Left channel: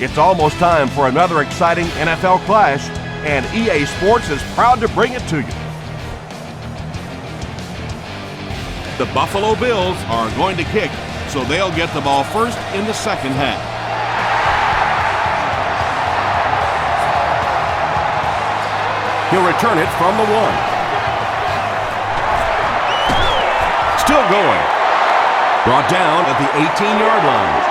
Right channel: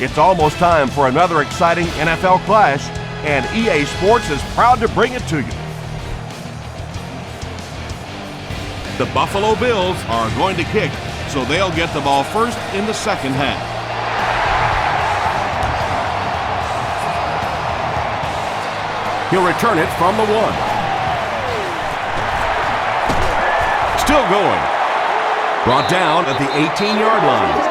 It's almost time for another exciting NFL clash, and EA Sports is proud to bring it to you. The Buffalo Bills are going to kick, so they'll get the ball first in the second half. He'll return it from the 1. Still going. Brought down at the 18-yard line.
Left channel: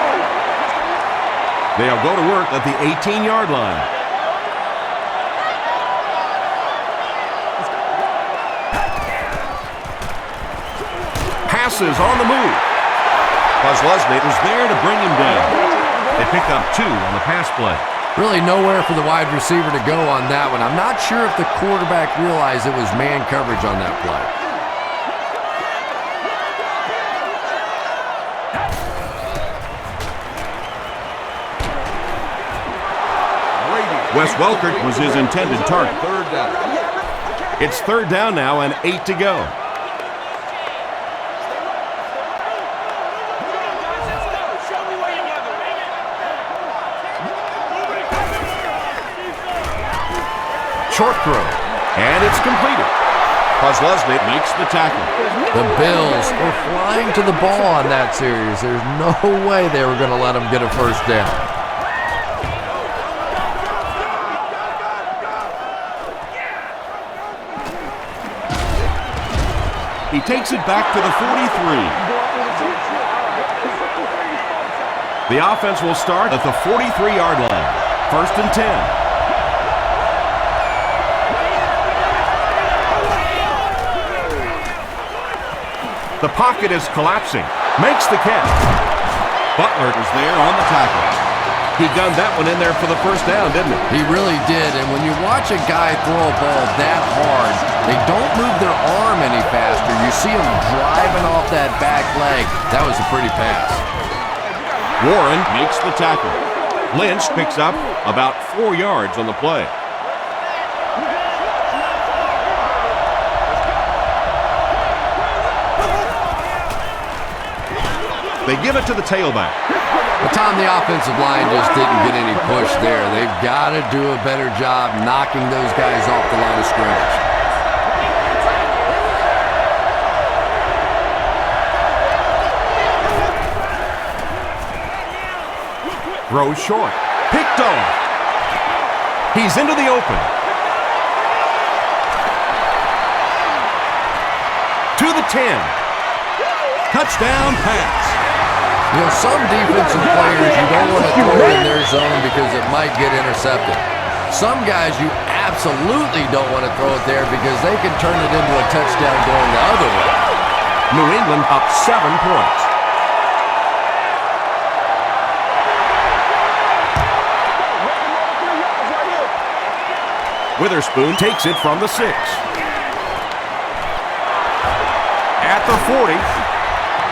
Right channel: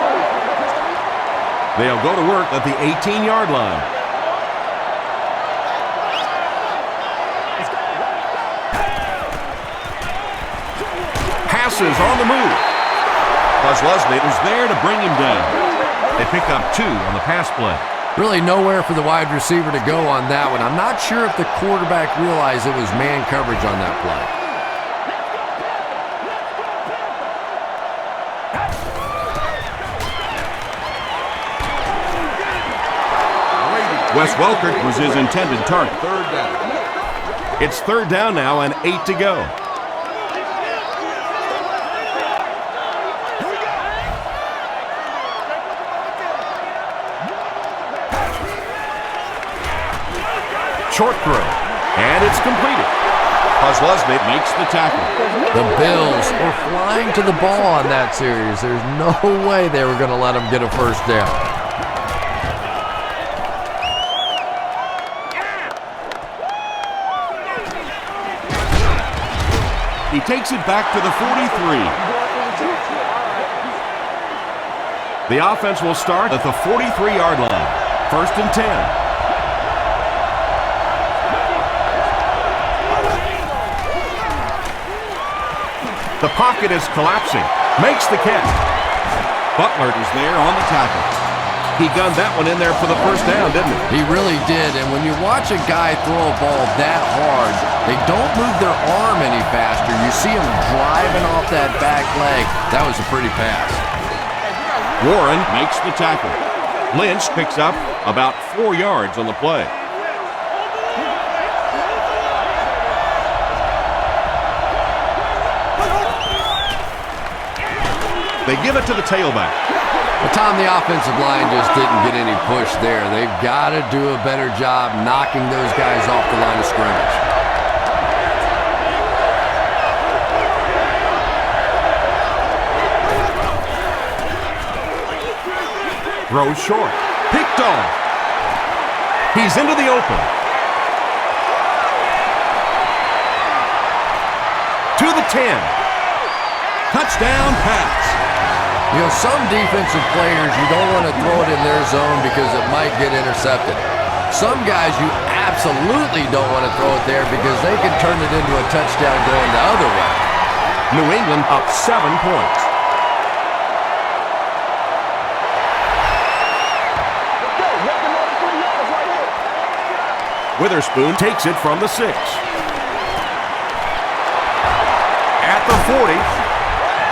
They'll go to work at the 18-yard line. Passes on the move. Leslie was there to bring him down. They pick up 2 on the pass play. Really nowhere for the wide receiver to go on that one. I'm not sure if the quarterback realized it was man coverage on that play. Wes Welker was his intended target. Third down. It's third down now and 8 to go. Short throw, and it's completed. Leslie makes the tackle. The Bills were flying to the ball on that series. There's no way they were going to let them get a first down. He takes it back to the 43. The offense will start at the 43-yard line. First and 10. The pocket is collapsing. Makes the catch. Butler is there on the tackle. He gunned that one in there for the first down, didn't he? He really did. And when you watch a guy throw a ball that hard, they don't move their arm any faster. You see him driving off that back leg. That was a pretty pass. Warren makes the tackle. Lynch picks up about 4 yards on the play. They give it to the tailback. But Tom, the offensive line just didn't get any push there. They've got to do a better job knocking those guys off the line of scrimmage. Throws short. Picked off. He's into the open. To the 10. Touchdown pass. You know, some defensive players, you don't want to throw it in their zone because it might get intercepted. Some guys, you absolutely don't want to throw it there because they can turn it into a touchdown going the other way. New England up 7 points. Witherspoon takes it from the 6. At the 40.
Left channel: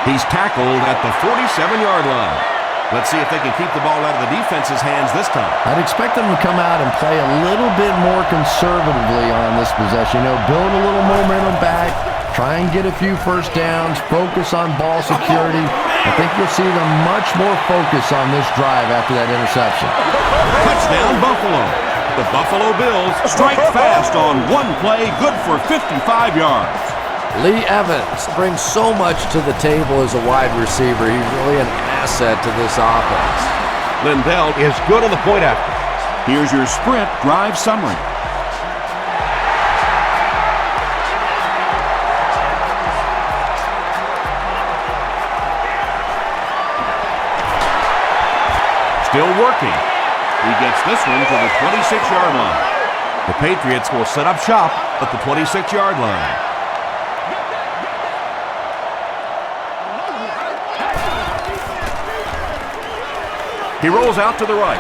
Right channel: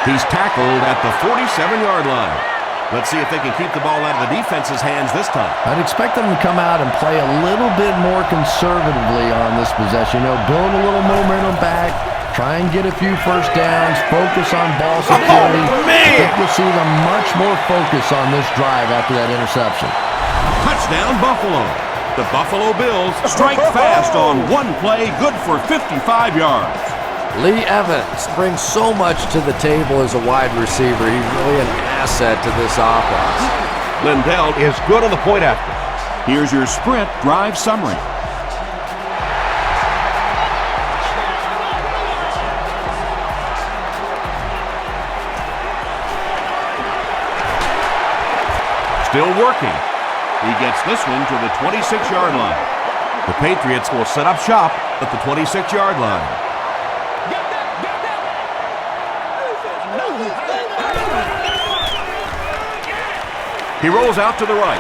He's tackled at the 47-yard line. Let's see if they can keep the ball out of the defense's hands this time. I'd expect them to come out and play a little bit more conservatively on this possession. You know, build a little momentum back, try and get a few first downs, focus on ball security. I think you'll see them much more focus on this drive after that interception. Touchdown, Buffalo. The Buffalo Bills strike fast on one play, good for 55 yards. Lee Evans brings so much to the table as a wide receiver. He's really an asset to this offense. Lindell is good on the point after. Here's your sprint drive summary. Still working. He gets this one to the 26-yard line. The Patriots will set up shop at the 26-yard line. He rolls out to the right.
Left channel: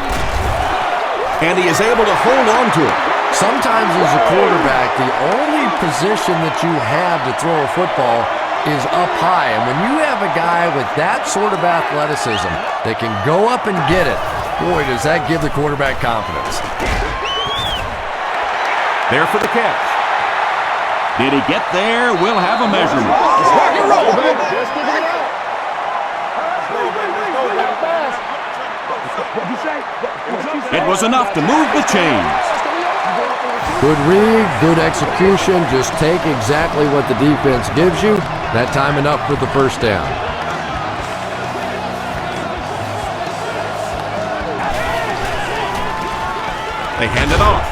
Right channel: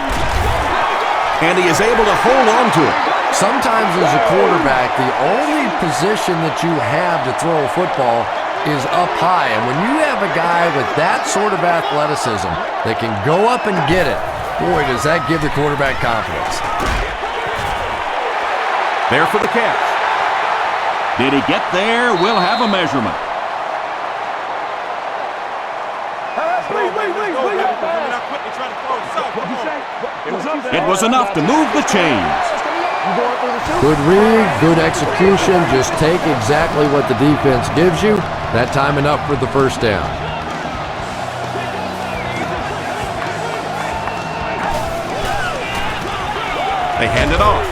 And he is able to hold on to it. Sometimes as a quarterback, the only position that you have to throw a football is up high. And when you have a guy with that sort of athleticism that can go up and get it, boy, does that give the quarterback confidence. There for the catch. Did he get there? We'll have a measurement. It was enough to move the chains. Good read, good execution. Just take exactly what the defense gives you. That time enough for the first down. They hand it off.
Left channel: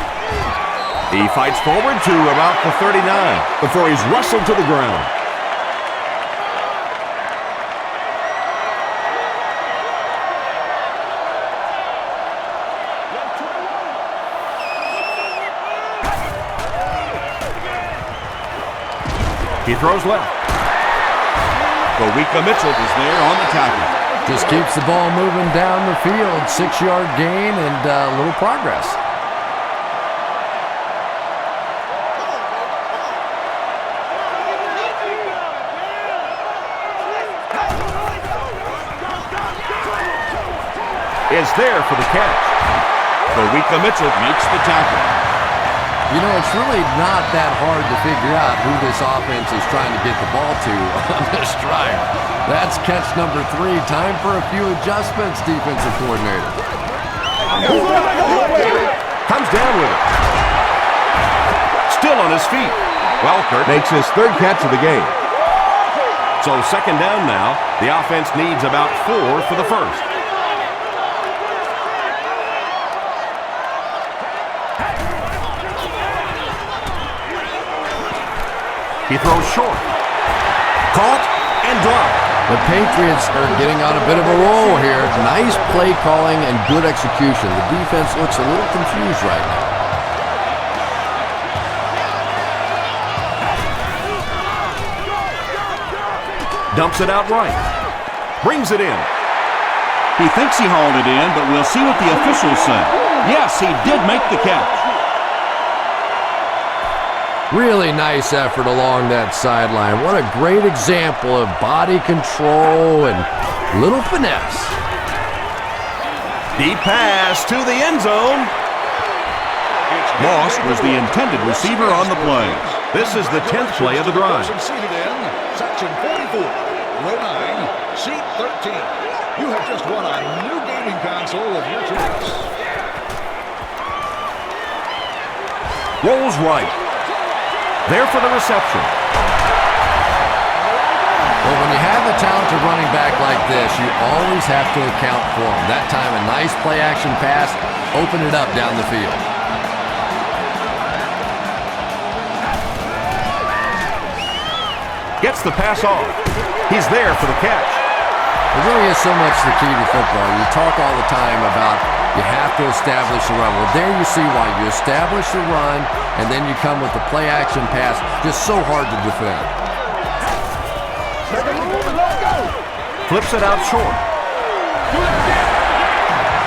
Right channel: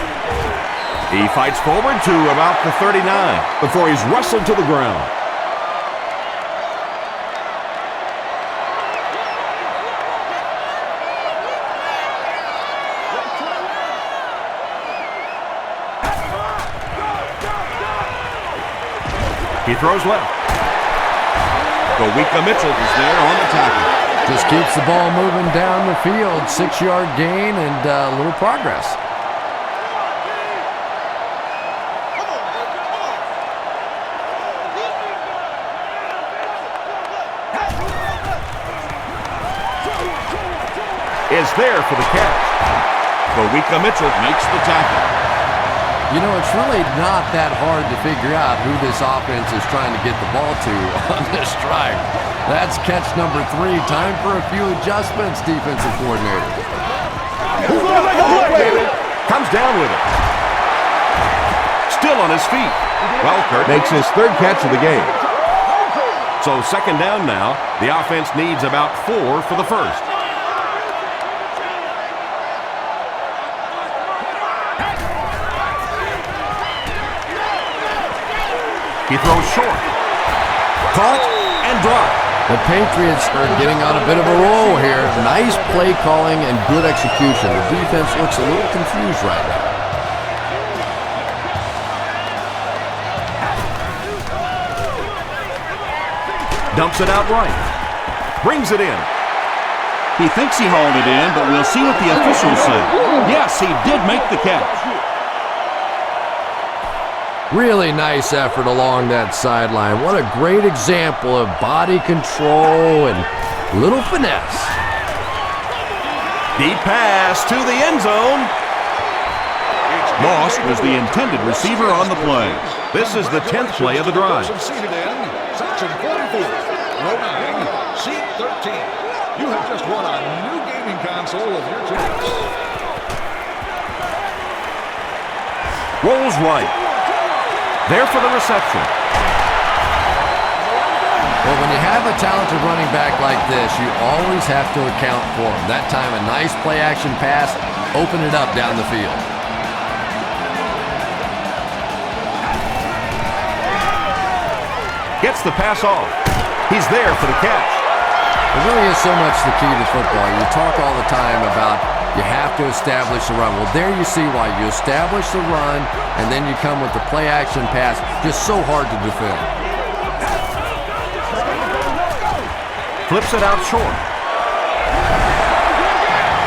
He fights forward to about the 39 before he's wrestled to the ground. He throws left. Gowika Mitchell is there on the tackle. Just keeps the ball moving down the field. 6-yard gain and a little progress. Is there for the catch. Gowika Mitchell makes the tackle. You know, it's really not that hard to figure out who this offense is trying to get the ball to on this drive. That's catch number 3. Time for a few adjustments, defensive coordinator. Comes down with it. Still on his feet. Welkert makes his 3rd catch of the game. So 2nd down now. The offense needs about 4 for the first. He throws short. Caught and dropped. The Patriots are getting on a bit of a roll here. Nice play calling and good execution. The defense looks a little confused right now. Dumps it out right. Brings it in. He thinks he hauled it in, but we'll see what the officials say. Yes, he did make the catch. Really nice effort along that sideline. What a great example of body control and little finesse. Deep pass to the end zone. Moss was the intended receiver on the play. This is the 10th play of the drive. Seated in section 44, row 9, seat 13. You have just won a new gaming console of your choice. Rolls right. There for the reception. Well, when you have a talented running back like this, you always have to account for him. That time, a nice play-action pass, open it up down the field. Gets the pass off. He's there for the catch. It really is so much the key to football. You talk all the time about you have to establish the run. Well, there you see why. You establish the run, and then you come with the play-action pass. Just so hard to defend. Flips it out short.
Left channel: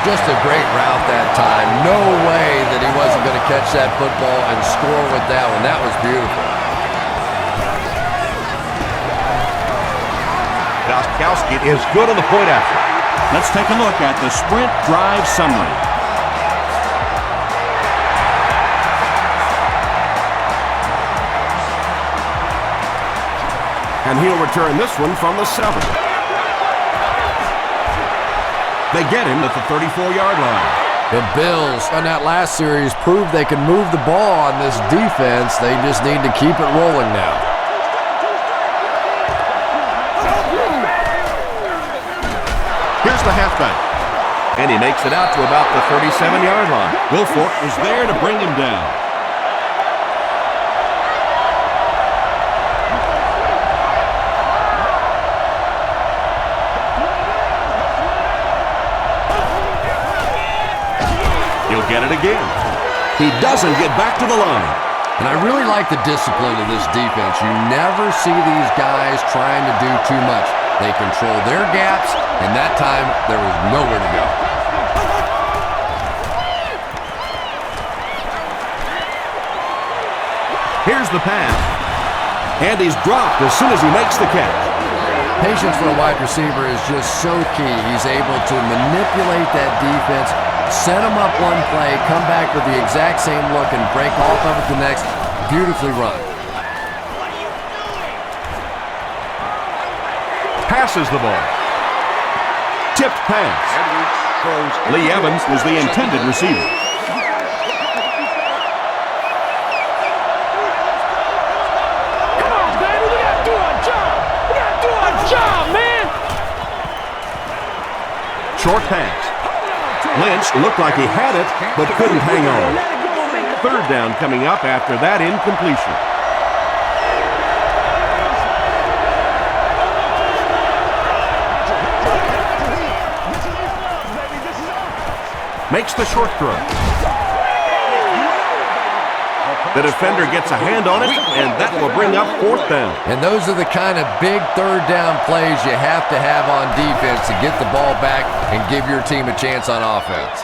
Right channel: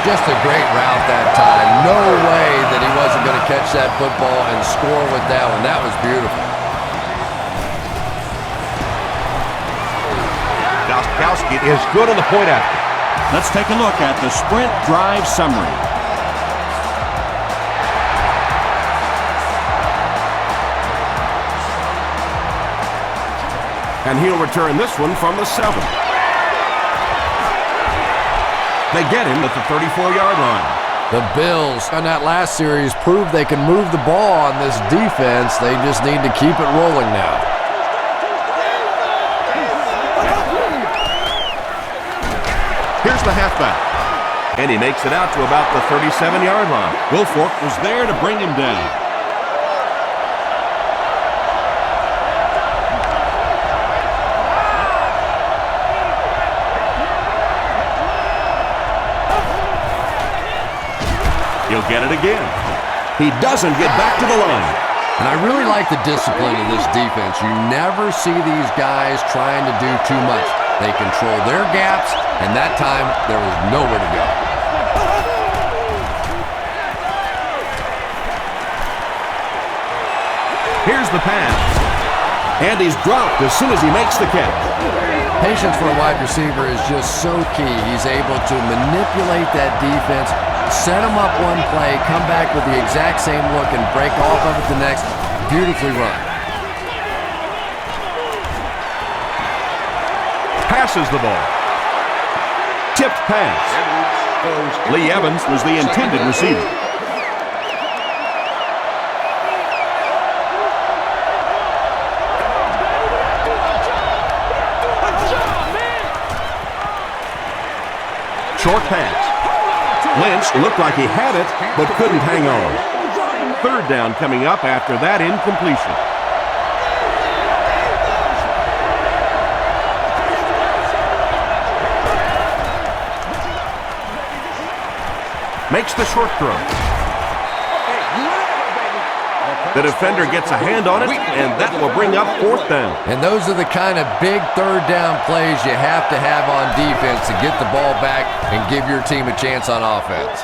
Just a great route that time. No way that he wasn't going to catch that football and score with that one. That was beautiful. Gostkowski is good on the point after. Let's take a look at the sprint drive summary. And he'll return this one from the 7. They get him at the 34-yard line. The Bills on that last series proved they can move the ball on this defense. They just need to keep it rolling now. Here's the halfback. And he makes it out to about the 37-yard line. Wilfork was there to bring him down. He'll get it again. He doesn't get back to the line. And I really like the discipline of this defense. You never see these guys trying to do too much. They control their gaps, and that time there was nowhere to go. Here's the pass. And he's dropped as soon as he makes the catch. Patience for a wide receiver is just so key. He's able to manipulate that defense, set them up one play, come back with the exact same look, and break off of it the next. Beautifully run. Passes the ball. Tipped pass. Lee Evans was the intended receiver. Short pass. Lynch looked like he had it, but couldn't hang on. Third down coming up after that incompletion. Makes the short throw. The defender gets a hand on it, and that will bring up fourth down. And those are the kind of big third down plays you have to have on defense to get the ball back and give your team a chance on offense.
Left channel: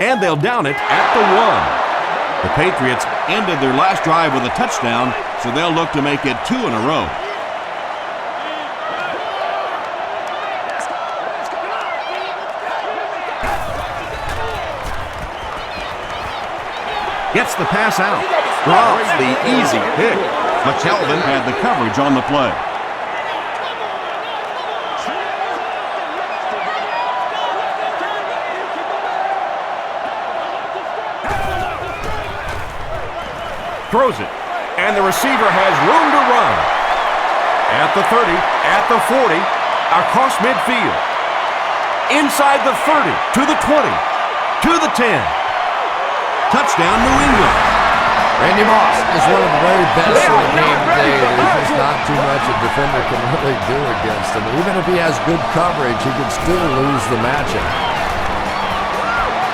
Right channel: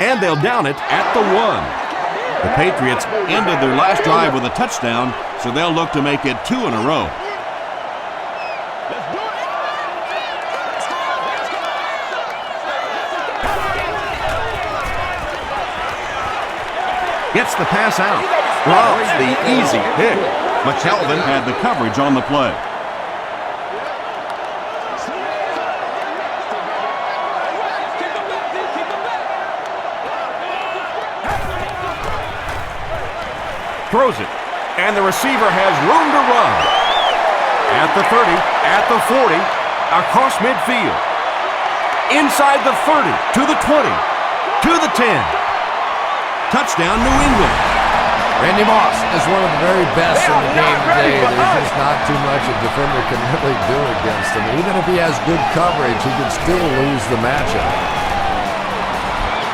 And they'll down it at the 1. The Patriots ended their last drive with a touchdown, so they'll look to make it 2 in a row. Gets the pass out. Drops the easy pick. McKelvin Had the coverage on the play. throws it. And the receiver has room to run. At the 30, at the 40, across midfield. Inside the 30, to the 20, to the 10. Touchdown, New England. Randy Moss is one of the very best in the game today. There's just not too much a defender can really do against him. Even if he has good coverage, he can still lose the matchup.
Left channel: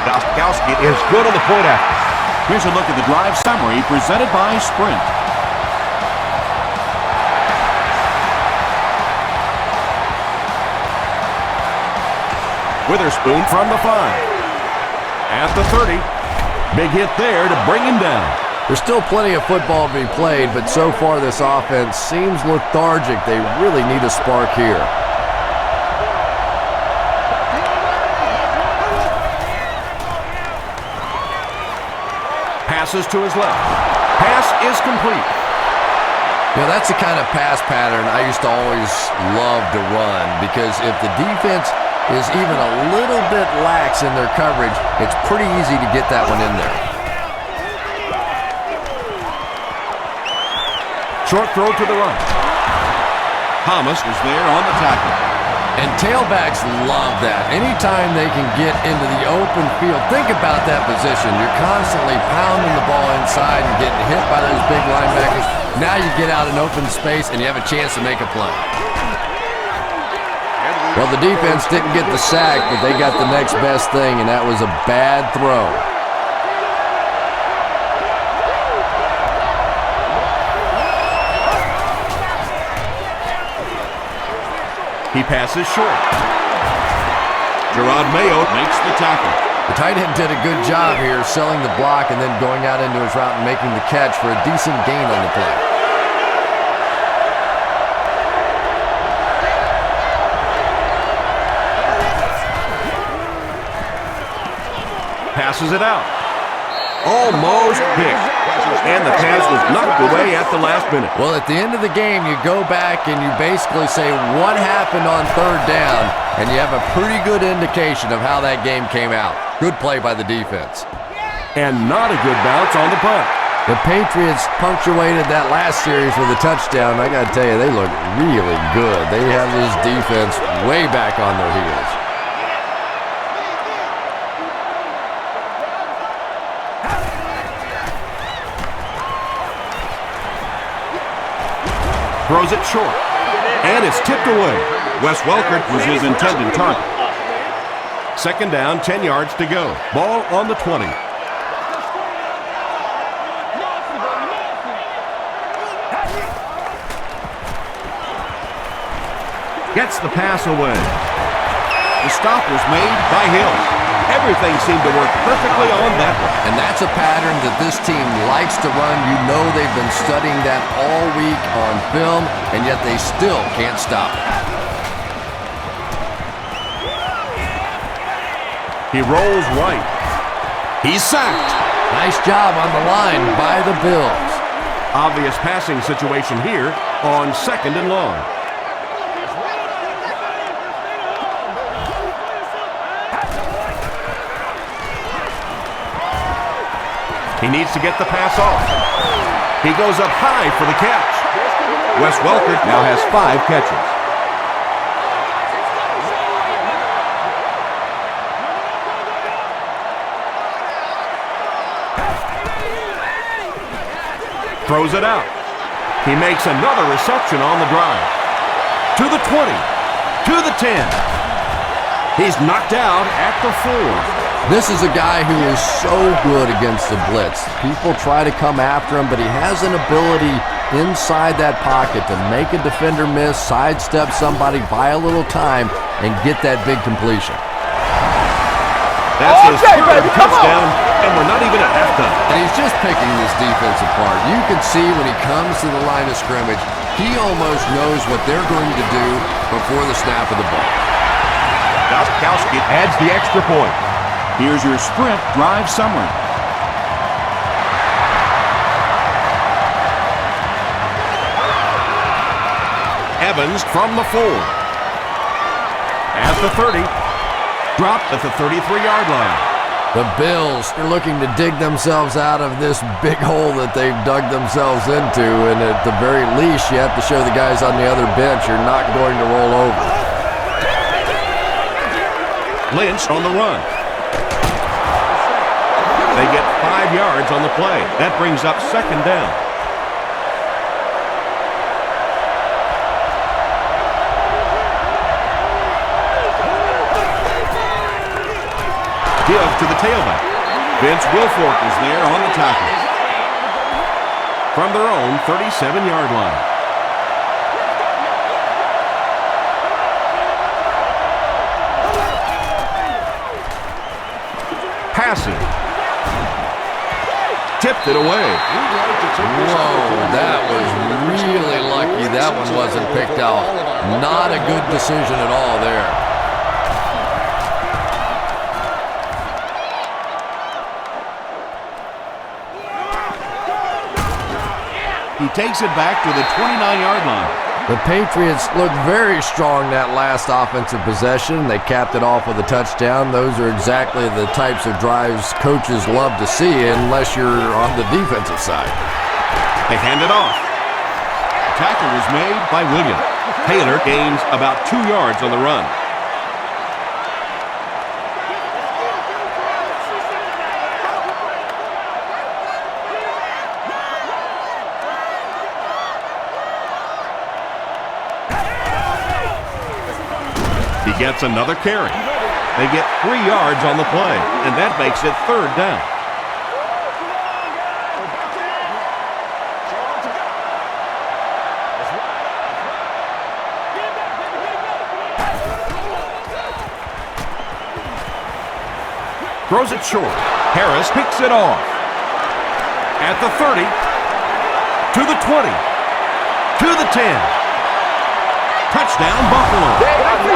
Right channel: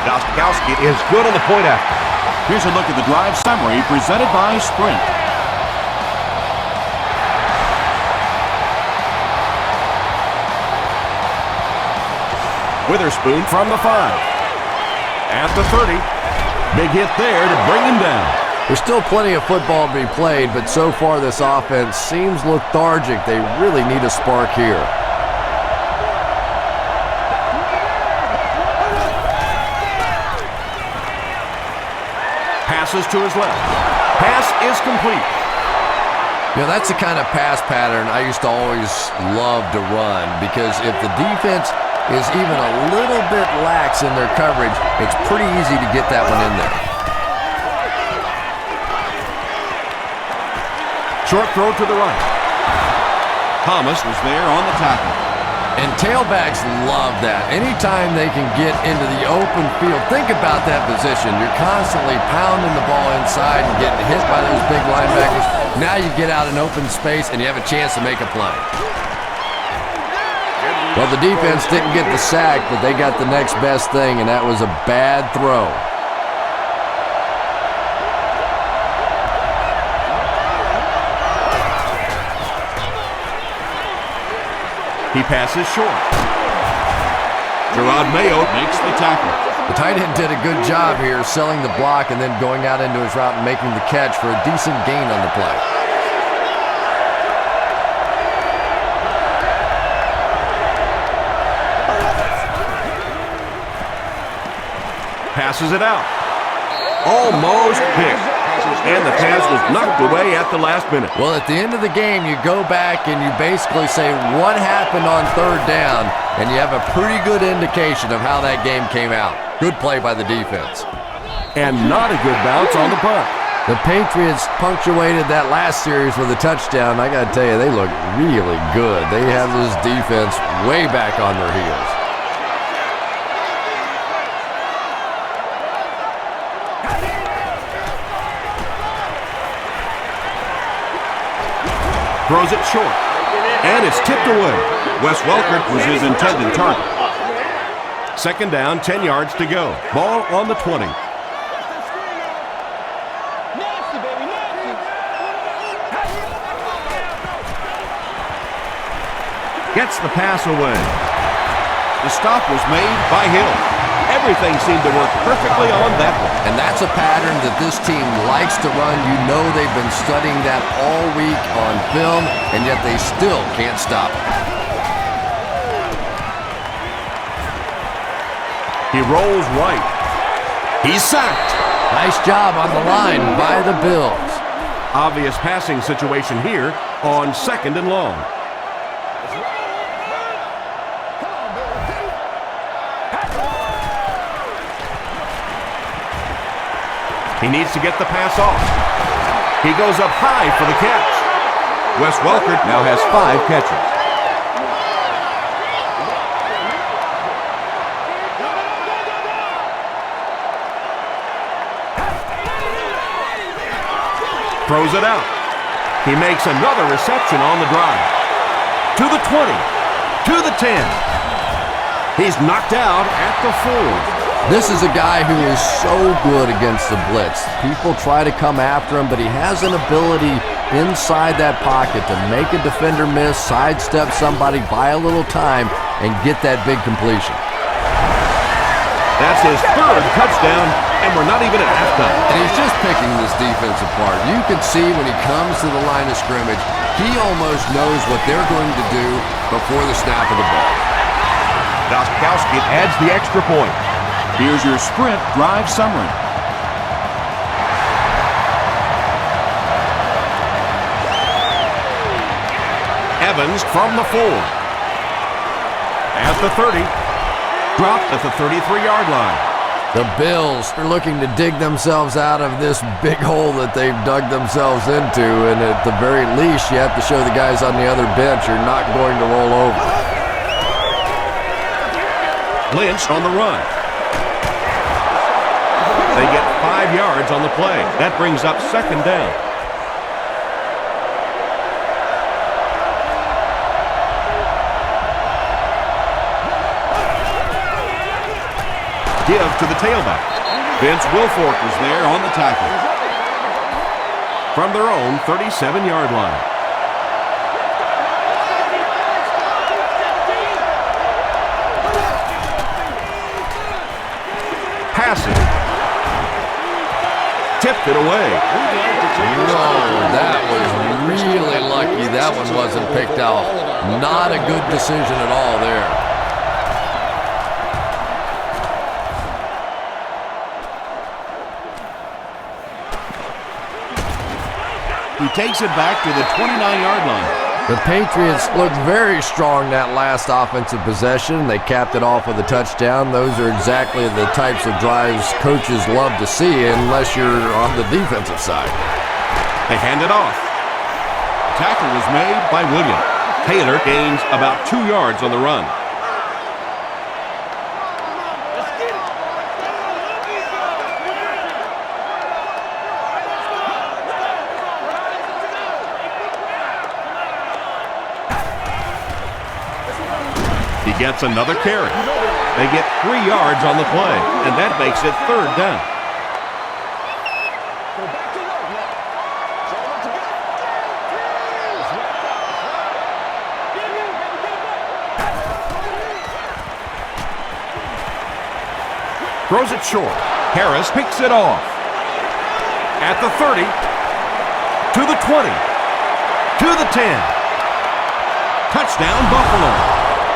Gostkowski is good on the point after. Here's a look at the drive summary presented by Sprint. Witherspoon from the 5. At the 30. Big hit there to bring him down. There's still plenty of football to be played, but so far this offense seems lethargic. They really need a spark here. Passes to his left. Pass is complete. You know, that's the kind of pass pattern I used to always love to run, because if the defense is even a little bit lax in their coverage, it's pretty easy to get that one in there. Short throw to the right. Thomas was there on the tackle. And tailbacks love that. Anytime they can get into the open field, think about that position. You're constantly pounding the ball inside and getting hit by those big linebackers. Now you get out in open space and you have a chance to make a play. Well, the defense didn't get the sack, but they got the next best thing, and that was a bad throw. He passes short. Gerard Mayo makes the tackle. The tight end did a good job here selling the block and then going out into his route and making the catch for a decent gain on the play. Passes it out. Almost picked. And the pass was knocked away at the last minute. Well, at the end of the game, you go back and you basically say what happened on third down, and you have a pretty good indication of how that game came out. Good play by the defense. And not a good bounce on the punt. The Patriots punctuated that last series with a touchdown. I got to tell you, they look really good. They have this defense way back on their heels. Throws it short. And it's tipped away. Wes Welker was his intended target. Second down, 10 yards to go. Ball on the 20. Gets the pass away. The stop was made by Hill. Everything seemed to work perfectly on that one. And that's a pattern that this team likes to run. You know they've been studying that all week on film, and yet they still can't stop it. He rolls right. He's sacked. Nice job on the line by the Bills. Obvious passing situation here on 2nd and long. He needs to get the pass off. He goes up high for the catch. Wes Welker now has 5 catches. Throws it out. He makes another reception on the drive. To the 20. To the 10. He's knocked out at the 4. This is a guy who is so good against the blitz. People try to come after him, but he has an ability inside that pocket to make a defender miss, sidestep somebody, buy a little time, and get that big completion. That's his 3rd touchdown, and we're not even at halftime. And he's just picking this defense apart. You can see when he comes to the line of scrimmage, he almost knows what they're going to do before the snap of the ball. Gostkowski adds the extra point. Here's your sprint drive summary. Evans from the 4. At the 30. Dropped at the 33-yard line. The Bills are looking to dig themselves out of this big hole that they've dug themselves into, and at the very least, you have to show the guys on the other bench you're not going to roll over. Lynch on the run. They get 5 yards on the play. That brings up 2nd down. Give to the tailback. Vince Wilfork is there on the tackle. From their own 37-yard line. Passing. Tipped it away. Whoa, that was really lucky that one wasn't picked off. Not a good decision at all there. He takes it back to the 29-yard line. The Patriots looked very strong that last offensive possession. They capped it off with a touchdown. Those are exactly the types of drives coaches love to see unless you're on the defensive side. They hand it off. Tackle was made by Williams. Taylor gains about 2 yards on the run. He gets another carry. They get 3 yards on the play, and that makes it 3rd down. Throws it short. Harris picks it off. At the 30, to the 20, to the 10. Touchdown, Buffalo.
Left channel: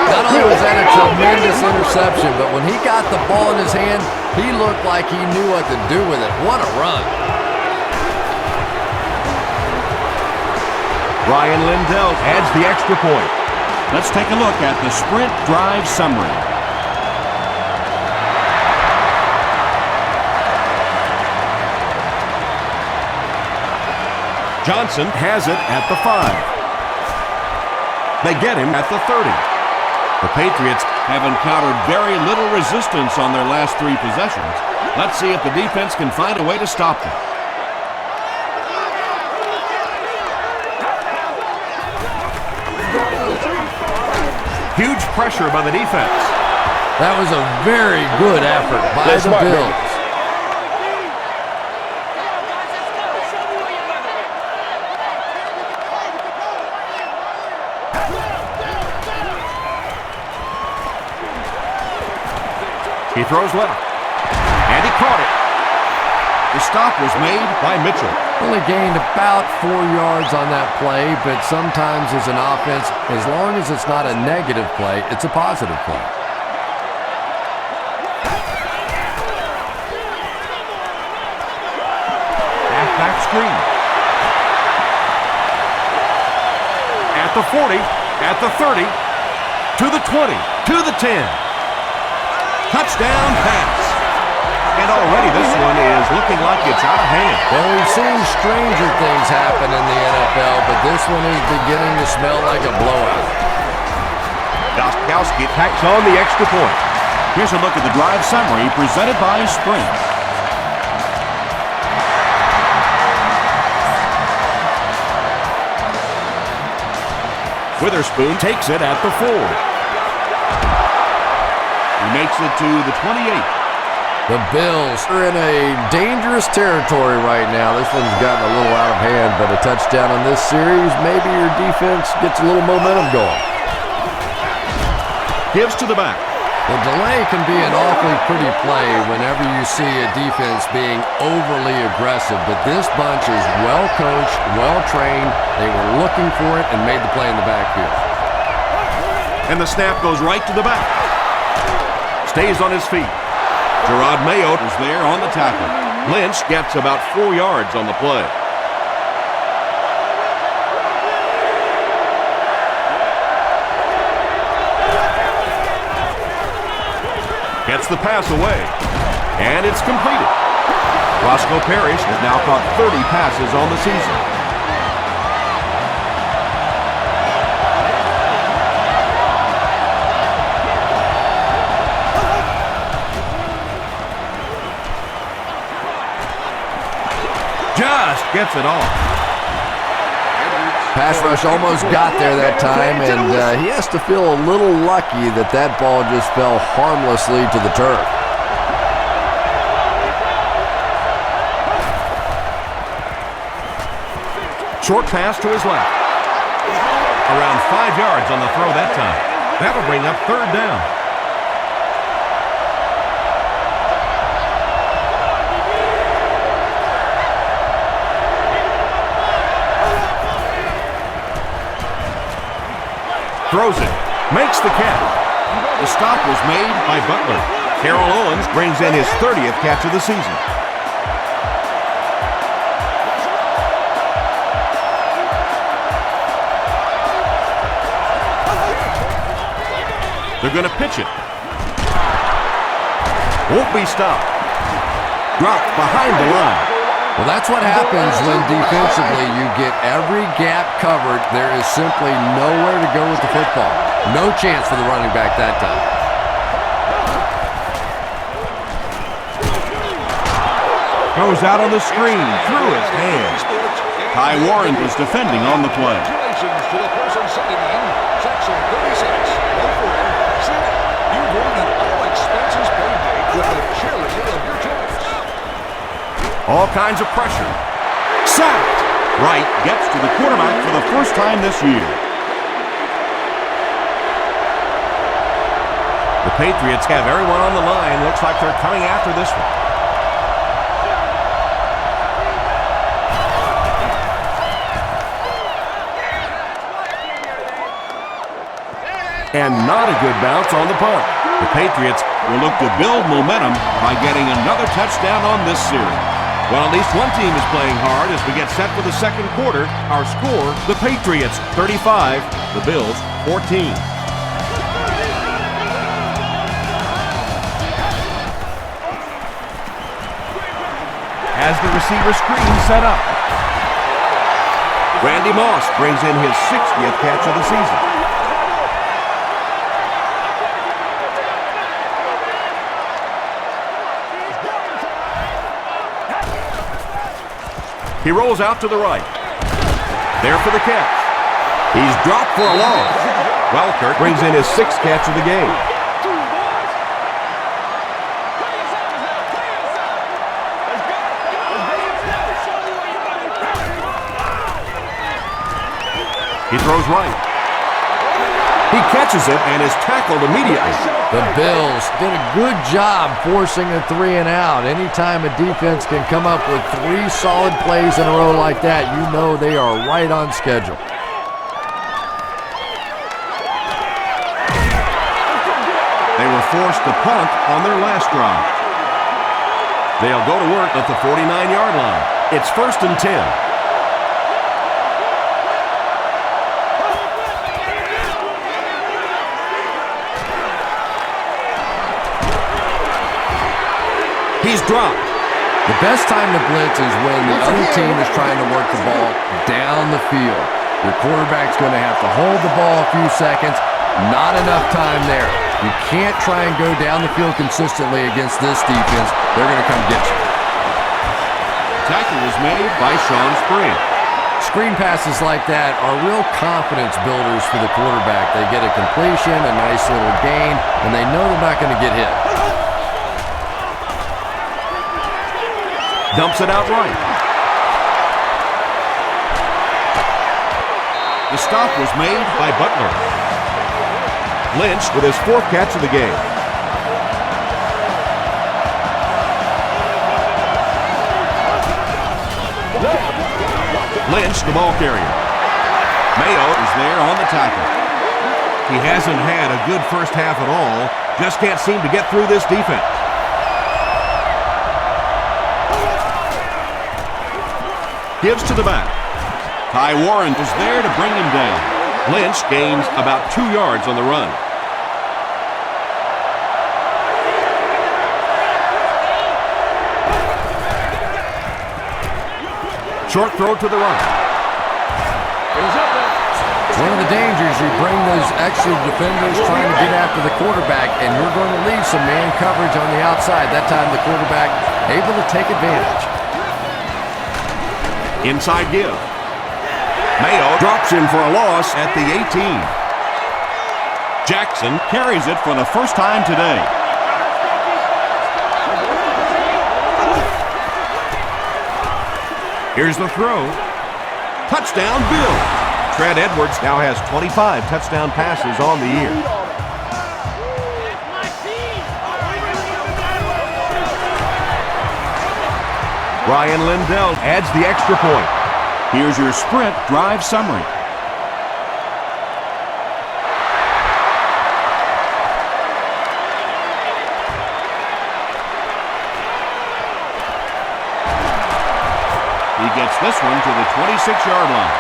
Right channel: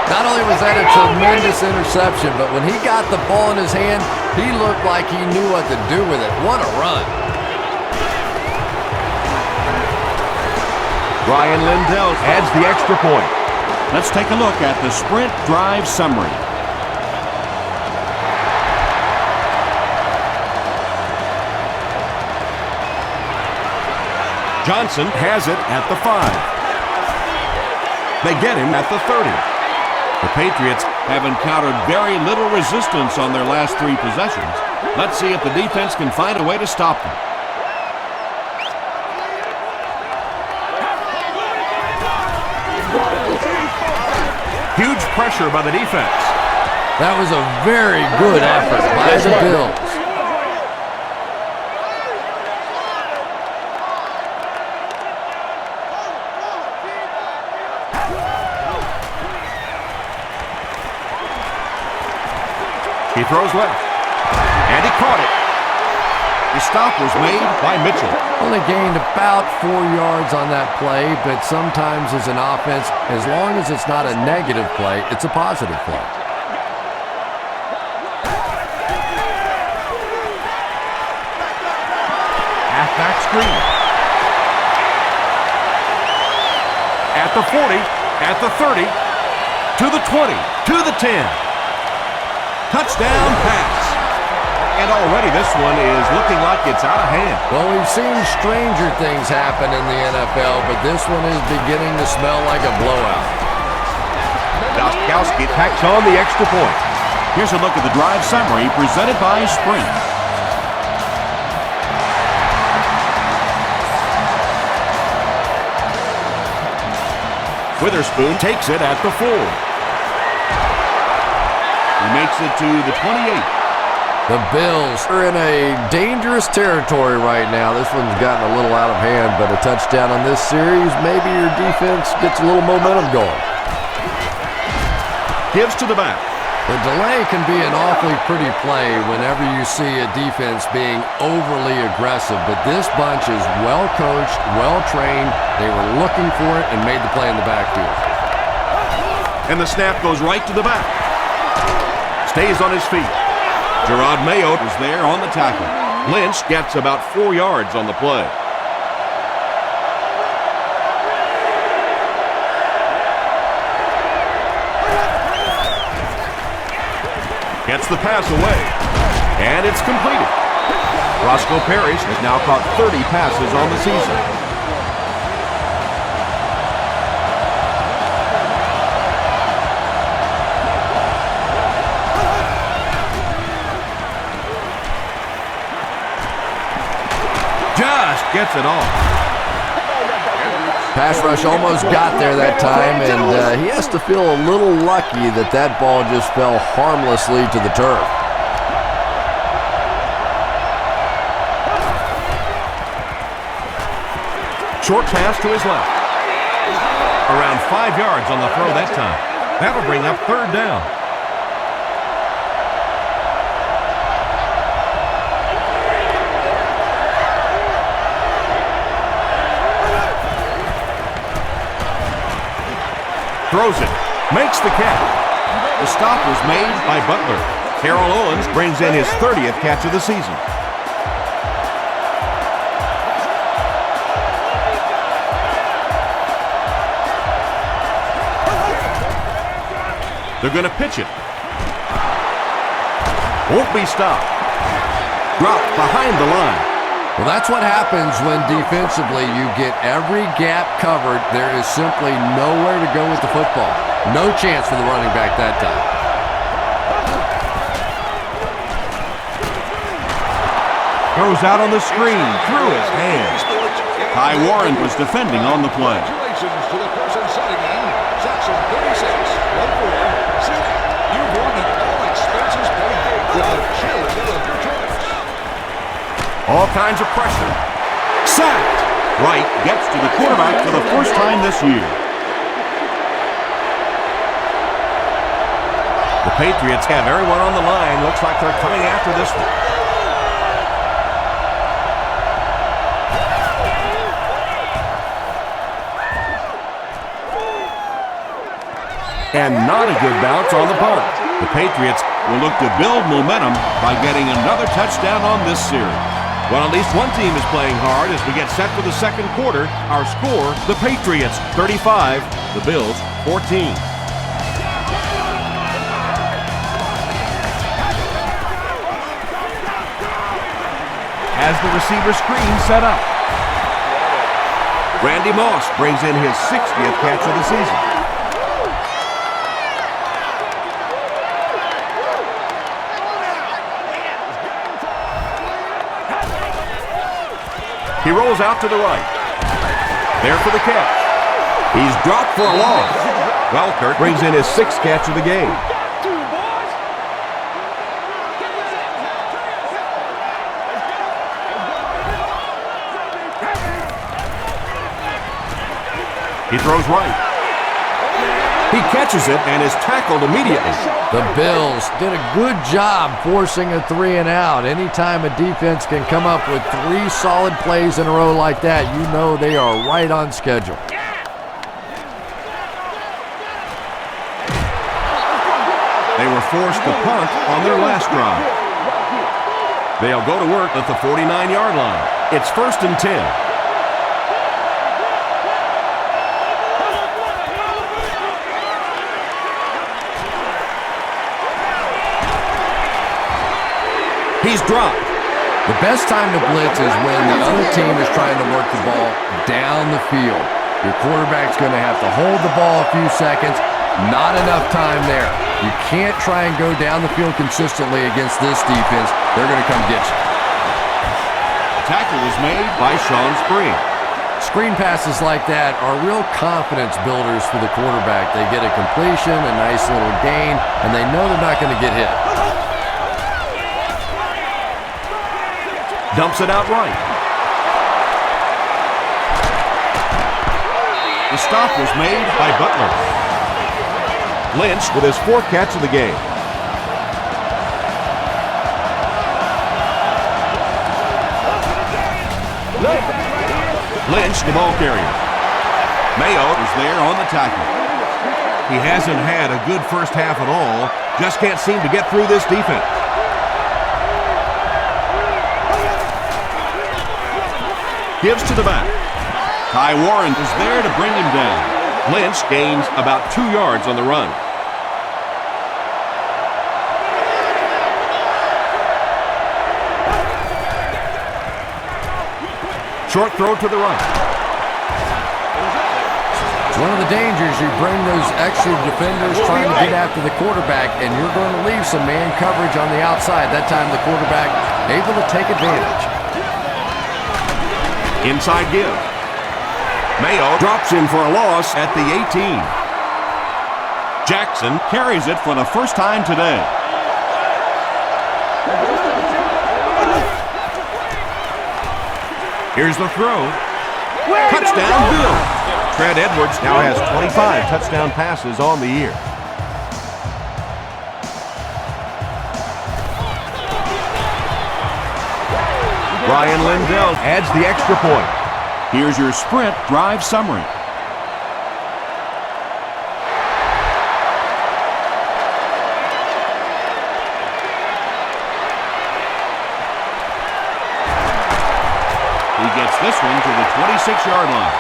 Not only was that a tremendous interception, but when he got the ball in his hand, he looked like he knew what to do with it. What a run. Ryan Lindell adds the extra point. Let's take a look at the sprint drive summary. Johnson has it at the 5. They get him at the 30. The Patriots have encountered very little resistance on their last 3 possessions. Let's see if the defense can find a way to stop them. Huge pressure by the defense. That was a very good effort by the Bills. He throws left, and he caught it. The stop was made by Mitchell. Only gained about 4 yards on that play, but sometimes as an offense, as long as it's not a negative play, it's a positive play. Halfback screen. At the 40, at the 30, to the 20, to the 10. Touchdown pass. And already this one is looking like it's out of hand. Well, we've seen stranger things happen in the NFL, but this one is beginning to smell like a blowout. Gostkowski tacks on the extra point. Here's a look at the drive summary presented by Sprint. Witherspoon takes it at the 4. He makes it to the 28. The Bills are in a dangerous territory right now. This one's gotten a little out of hand, but a touchdown on this series, maybe your defense gets a little momentum going. Gives to the back. The delay can be an awfully pretty play whenever you see a defense being overly aggressive, but this bunch is well coached, well trained. They were looking for it and made the play in the backfield. And the snap goes right to the back. Stays on his feet. Gerard Mayo is there on the tackle. Lynch gets about 4 yards on the play. Gets the pass away. And it's completed. Roscoe Parrish has now caught 30 passes on the season. Just gets it off. Pass rush almost got there that time, and he has to feel a little lucky that that ball just fell harmlessly to the turf. Short pass to his left. Around 5 yards on the throw that time. That'll bring up 3rd down. Throws it. Makes the catch. The stop was made by Butler. Terrell Owens brings in his 30th catch of the season. They're going to pitch it. Won't be stopped. Dropped behind the line. Well, that's what happens when defensively you get every gap covered. There is simply nowhere to go with the football. No chance for the running back that time. Goes out on the screen through his hands. Ty Warren was defending on the play. Congratulations to the person sitting in section 36, row 4, seating. You've won an all-expenses-paid date with a cheerleader of your choice. All kinds of pressure. Sacked. Wright gets to the quarterback for the first time this year. The Patriots have everyone on the line. Looks like they're coming after this one. And not a good bounce on the punt. The Patriots will look to build momentum by getting another touchdown on this series. Well, at least one team is playing hard as we get set for the second quarter. Our score, the Patriots 35, the Bills 14. Has the receiver screen set up. Randy Moss brings in his 60th catch of the season. He rolls out to the right. There for the catch. He's dropped for a loss. Welkert brings in his 6th catch of the game. He throws right. He catches it and is tackled immediately. The Bills did a good job forcing a 3-and-out. Anytime a defense can come up with 3 solid plays in a row like that, you know they are right on schedule. They were forced to punt on their last drive. They'll go to work at the 49-yard line. It's 1st and 10. He's dropped. The best time to blitz is when the other team is trying to work the ball down the field. Your quarterback's going to have to hold the ball a few seconds. Not enough time there. You can't try and go down the field consistently against this defense. They're going to come get you. Tackle was made by Sean Spring. Screen passes like that are real confidence builders for the quarterback. They get a completion, a nice little gain, and they know they're not going to get hit. Dumps it out right. The stop was made by Butler. Lynch with his 4th catch of the game. Lynch, the ball carrier. Mayo is there on the tackle. He hasn't had a good first half at all. Just can't seem to get through this defense. Gives to the back. Ty Warren is there to bring him down. Lynch gains about 2 yards on the run. Short throw to the right. It's one of the dangers. You bring those extra defenders trying to get after the quarterback, and you're going to leave some man coverage on the outside. That time the quarterback able to take advantage. Inside give. Mayo drops him for a loss at the 18. Jackson carries it for the first time today. Here's the throw. Touchdown, Bill. Trent Edwards now has 25 touchdown passes on the year. Brian Lindell adds the extra point. Here's your sprint drive summary. He gets this one to the 26-yard line.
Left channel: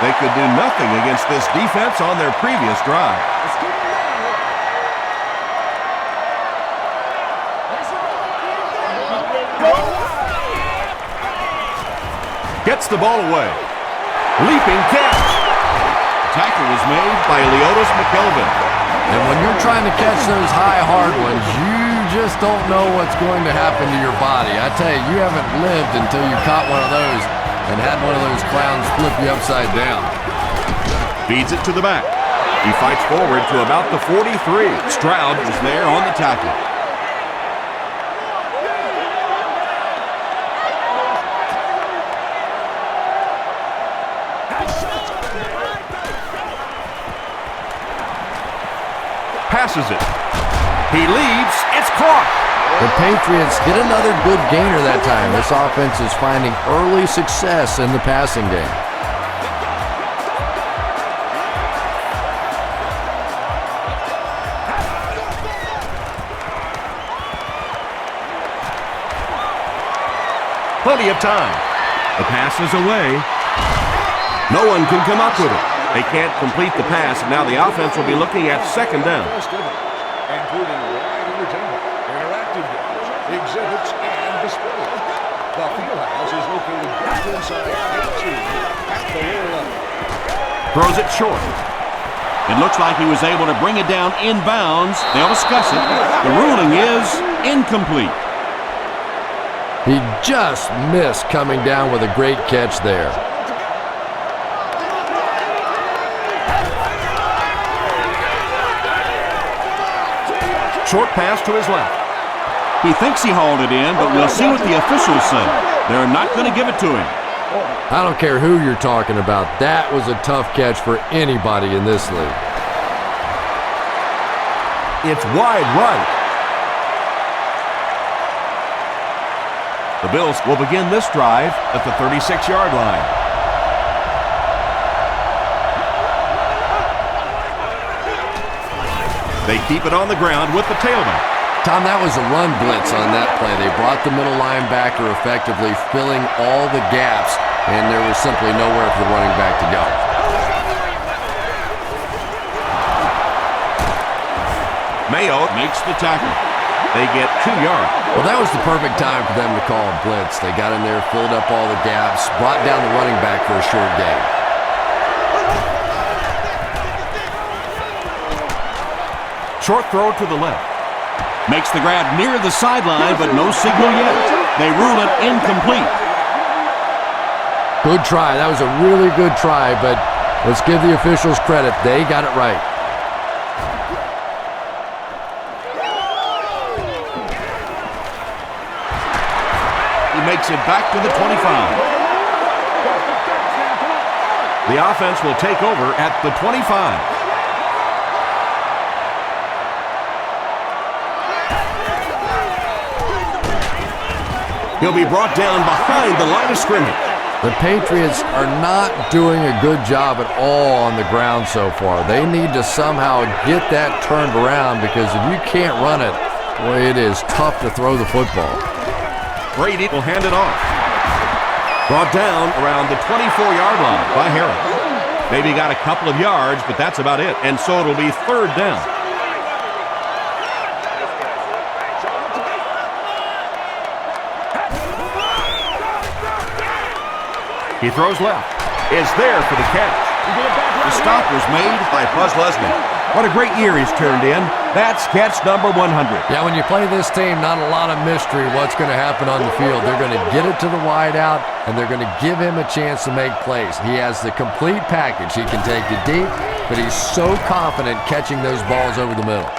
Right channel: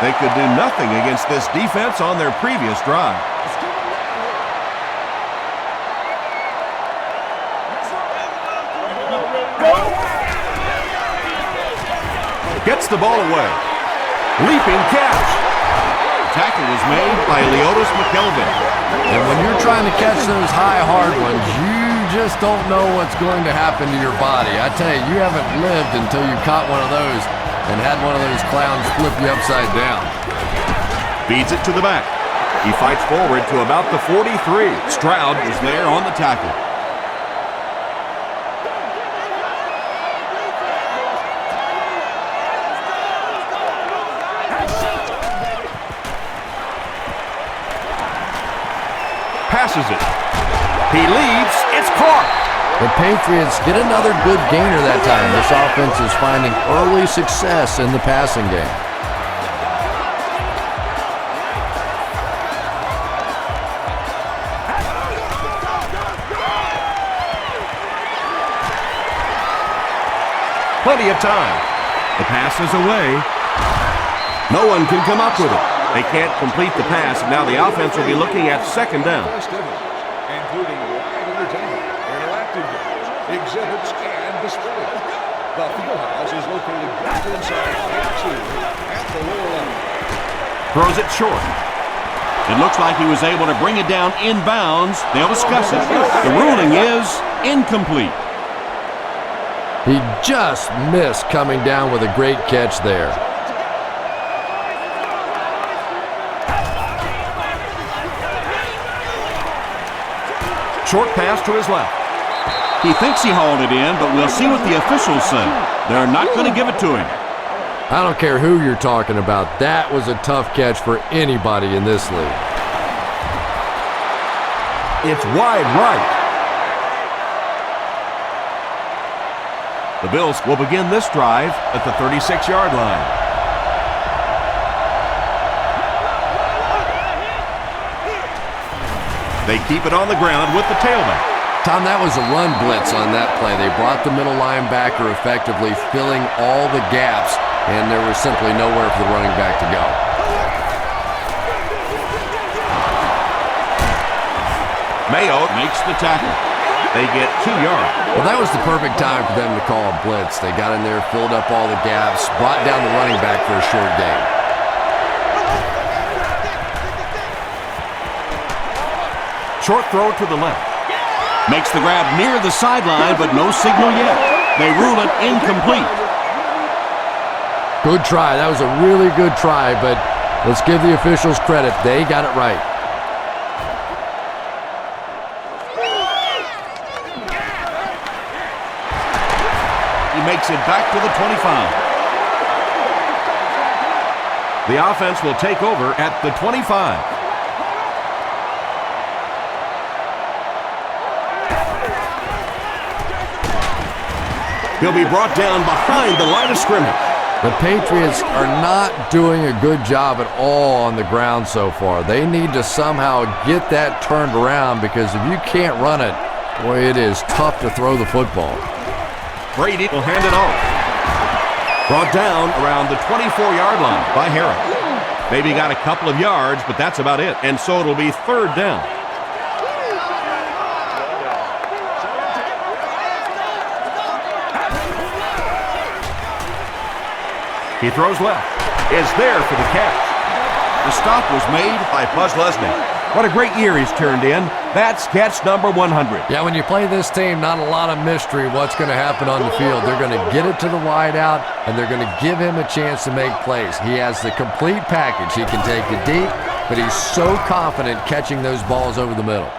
They could do nothing against this defense on their previous drive. Let's keep him down here. Let's roll. Gets the ball away. Leaping catch. Tackle was made by Leotis McKelvin. And when you're trying to catch those high, hard ones, you just don't know what's going to happen to your body. I tell you, you haven't lived until you caught one of those and had one of those clowns flip you upside down. Feeds it to the back. He fights forward to about the 43. Stroud was there on the tackle. Passes it. He leaves. It's caught. The Patriots get another good gainer that time. This offense is finding early success in the passing game. Plenty of time. The pass is away. No one can come up with it. They can't complete the pass, and now the offense will be looking at second down. Including live entertainment, interactive games, exhibits, and displays. The Fieldhouse is located just inside Gate 2 at the lower level. Throws it short. It looks like he was able to bring it down inbounds. They'll discuss it. The ruling is incomplete. He just missed coming down with a great catch there. Short pass to his left. He thinks he hauled it in, but we'll see what the officials say. They're not going to give it to him. I don't care who you're talking about. That was a tough catch for anybody in this league. It's wide right. The Bills will begin this drive at the 36-yard line. They keep it on the ground with the tailback. Tom, that was a run blitz on that play. They brought the middle linebacker effectively filling all the gaps, and there was simply nowhere for the running back to go. Mayo makes the tackle. They get 2 yards. Well, that was the perfect time for them to call a blitz. They got in there, filled up all the gaps, brought down the running back for a short gain. Short throw to the left. Makes the grab near the sideline, but no signal yet. They rule it incomplete. Good try. That was a really good try, but let's give the officials credit. They got it right. He makes it back to the 25. The offense will take over at the 25. He'll be brought down behind the line of scrimmage. The Patriots are not doing a good job at all on the ground so far. They need to somehow get that turned around, because if you can't run it, boy, it is tough to throw the football. Brady will hand it off. Brought down around the 24-yard line by Harris. Maybe got a couple of yards, but that's about it. And so it'll be 3rd down. He throws left. Is there for the catch. The stop was made By Buzz Leslie. What a great year he's turned in. That's catch number 100. Yeah, when you play this team, not a lot of mystery what's going to happen on the field. They're going to get it to the wide out, and they're going to give him a chance to make plays. He has the complete package. He can take it deep, but he's so confident catching those balls over the middle.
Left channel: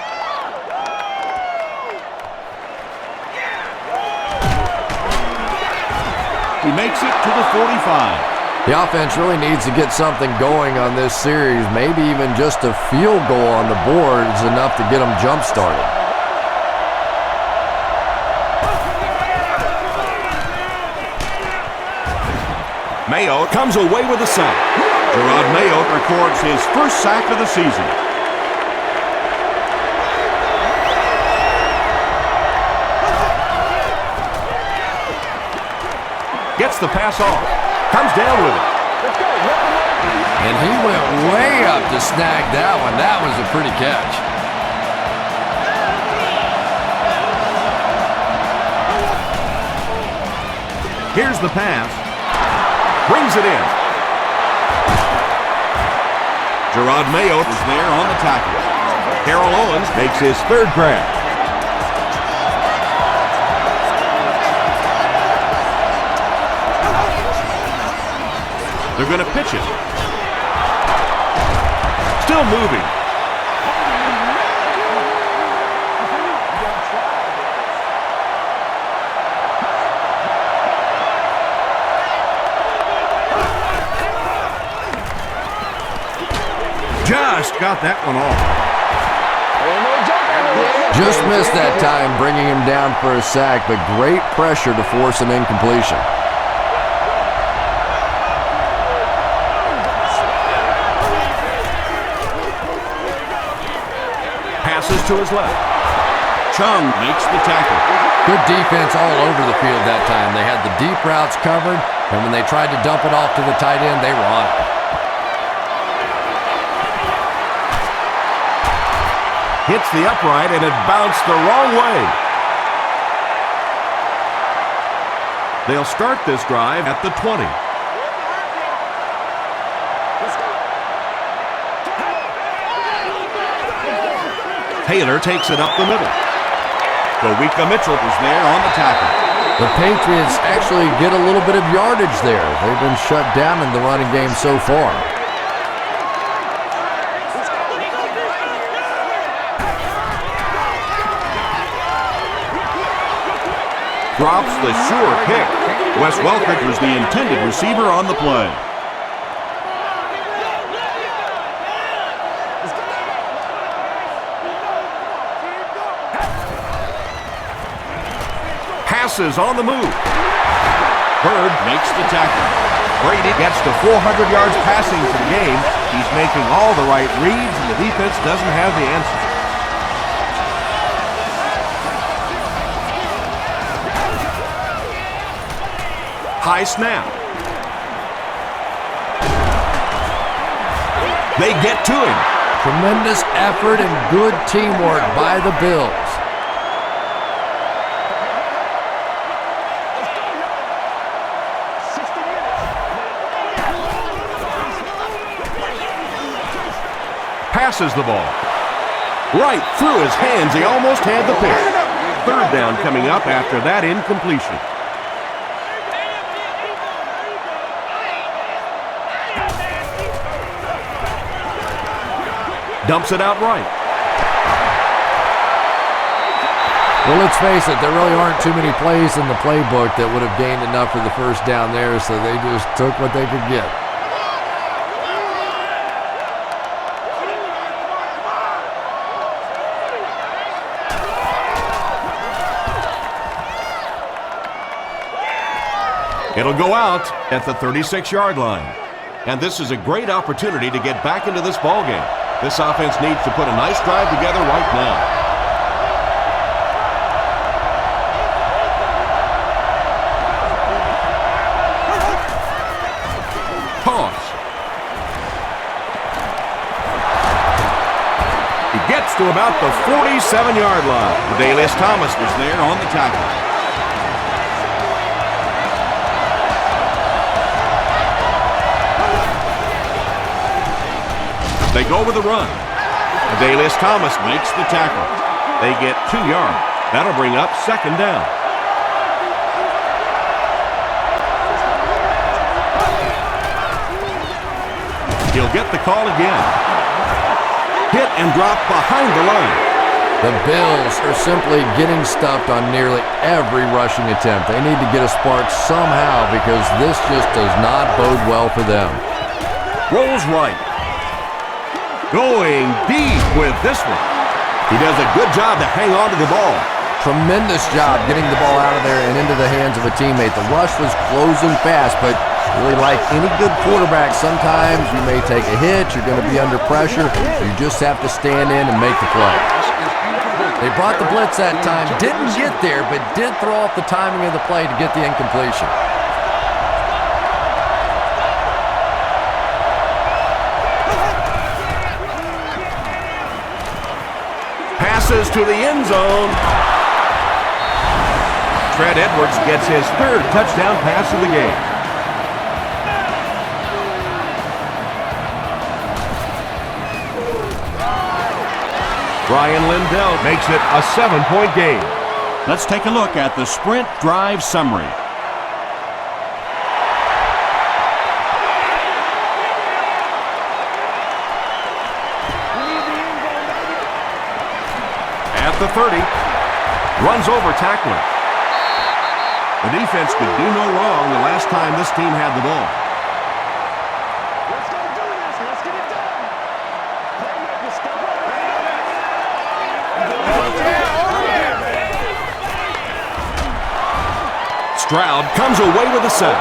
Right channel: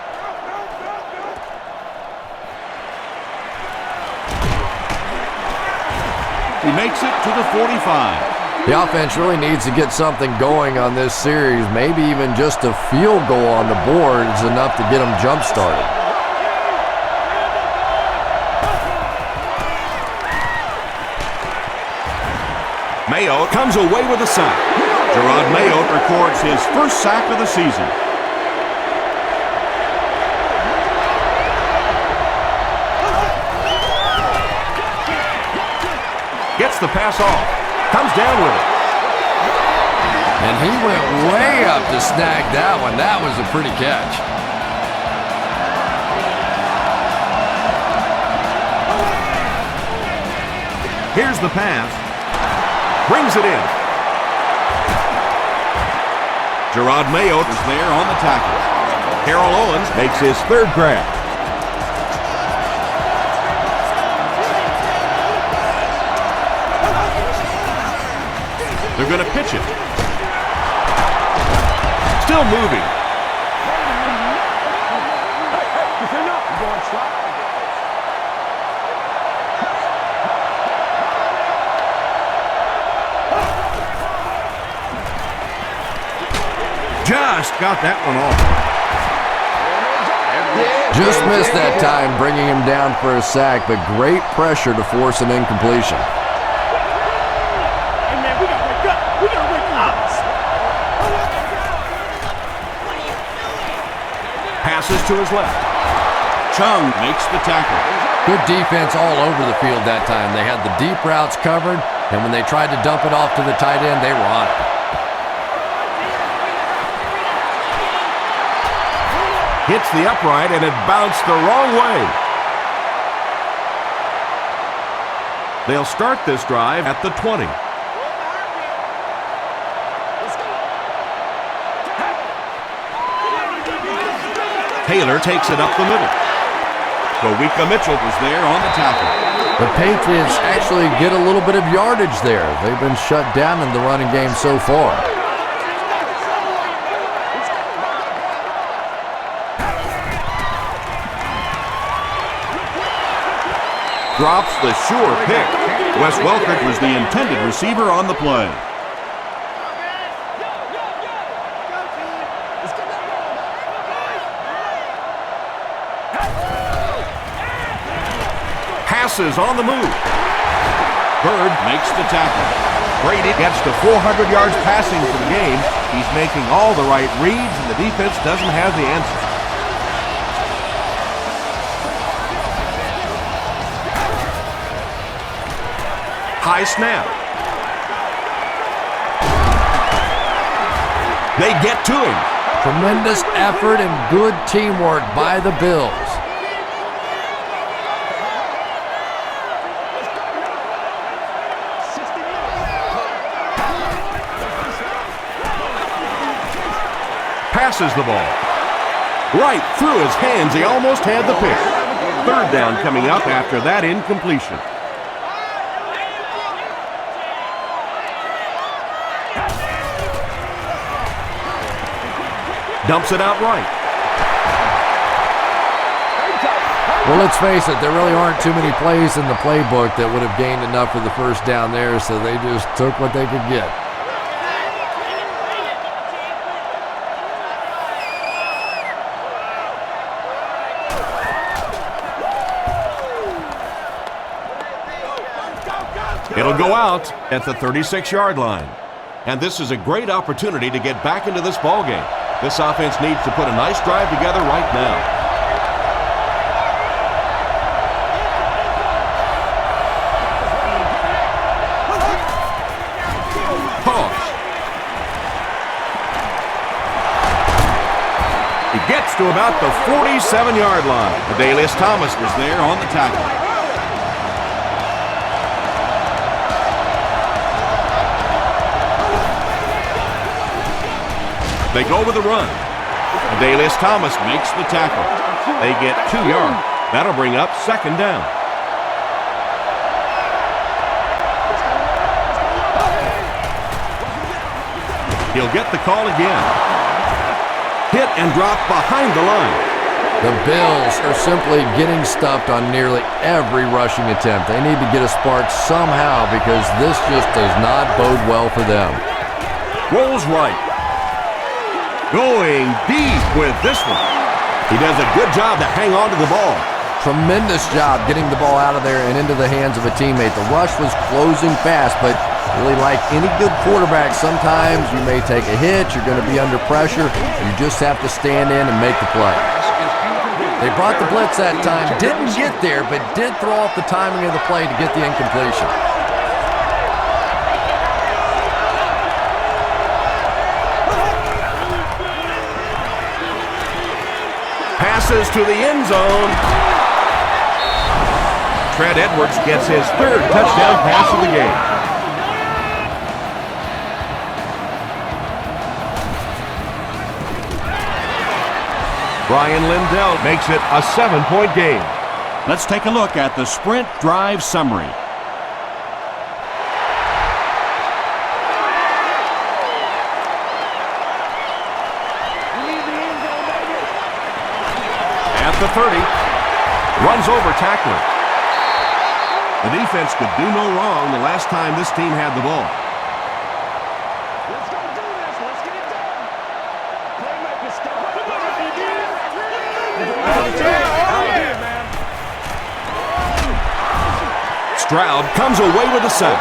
He makes it to the 45. The offense really needs to get something going on this series. Maybe even just a field goal on the board is enough to get them jump-started. Mayo comes away with a sack. Gerard Mayo records his first sack of the season. Gets the pass off. Comes down with it. And he went way up to snag that one. That was a pretty catch. Here's the pass. Brings it in. Gerard Mayo is there on the tackle. Carroll Owens makes his 3rd grab. They're going to pitch it. Still moving. Just got that one off. Just missed that time, bringing him down for a sack, but great pressure to force an incompletion. Passes to his left. Chung makes the tackle. Good defense all over the field that time. They had the deep routes covered, and when they tried to dump it off to the tight end, they were on it. Hits the upright, and it bounced the wrong way. They'll start this drive at the 20. Taylor takes it up the middle. Kowika Mitchell was there on the tackle. The Patriots actually get a little bit of yardage there. They've been shut down in the running game so far. Drops the sure pick. Wes Welker was the intended receiver on the play. Passes on the move. Bird makes the tackle. Brady gets to 400 yards passing for the game. He's making all the right reads, and the defense doesn't have the answer. High snap. They get to him. Tremendous effort and good teamwork by the Bills. passes the ball. Right through his hands, he almost had the pick. Third down coming up after that incompletion. Dumps it out right. Well, let's face it, there really aren't too many plays in the playbook that would have gained enough for the first down there, so they just took what they could get. It'll go out at the 36-yard line. And this is a great opportunity to get back into this ballgame. This offense needs to put a nice drive together right now. Pause. He gets to about the 47-yard line. Adalius Thomas was there on the tackle. They go with a run. Adalius Thomas makes the tackle. They get 2 yards. That'll bring up second down. He'll get the call again. Hit and drop behind the line. The Bills are simply getting stuffed on nearly every rushing attempt. They need to get a spark somehow because this just does not bode well for them. Rolls right. Going deep with this one. He does a good job to hang on to the ball. Tremendous job getting the ball out of there and into the hands of a teammate. The rush was closing fast, but really like any good quarterback, sometimes you may take a hit, you're going to be under pressure. You just have to stand in and make the play. They brought the blitz that time, didn't get there, but did throw off the timing of the play to get the incompletion. Passes to the end zone. Trent Edwards gets his third touchdown pass of the game. Brian Lindell makes it a 7-point game. Let's take a look at the sprint drive summary. At the 30, runs over tackler. The defense could do no wrong the last time this team had the ball. Let's go do this. Let's get it done. Playmaker, step up. Stroud comes away with a sack.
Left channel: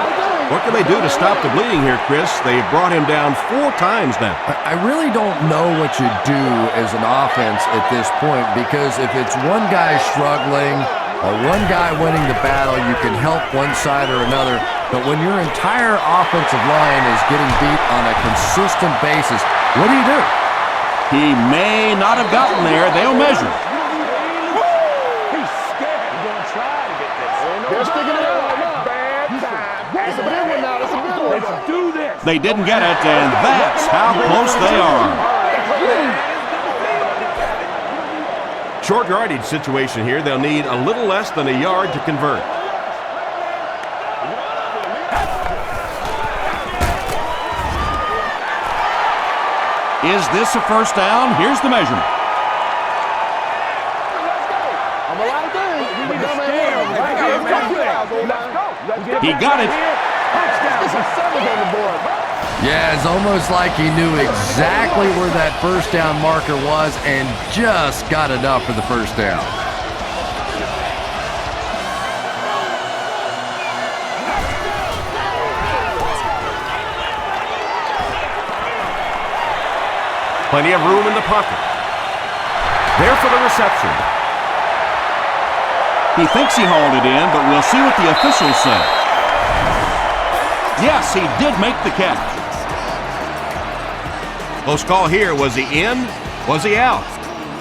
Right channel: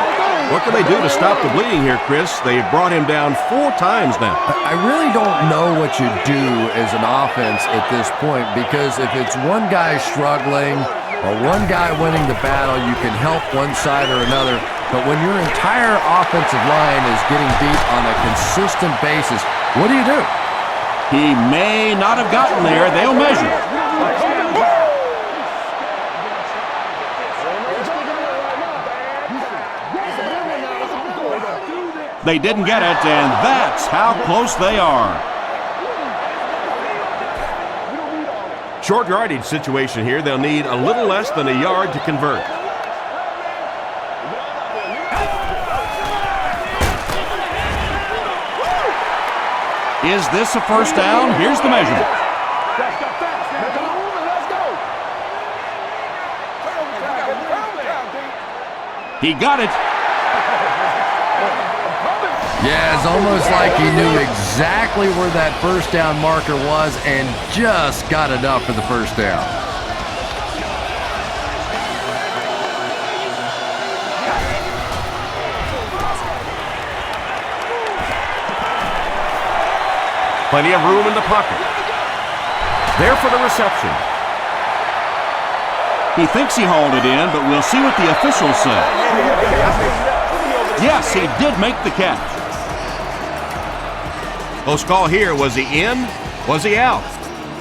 What can they do to stop the bleeding here, Chris? They've brought him down 4 times now. I really don't know what you do as an offense at this point, because if it's one guy struggling or one guy winning the battle, you can help one side or another. But when your entire offensive line is getting beat on a consistent basis, what do you do? He may not have gotten there. They'll measure. He's scared. He's going to try to get this. They're sticking it out right now. Bad time. It's a big one now. It's a big one. Let's do this. They didn't get it, and that's how close they are. Short yardage situation here. They'll need a little less than a yard to convert. Is this a first down? Here's the measurement. He got it. Yeah, it's almost like he knew exactly where that first down marker was and just got enough for the first down. Plenty of room in the pocket. There for the reception. He thinks he hauled it in, but we'll see what the officials say. Yes, he did make the catch. Close call here. Was he in? Was he out?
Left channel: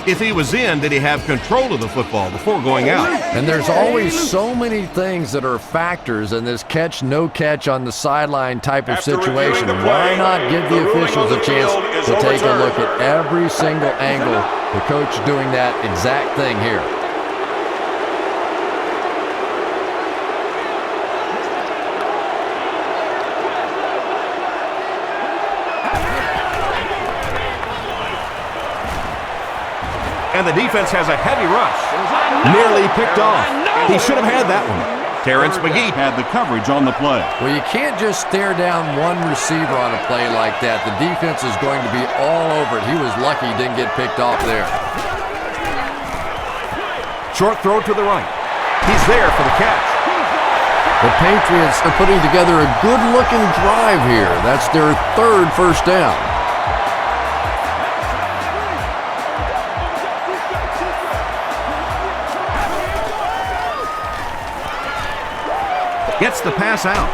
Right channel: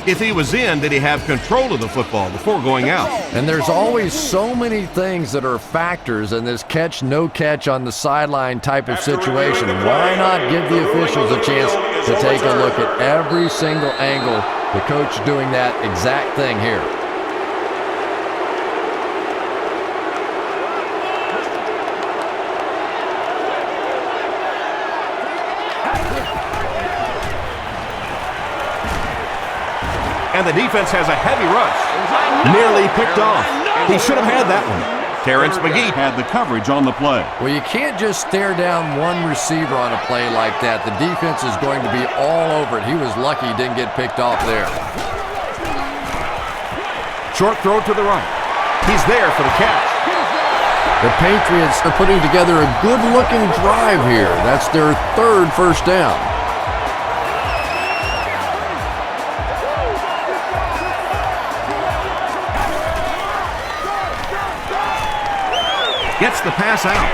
If he was in, did he have control of the football before going out? And there's always so many things that are factors in this catch, no catch on the sideline type of situation. Why not give the officials a chance to take a look at every single angle? The coach doing that exact thing here. And the defense has a heavy rush. Nearly picked off. He should have had that one. Terrence McGee had the coverage on the play. Well, you can't just stare down one receiver on a play like that. The defense is going to be all over it. He was lucky he didn't get picked off there. Short throw to the right. He's there for the catch. The Patriots are putting together a good-looking drive here. That's their third first down. Gets the pass out.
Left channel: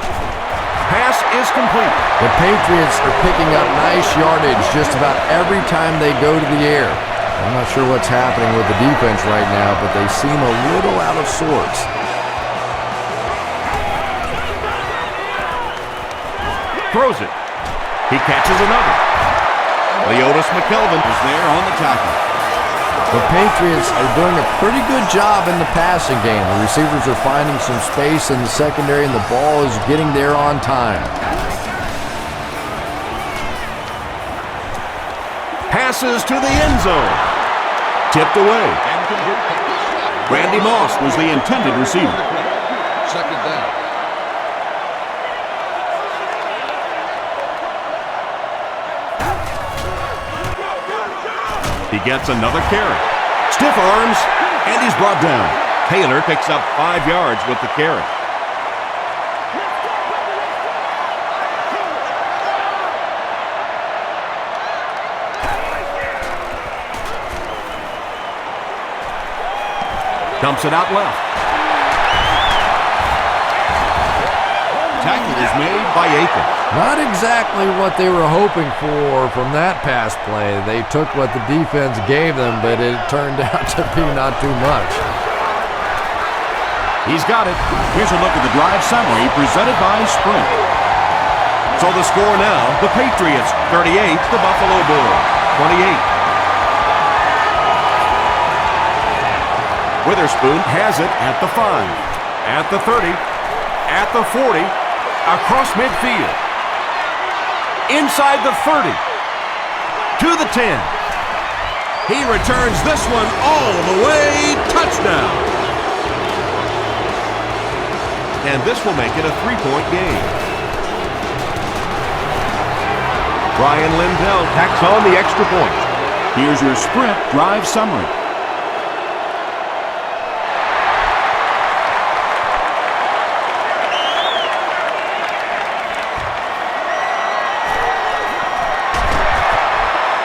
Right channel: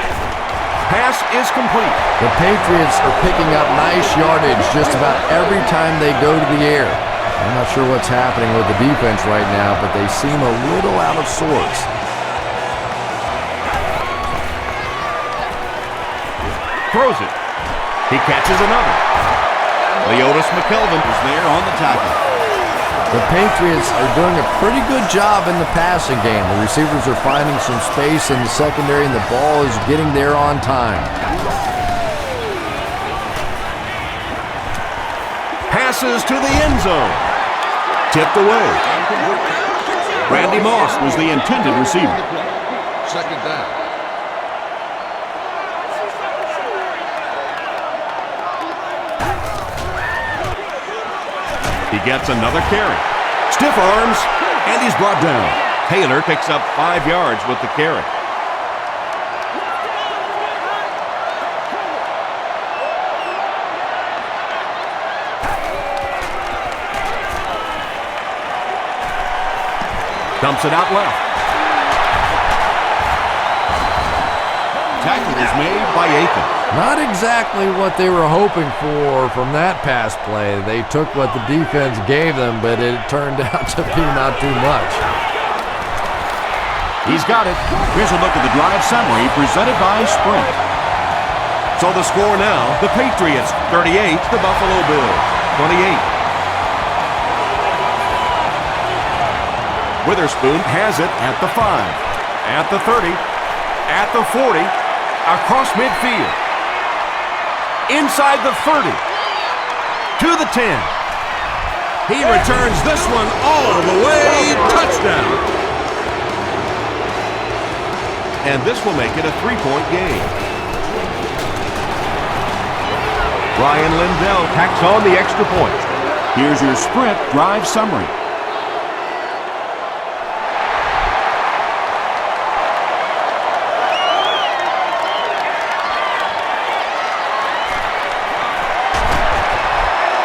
Pass is complete. The Patriots are picking up nice yardage just about every time they go to the air. I'm not sure what's happening with the defense right now, but they seem a little out of sorts. Throws it. He catches another. Leotis McKelvin is there on the tackle. The Patriots are doing a pretty good job in the passing game. The receivers are finding some space in the secondary, and the ball is getting there on time. Passes to the end zone. Tipped away. Randy Moss was the intended receiver. Second down. He gets another carry. Stiff arms, and he's brought down. Taylor picks up 5 yards with the carry. Dumps it out left. Tackle is made by Aiken. Not exactly what they were hoping for from that pass play. They took what the defense gave them, but it turned out to be not too much. He's got it. Here's a look at the drive summary presented by Sprint. So the score now, the Patriots 38, the Buffalo Bills 28. Witherspoon has it at the 5, at the 30, at the 40, across midfield, inside the 30, to the 10. He returns this one all the way, touchdown. And this will make it a 3-point game. Brian Lindell tacks on the extra point. Here's your Sprint drive summary.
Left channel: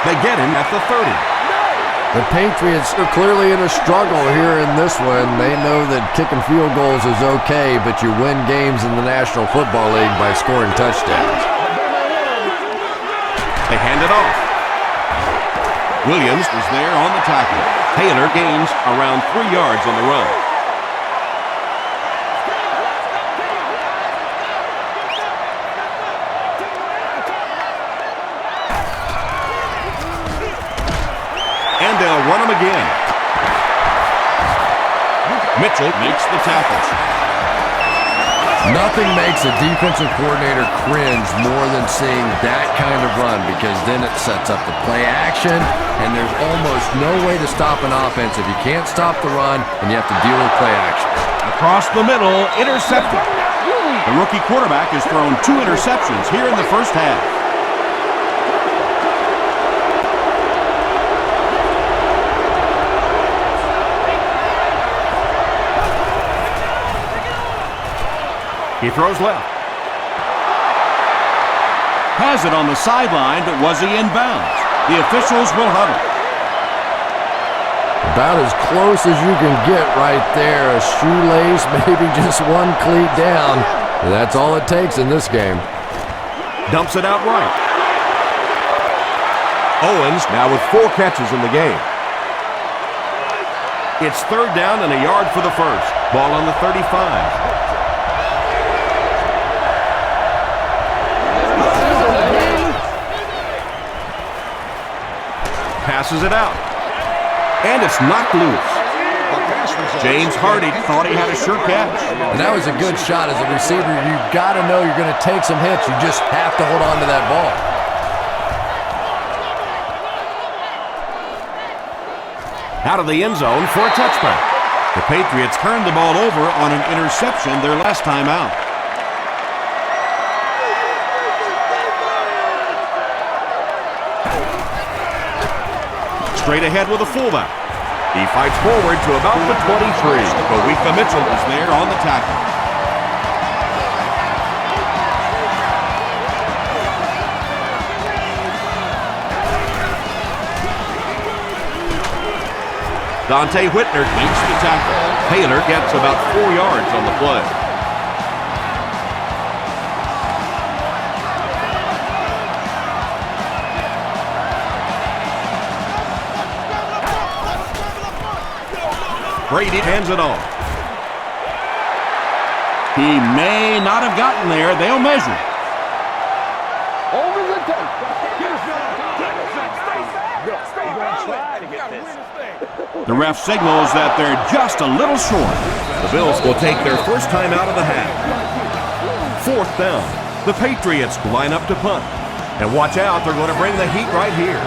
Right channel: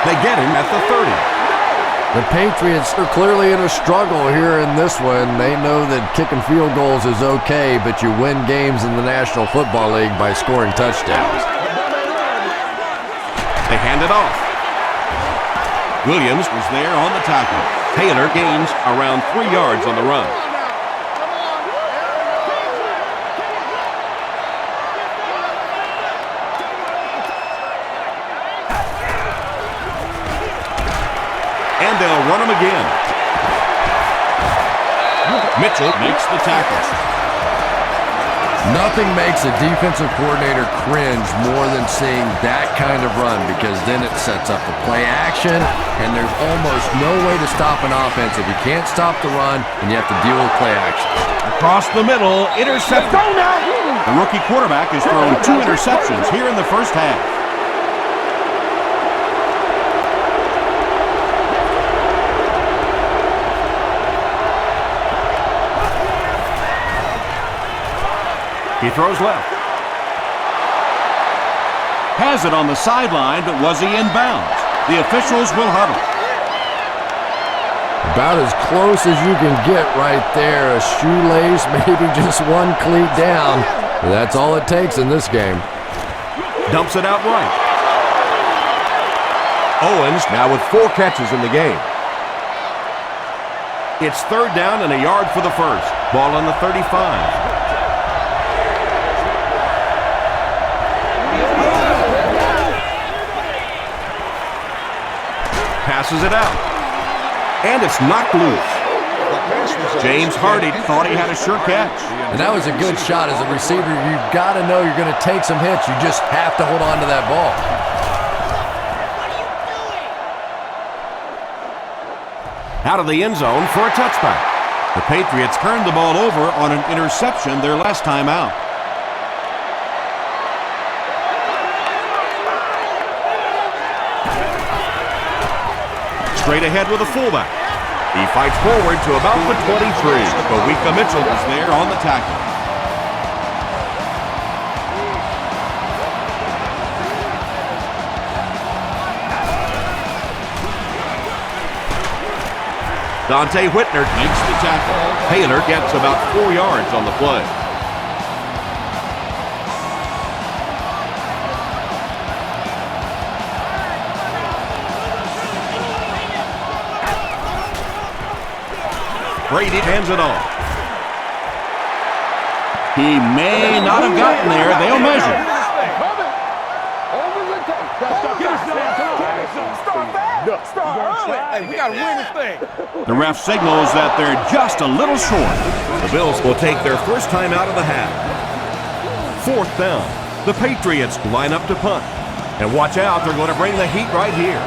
They get him at the 30. The Patriots are clearly in a struggle here in this one. They know that kicking field goals is okay, but you win games in the National Football League by scoring touchdowns. They hand it off. Williams Was there on the tackle. Taylor gains around 3 yards on the run. And they'll run him again. Mitchell Makes the tackle. Nothing makes a defensive coordinator cringe more than seeing that kind of run, because then it sets up the play action, and there's almost no way to stop an offense if you can't stop the run and you have to deal with play action. across the middle, intercepted. The rookie quarterback has thrown 2 interceptions here in the first half. He throws left. Has it on the sideline, but was he in bounds? The officials will huddle. About as close as you can get right there. A shoelace, maybe just one cleat down. That's all it takes in this game. Dumps it out right. Owens now with 4 catches in the game. It's 3rd down and a yard for the first. Ball on the 35. Passes it out. And it's knocked loose. James Hardy thought he had a sure catch. And that was a good shot. As a receiver, you've got to know you're going to take some hits. You just have to hold on to that ball. Out of the end zone for a touchback. The Patriots turned the ball over on an interception their last time out. Straight ahead with a fullback. He fights forward to about the 23. Kawika Mitchell is there on the tackle. Dante Whitner Makes the tackle. Taylor gets about 4 yards on the play. Brady hands it off. He may not have gotten there. They'll measure. Over the tape. Start early. We got to win this thing. The ref signals that they're just a little short. The Bills will take their first time out of the half. 4th down. The Patriots line up to punt. And watch out, they're going to bring the heat right here.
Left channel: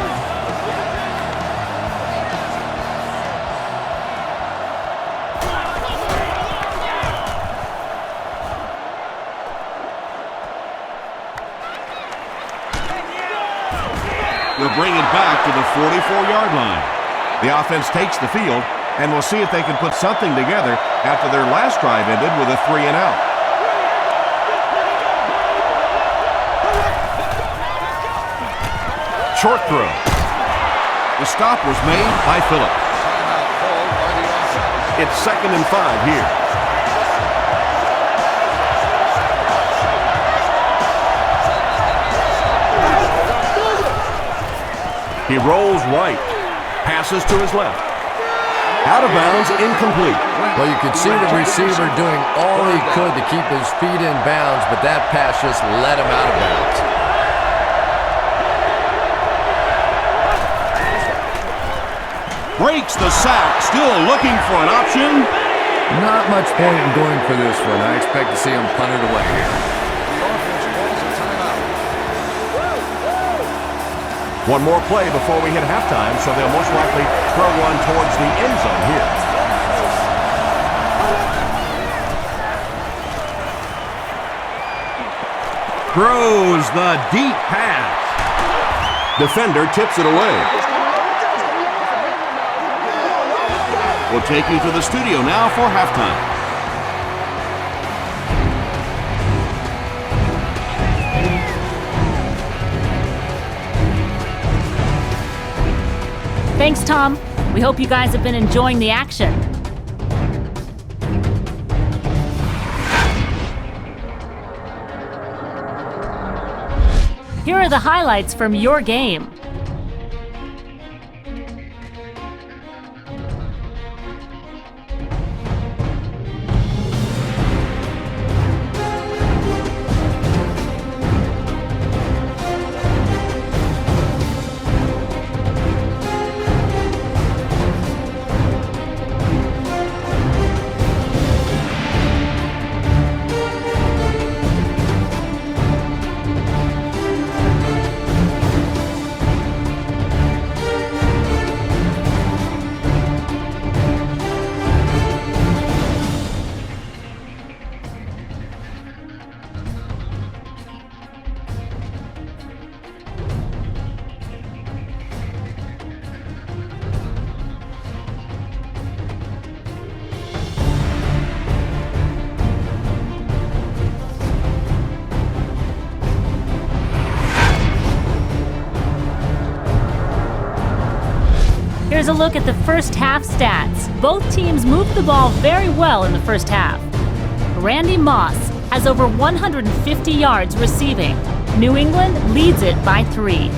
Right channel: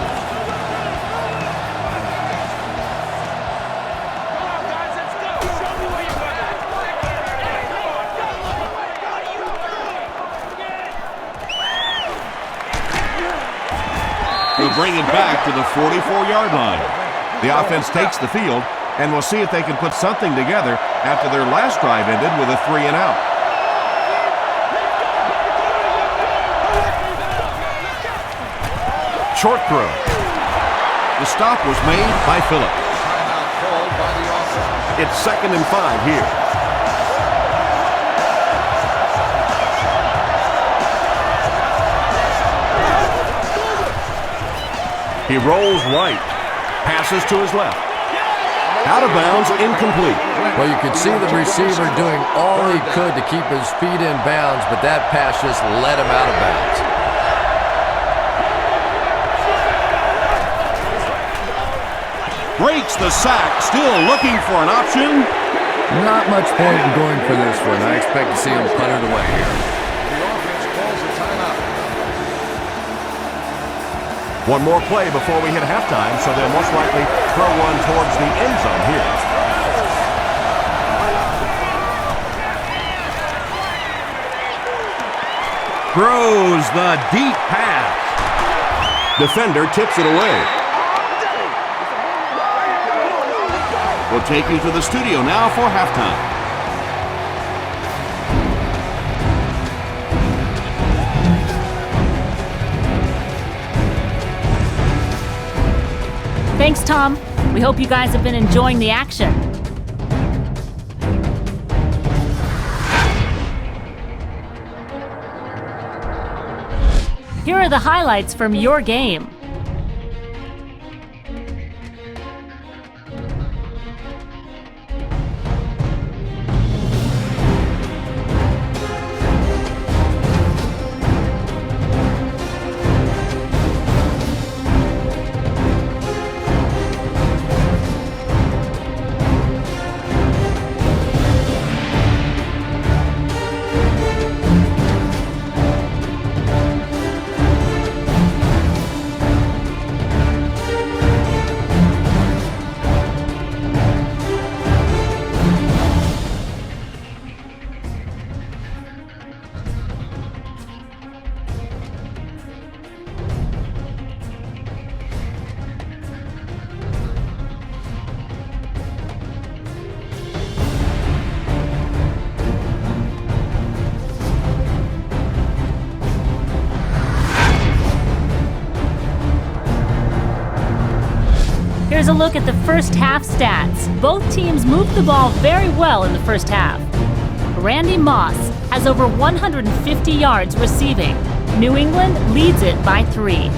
We'll bring it back to the 44-yard line. The offense takes the field, and we'll see if they can put something together after their last drive ended with a 3 and out. Short throw. The stop was made by Phillips. Timeout called by the offense. It's 2nd and 5 here. He rolls right, passes to his left. Out of bounds, incomplete. Well, you could see the receiver doing all he could to keep his feet in bounds, but that pass just let him out of bounds. Breaks the sack, still looking for an option. Not much point in going for this one. I expect to see him punt it away here. The offense calls a timeout. One more play before we hit halftime, so they'll most likely throw one towards the end zone here. Throws the deep pass. Defender tips it away. We'll take you to the studio now for halftime. Thanks, Tom. We hope you guys have been enjoying the action. Here are the highlights from your game. Here's a look at the first half stats. Both teams moved the ball very well in the first half. Randy Moss has over 150 yards receiving. New England leads it by 3.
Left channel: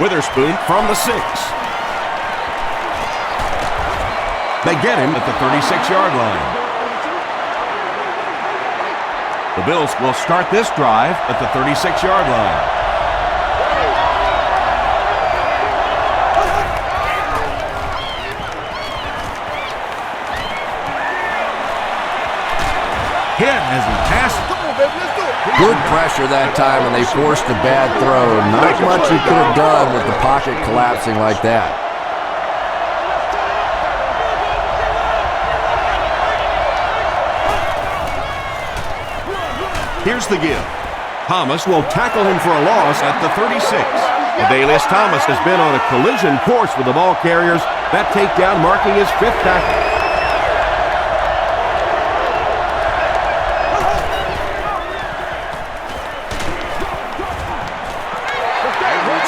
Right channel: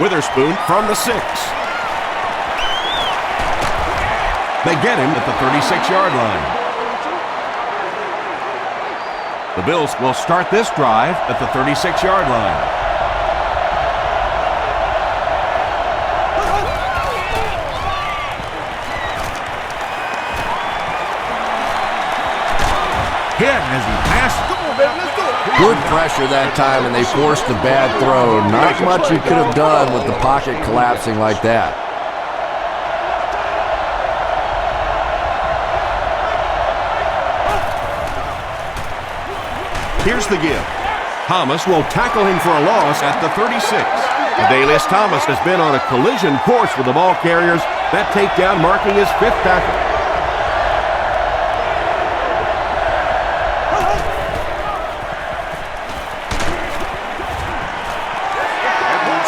Witherspoon from the 6. They get him at the 36-yard line. The Bills will start this drive at the 36-yard line. Hit as he passes. Come on, baby, let's do it. Good pressure that time, and they forced a bad throw. Not much you could have done with the pocket collapsing like that. Here's the give. Thomas will tackle him for a loss at the 36. Adalius Thomas has been on a collision course with the ball carriers. That takedown marking his 5th tackle.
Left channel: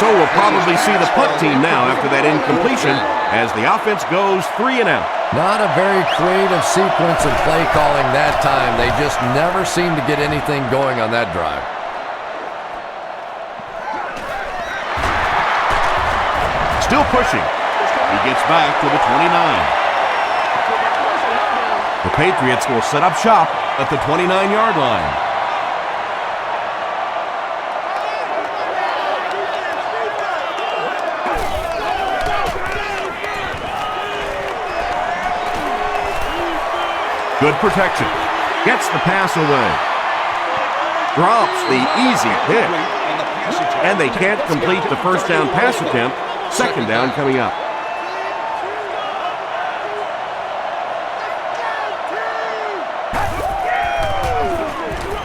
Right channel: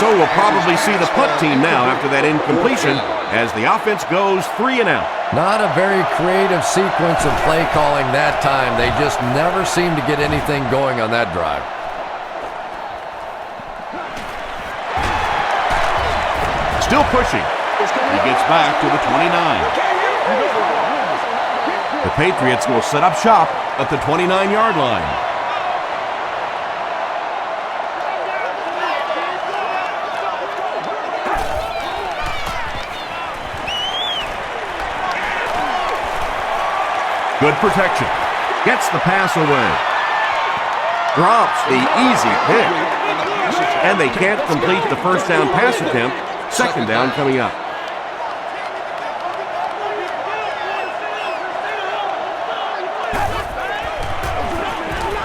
So we'll probably see the punt team now after that incompletion as the offense goes 3 and out. Not a very creative sequence of play calling that time. They just never seem to get anything going on that drive. Still pushing. He gets back to the 29. The Patriots will set up shop at the 29-yard line. Good protection. Gets the pass away. Drops the easy pick. And they can't complete the first down pass attempt. Second down coming up.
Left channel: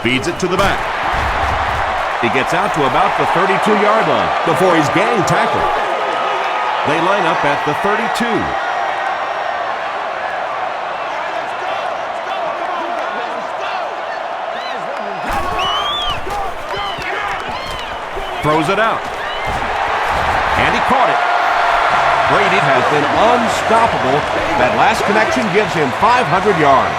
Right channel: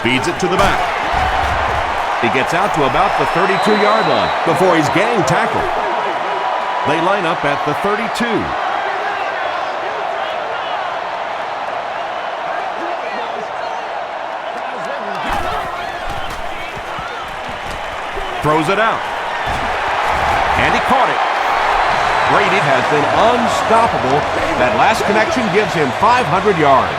Feeds it to the back. He gets out to about the 32-yard line before he's gang tackled. They line up at the 32. Throws it out. And he caught it. Brady has been unstoppable. That last connection gives him 500 yards.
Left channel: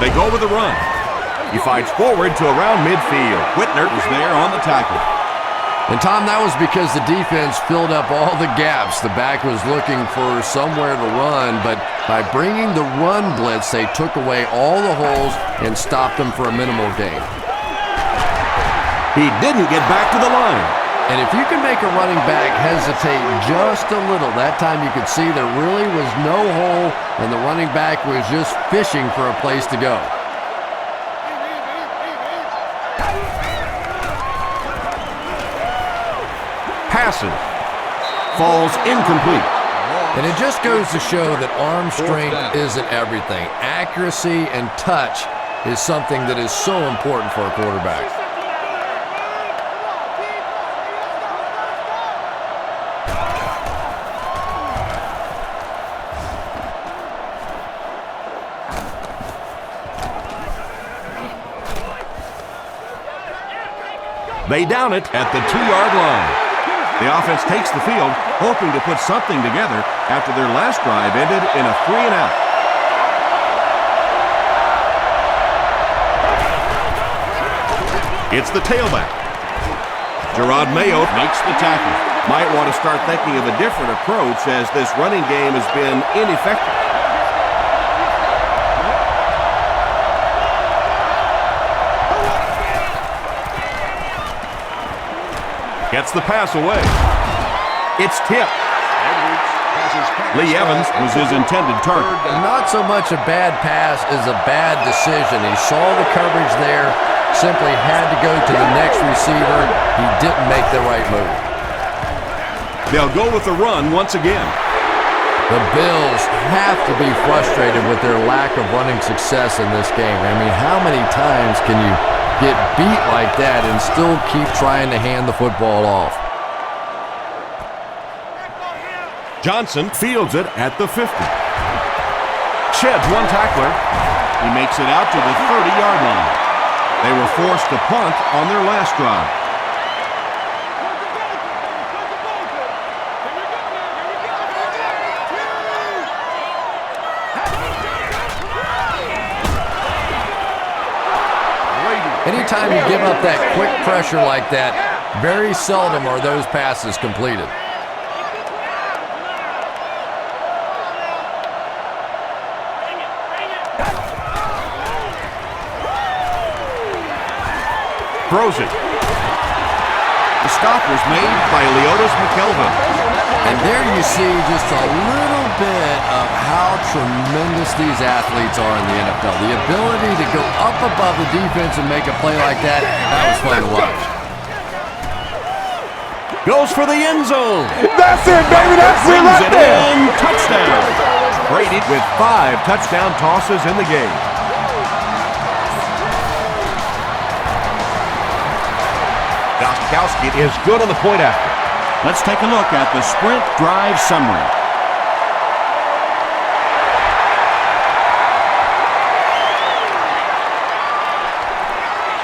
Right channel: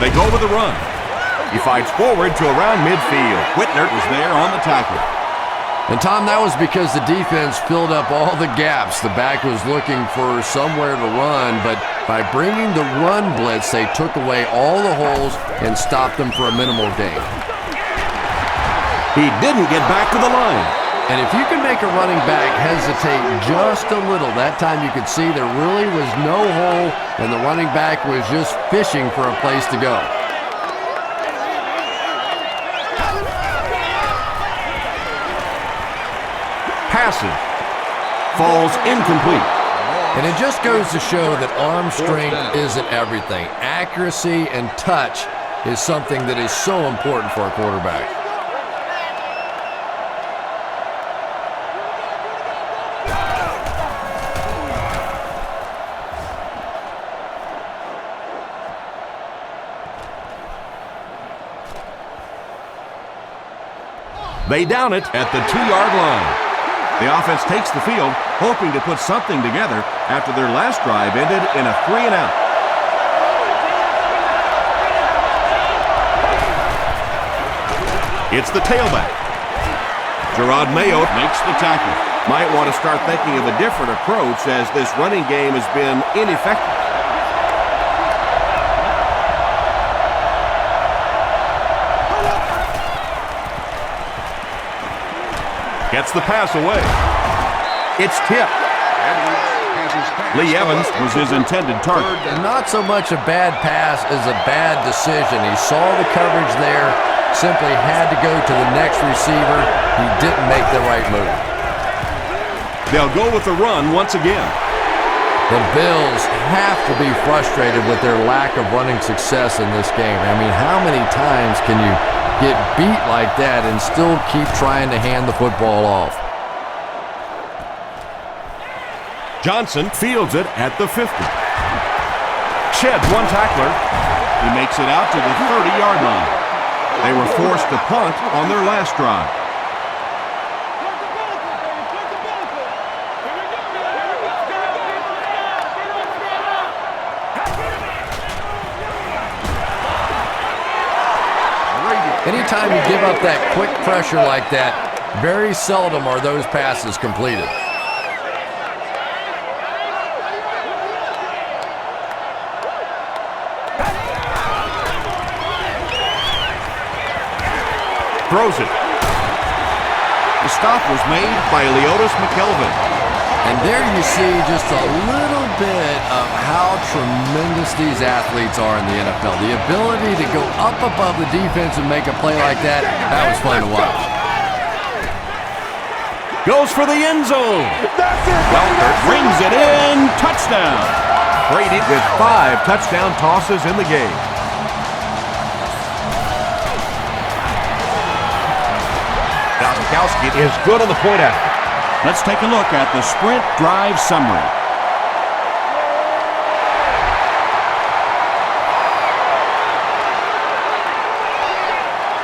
They go with the run. He fights forward to around midfield. Whitner was there on the tackle. And Tom, that was because the defense filled up all the gaps. The back was looking for somewhere to run, but by bringing the run blitz, they took away all the holes and stopped them for a minimal gain. He didn't get back to the line. And if you can make a running back hesitate just a little, that time you could see there really was no hole, and the running back was just fishing for a place to go. Passes. Falls incomplete. And it just goes to show that arm strength isn't everything. Accuracy and touch is something that is so important for a quarterback. They down it at the 2-yard line. The offense takes the field, hoping to put something together after their last drive ended in a 3 and out. It's the tailback. Gerard Mayo Makes the tackle. might want to start thinking of a different approach as this running game has been ineffective. Gets the pass away. It's tipped. Lee Evans was his intended target. Not so much a bad pass as a bad decision. He saw the coverage there, simply had to go to the next receiver. He didn't make the right move. They'll go with the run once again. The Bills have to be frustrated with their lack of running success in this game. I mean, how many times can you get beat like that and still keep trying to hand the football off? Johnson fields it at the 50. Sheds one tackler. He makes it out to the 30-yard line. They were forced to punt on their last drive. Anytime you give up that quick pressure like that, very seldom are those passes completed. Throws it. The stop was made by Leotis McKelvin. And there you see just a little bit of how tremendous these athletes are in the NFL. The ability to go up above the defense and make a play like that, that was fun to watch. Goes for the end zone. That's it, baby. That's it. Brings Right it there. in. Touchdown. Brady with 5 touchdown tosses in the game. Gostkowski is good on the point after. Let's take a look at the sprint drive summary.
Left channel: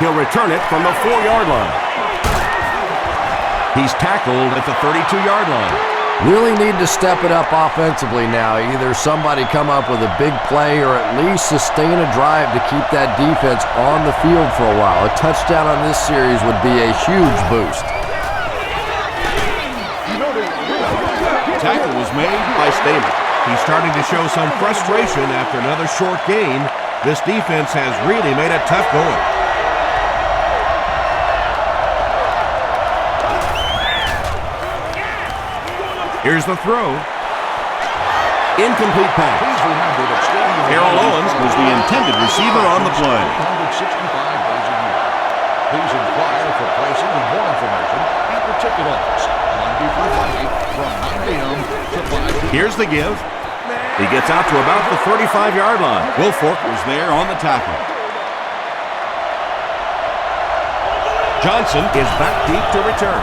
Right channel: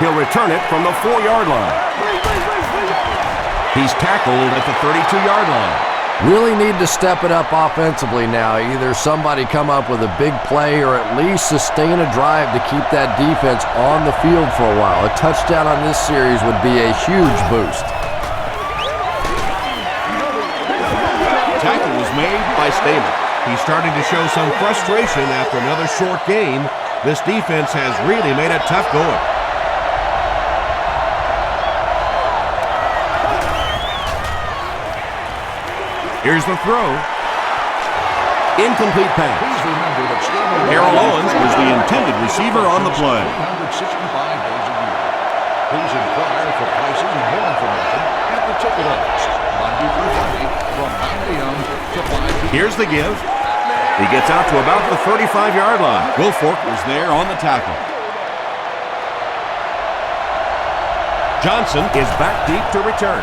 He'll return it from the 4-yard line. He's tackled at the 32-yard line. Really need to step it up offensively now. Either somebody come up with a big play or at least sustain a drive to keep that defense on the field for a while. A touchdown on this series would be a huge boost. Tackle was made by Stamen. He's starting to show some frustration after another short gain. This defense has really made it tough going. Here's the throw. Incomplete pass. Please remember that stadium Harold Owens was the intended receiver on the play. 365 days a year. Please inquire for pricing and more information at the ticket office, Monday through Friday from 9 a.m. to 5 p.m. Here's the give. He gets out to about the 35-yard line. Wilfork was there on the tackle. Johnson is back deep to return.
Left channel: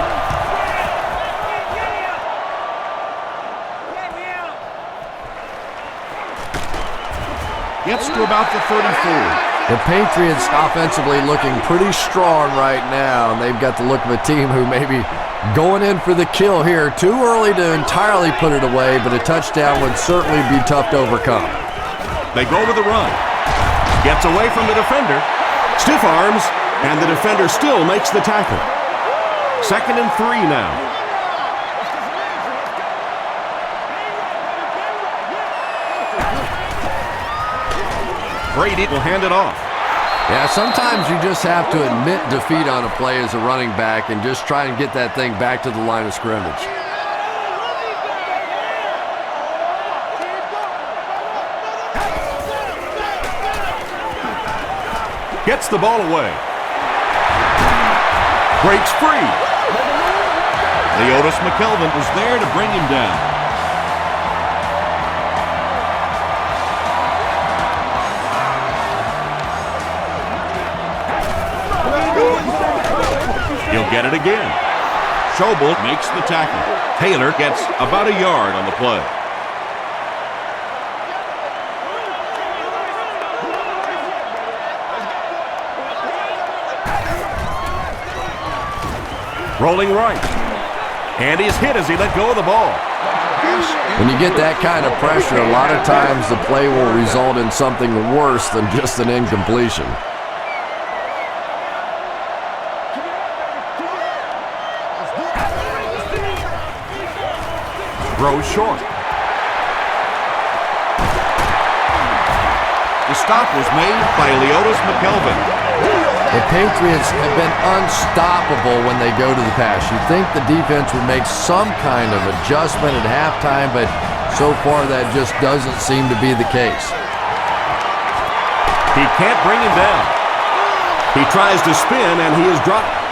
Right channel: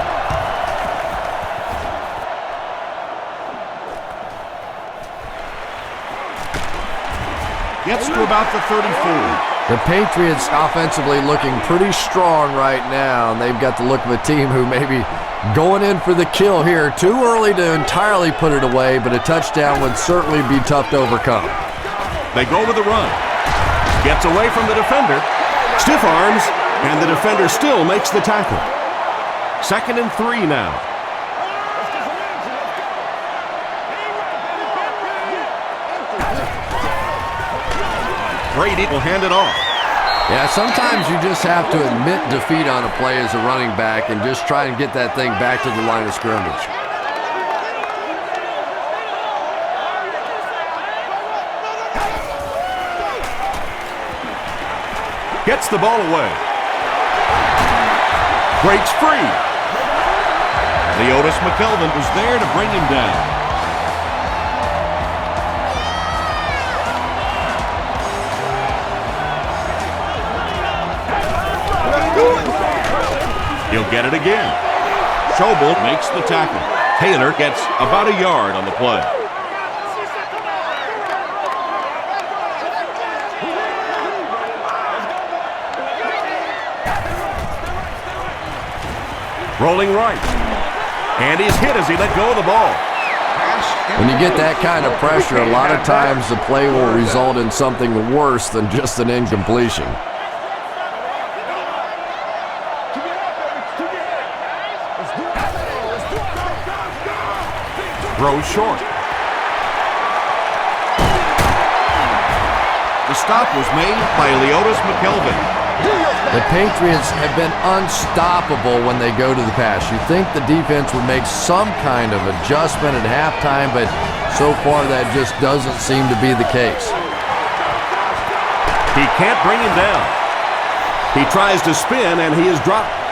Gets to about the 34. The Patriots offensively looking pretty strong right now, and they've got the look of a team who may be going in for the kill here. Too early to entirely put it away, but a touchdown would certainly be tough to overcome. They go with the run. Gets away from the defender. Stiff arms, and the defender still makes the tackle. 2nd and 3 now. Brady will hand it off. Yeah, sometimes you just have to admit defeat on a play as a running back and just try and get that thing back to the line of scrimmage. Gets the ball away. Breaks free. Leotis McKelvin was there to bring him down. He'll get it again. Schobel makes the tackle. Taylor gets about a yard on the play. Rolling right. And he's hit as he let go of the ball. When you get that kind of pressure, a lot of times the play will result in something worse than just an incompletion. Throws short. The stop was made by Leotis McKelvin. The Patriots have been unstoppable when they go to the pass. You'd think the defense would make some kind of adjustment at halftime, but so far that just doesn't seem to be the case. He can't bring him down. He tries to spin, and he is dropped.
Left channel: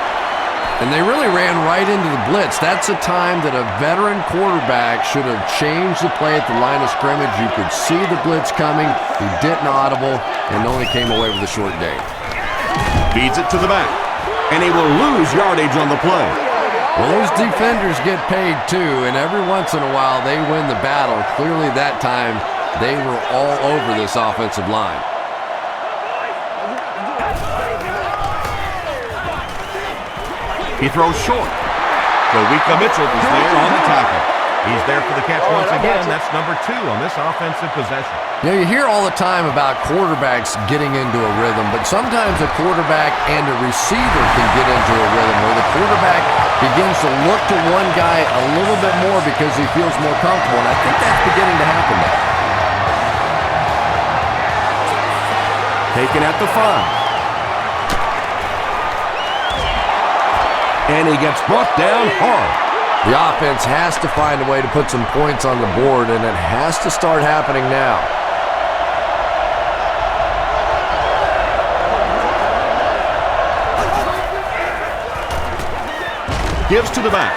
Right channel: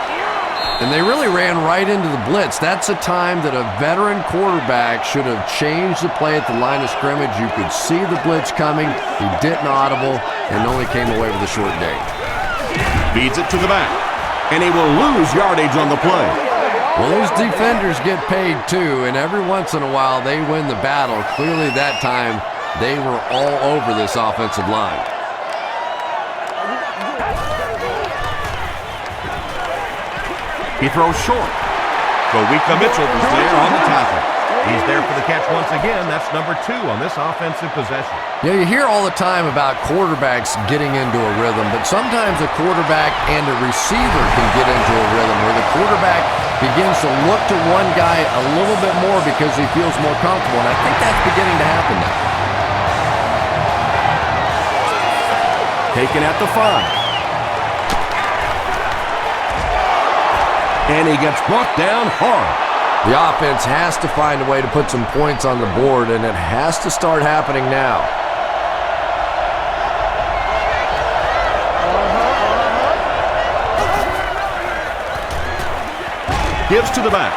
And they really ran right into the blitz. That's a time that a veteran quarterback should have changed the play at the line of scrimmage. You could see the blitz coming. He didn't audible and only came away with a short gain. Feeds it to the back, and he will lose yardage on the play. Well, those defenders get paid too, and every once in a while they win the battle. Clearly that time they were all over this offensive line. He throws short. Kowika Mitchell was there on the tackle. He's there for the catch once again. That's number 2 on this offensive possession. You know, you hear all the time about quarterbacks getting into a rhythm, but sometimes a quarterback and a receiver can get into a rhythm where the quarterback begins to look to one guy a little bit more because he feels more comfortable, and I think that's beginning to happen now. Taken at the 5. And he gets brought down hard. The offense has to find a way to put some points on the board, and it has to start happening now. Gives to the back.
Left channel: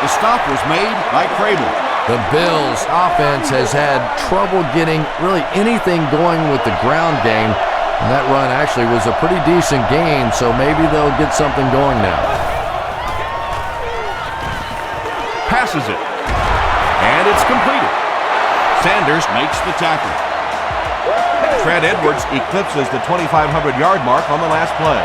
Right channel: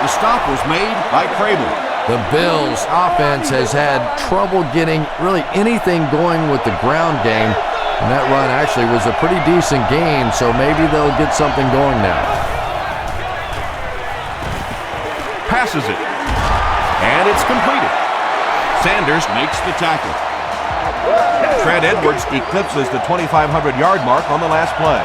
The stop was made by Crable. The Bills' offense has had trouble getting really anything going with the ground game, and that run actually was a pretty decent gain, so maybe they'll get something going now. Passes it. And it's completed. Sanders Makes the tackle. Trent Edwards eclipses the 2,500-yard mark on the last play.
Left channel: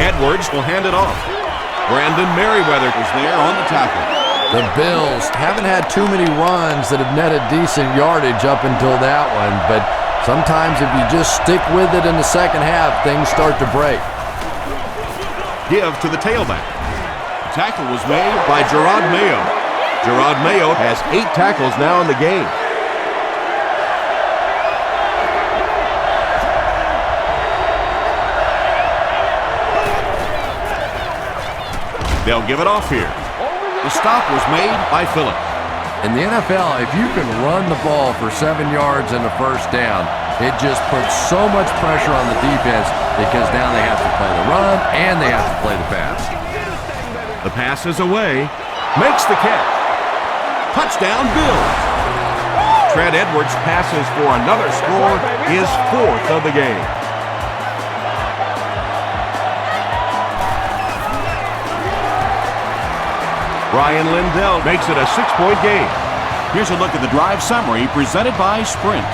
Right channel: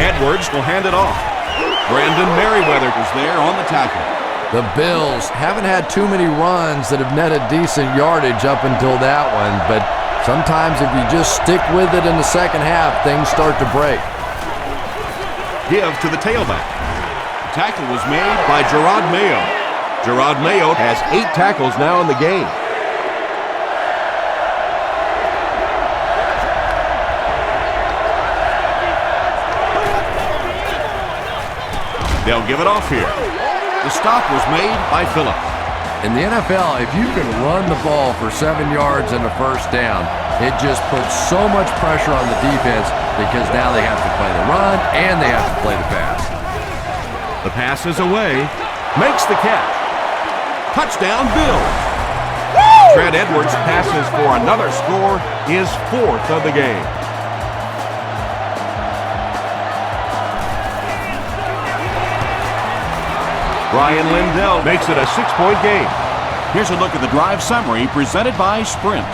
Edwards will hand it off. Brandon Merriweather Was there on the tackle. The Bills haven't had too many runs that have netted decent yardage up until that one, but sometimes if you just stick with it in the second half, things start to break. give to the tailback. The tackle was made by Gerard Mayo. Gerard Mayo has 8 tackles now in the game. They'll give it off here. The stop was made by Phillips. In the NFL, if you can run the ball for 7 yards and a first down, it just puts so much pressure on the defense because now they have to play the run and they have to play the pass. The pass is away. Makes the catch. Touchdown, Bills. Trent Edwards passes for another score, his 4th of the game. Brian Lindell makes it a 6-point game. Here's a look at the drive summary presented by Sprint.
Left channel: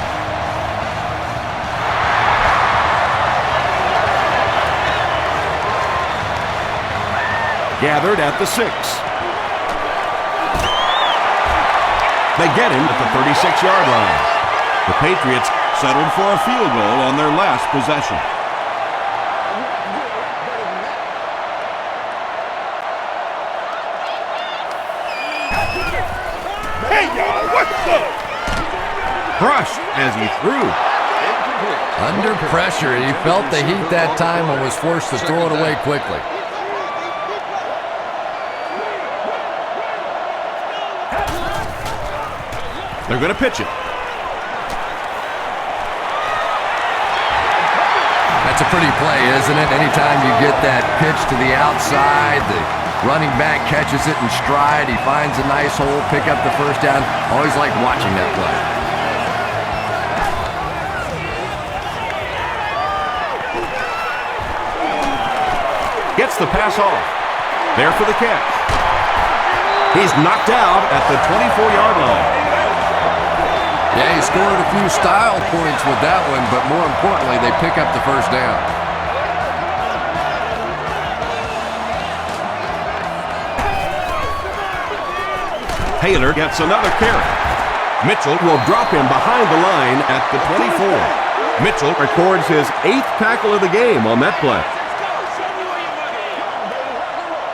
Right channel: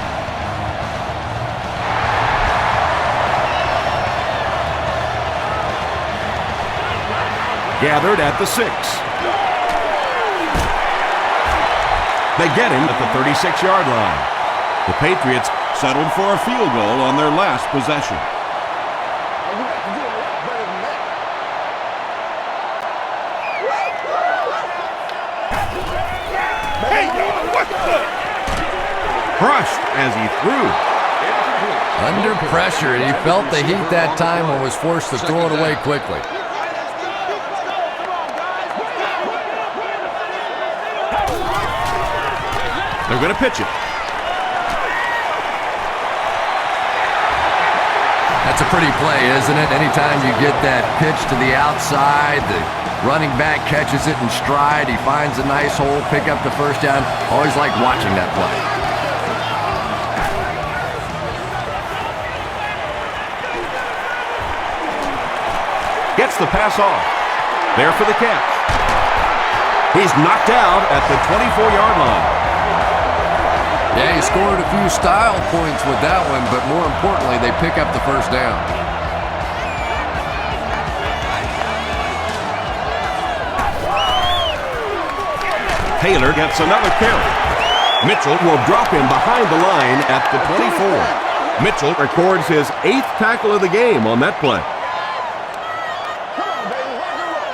Gathered at the 6. They get him at the 36-yard line. The Patriots settled for a field goal on their last possession. You got to do a lot better than that. Hey, y'all, what's up? Crushed as he threw. Incomplete. Under pressure, he felt the heat that time and was forced to throw it away quickly. They're going to pitch it. That's a pretty play, isn't it? Anytime you get that pitch to the outside, the running back catches it in stride, he finds a nice hole, pick up the first down. Always like watching that play. Gets the pass off. There for the catch. He's knocked out at the 24-yard line. Yeah, he scored a few style points with that one, but more importantly, they pick up the first down. Taylor gets another carry. Mitchell will drop him behind the line at the 24. Mitchell records his 8th tackle of the game on that play. Come on, baby, rock and roll.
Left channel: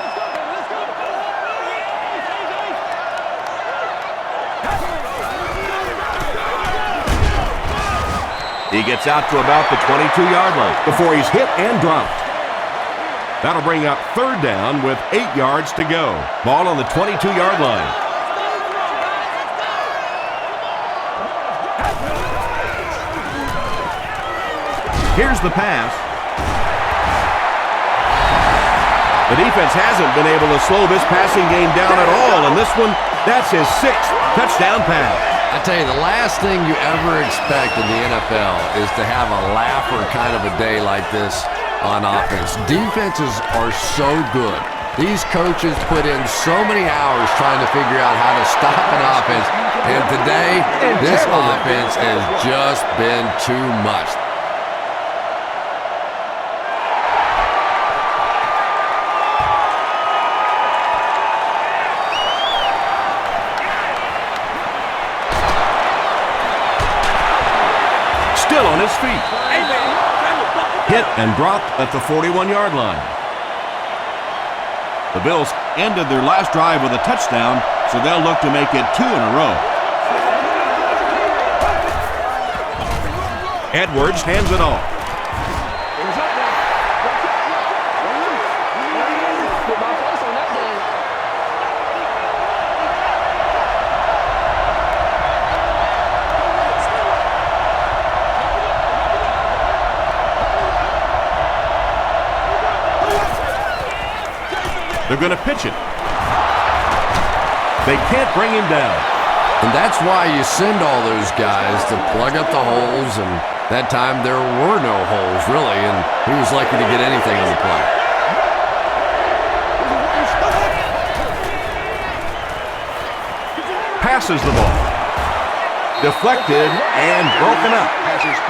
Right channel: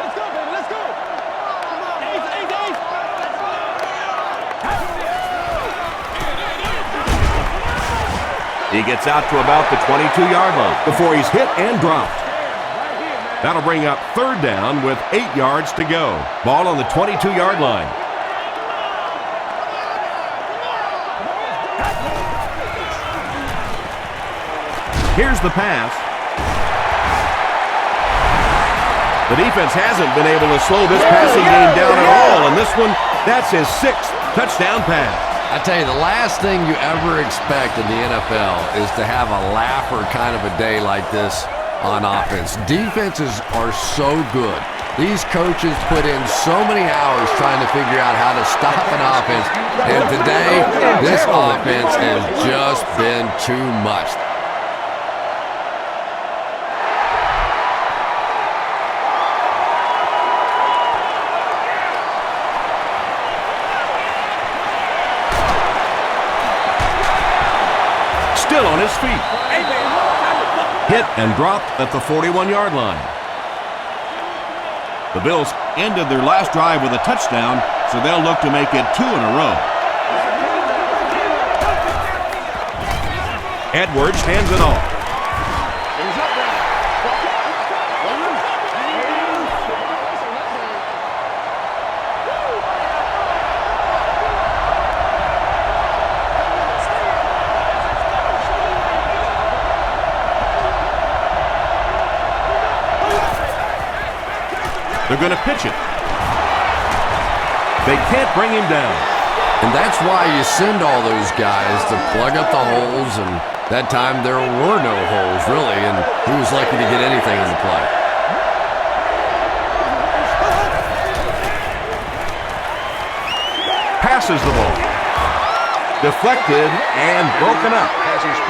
Let's go, baby, let's go. Ace, ace, ace. He gets out to about the 22-yard line before he's hit and dropped. That'll bring up 3rd down with 8 yards to go. Ball on the 22-yard line. Here's the pass. The defense hasn't been able to slow this passing game down at all, and this one, that's his 6th touchdown pass. I tell you, the last thing you ever expect in the NFL is to have a laugher kind of a day like this on offense. Defenses are so good. These coaches put in so many hours trying to figure out how to stop an offense, and today, this offense has just been too much. Still on his feet. Hit and dropped at the 41-yard line. The Bills ended their last drive with a touchdown, so they'll look to make it 2 in a row. Edwards hands it off. They're going to pitch it. They can't bring him down. And that's why you send all those guys to plug up the holes, and that time there were no holes, really, and he was lucky to get anything on the play. Passes the ball. Deflected and broken up.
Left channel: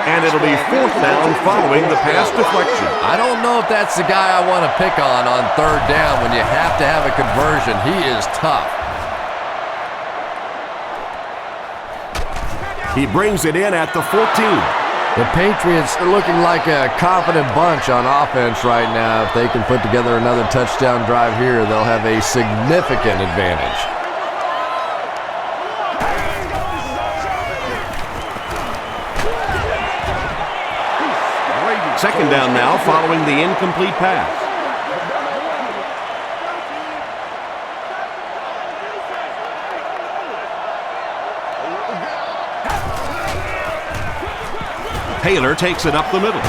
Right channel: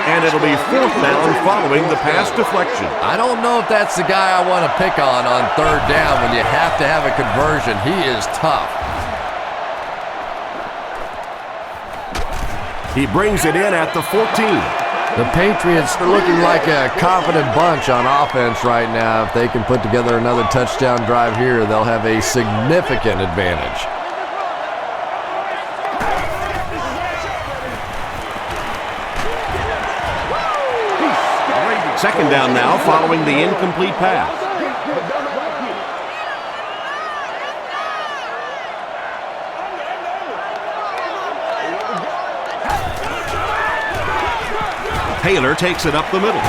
And it'll be 4th down following the pass deflection. I don't know if that's the guy I want to pick on 3rd down when you have to have a conversion. He is tough. He brings it in at the 14. The Patriots are looking like a confident bunch on offense right now. If they can put together another touchdown drive here, they'll have a significant advantage. Second down now following the incomplete pass. Taylor takes it up the middle.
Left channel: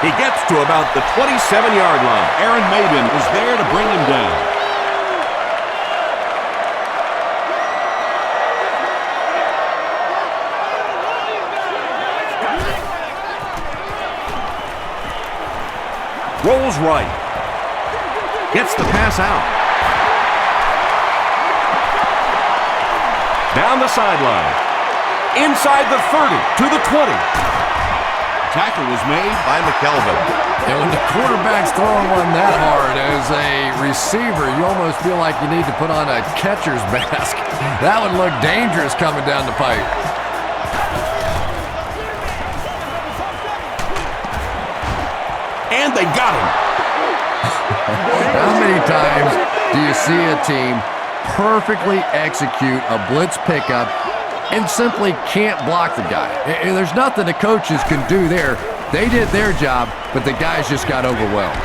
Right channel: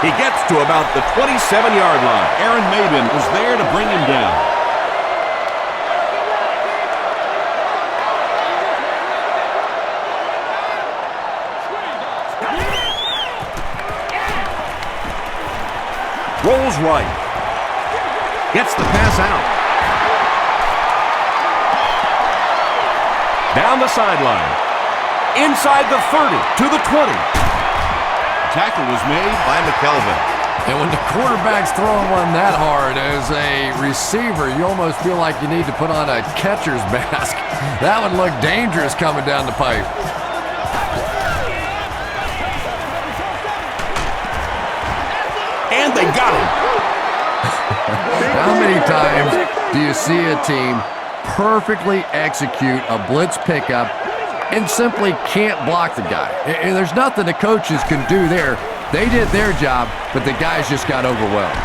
He gets to about the 27-yard line. Aaron Maybin was there to bring him down. Rolls right. Gets the pass out. Down the sideline. Inside the 30 to the 20. Tackle was made by McKelvin. And when the quarterback's throwing one that hard as a receiver, you almost feel like you need to put on a catcher's mask. That would look dangerous coming down the pipe. And they got him. How many times do you see a team perfectly execute a blitz pickup and simply can't block the guy? And there's nothing the coaches can do there. They did their job, but the guys just got overwhelmed.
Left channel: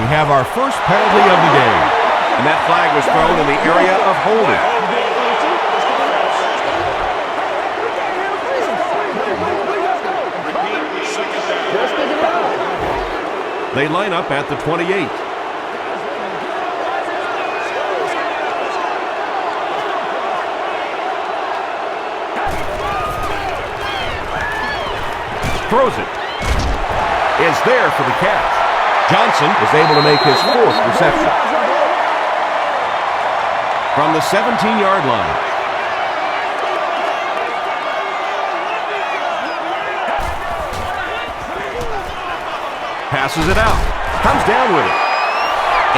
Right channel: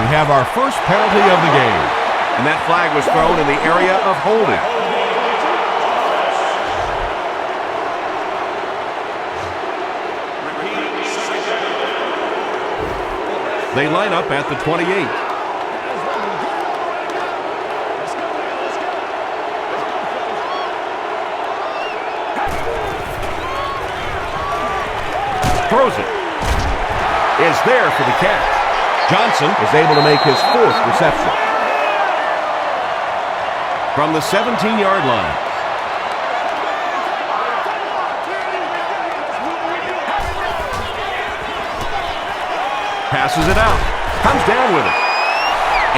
We have our first penalty of the game. And that flag was thrown in the area of holding. They line up at the 28. Throws it. Is there for the catch. Johnson is able to make his 4th reception. From the 17-yard line. Passes it out. Comes down with it.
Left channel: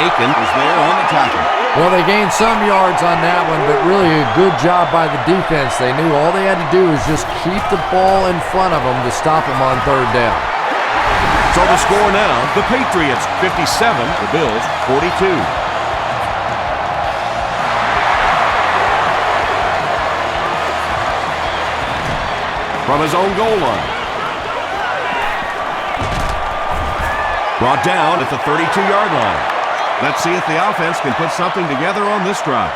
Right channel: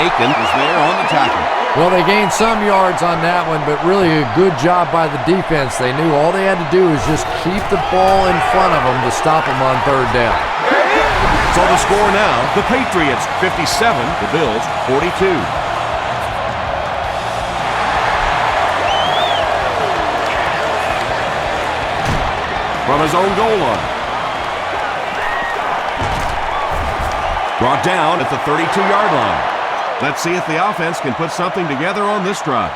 Aiken was there on the tackle. Well, they gained some yards on that one, but really a good job by the defense. They knew all they had to do is just keep the ball in front of them to stop them on 3rd down. So the score now, the Patriots 57, the Bills 42. From his own goal line. Brought down at the 32-yard line. Let's see if the offense can put something together on this drive.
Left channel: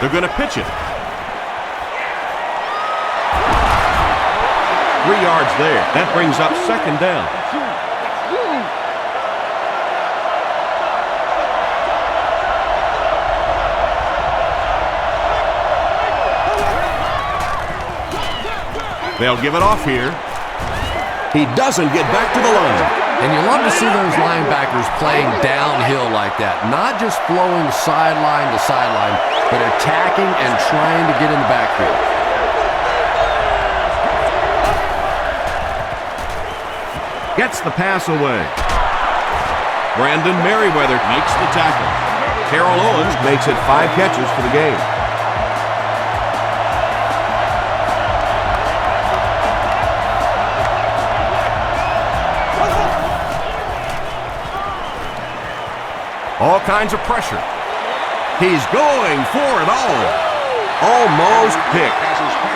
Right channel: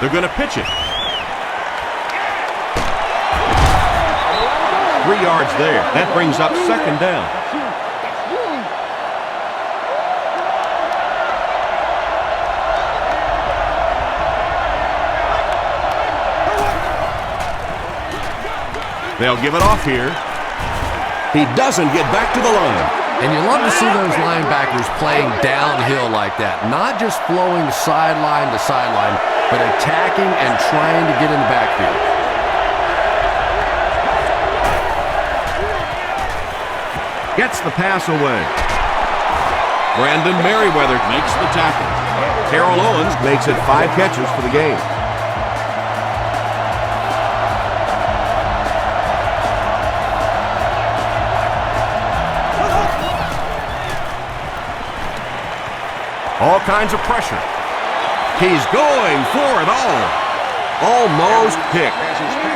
They're going to pitch it. 3 yards there. That brings up 2nd down. They'll give it off here. He doesn't get back to the line. And you love to see those linebackers playing downhill like that. Not just flowing sideline to sideline, but attacking and trying to get in the backfield. Gets the pass away. Brandon Merriweather Makes the tackle. Terrell Owens makes it 5 catches for the game. All kinds of pressure. He's going for it all. Almost picked.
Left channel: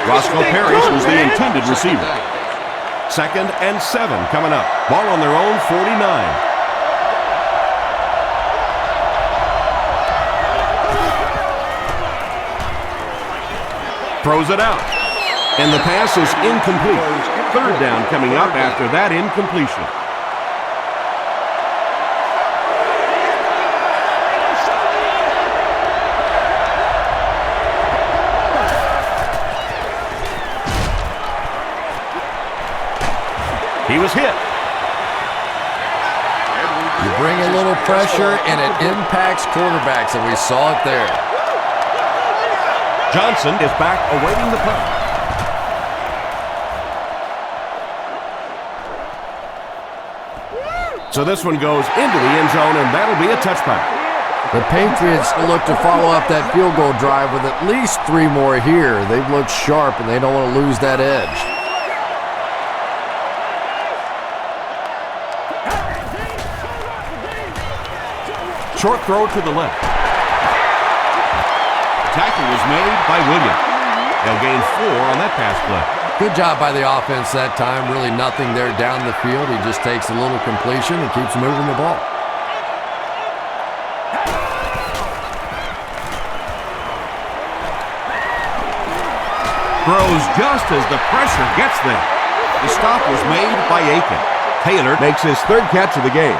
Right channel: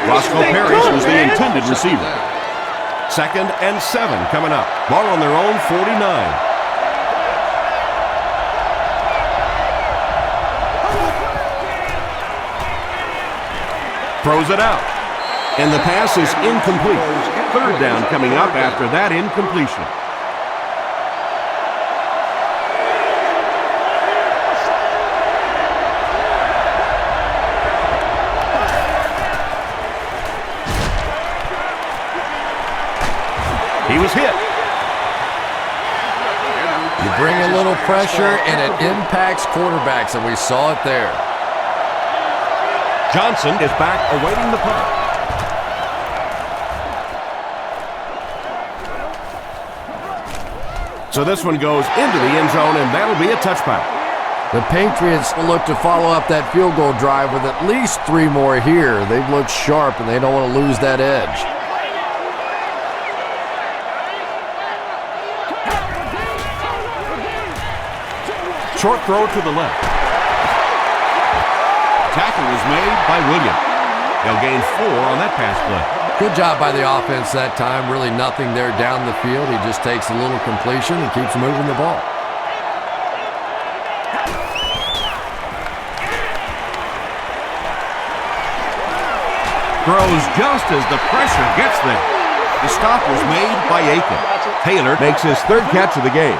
Roscoe Parrish was the intended receiver. 2nd and 7 coming up. Ball on their own 49. Throws it out. And the pass is incomplete. 3rd down coming up after that incompletion. He was hit. You bring a little pressure, and it impacts quarterbacks, and we saw it there. Johnson is back awaiting the punt. So this one goes into the end zone, and that'll be a touchback. The Patriots look to follow up that field goal drive with at least 3 more here. They've looked sharp, and they don't want to lose that edge. Short throw to the left. Tackle was made by Williams. They'll gain 4 on that pass play. Good job by the offense that time. Really nothing there down the field. He just takes a little completion and keeps moving the ball. Throws just as the pressure gets there. The stop was made by Aiken. Taylor makes his 3rd catch of the game.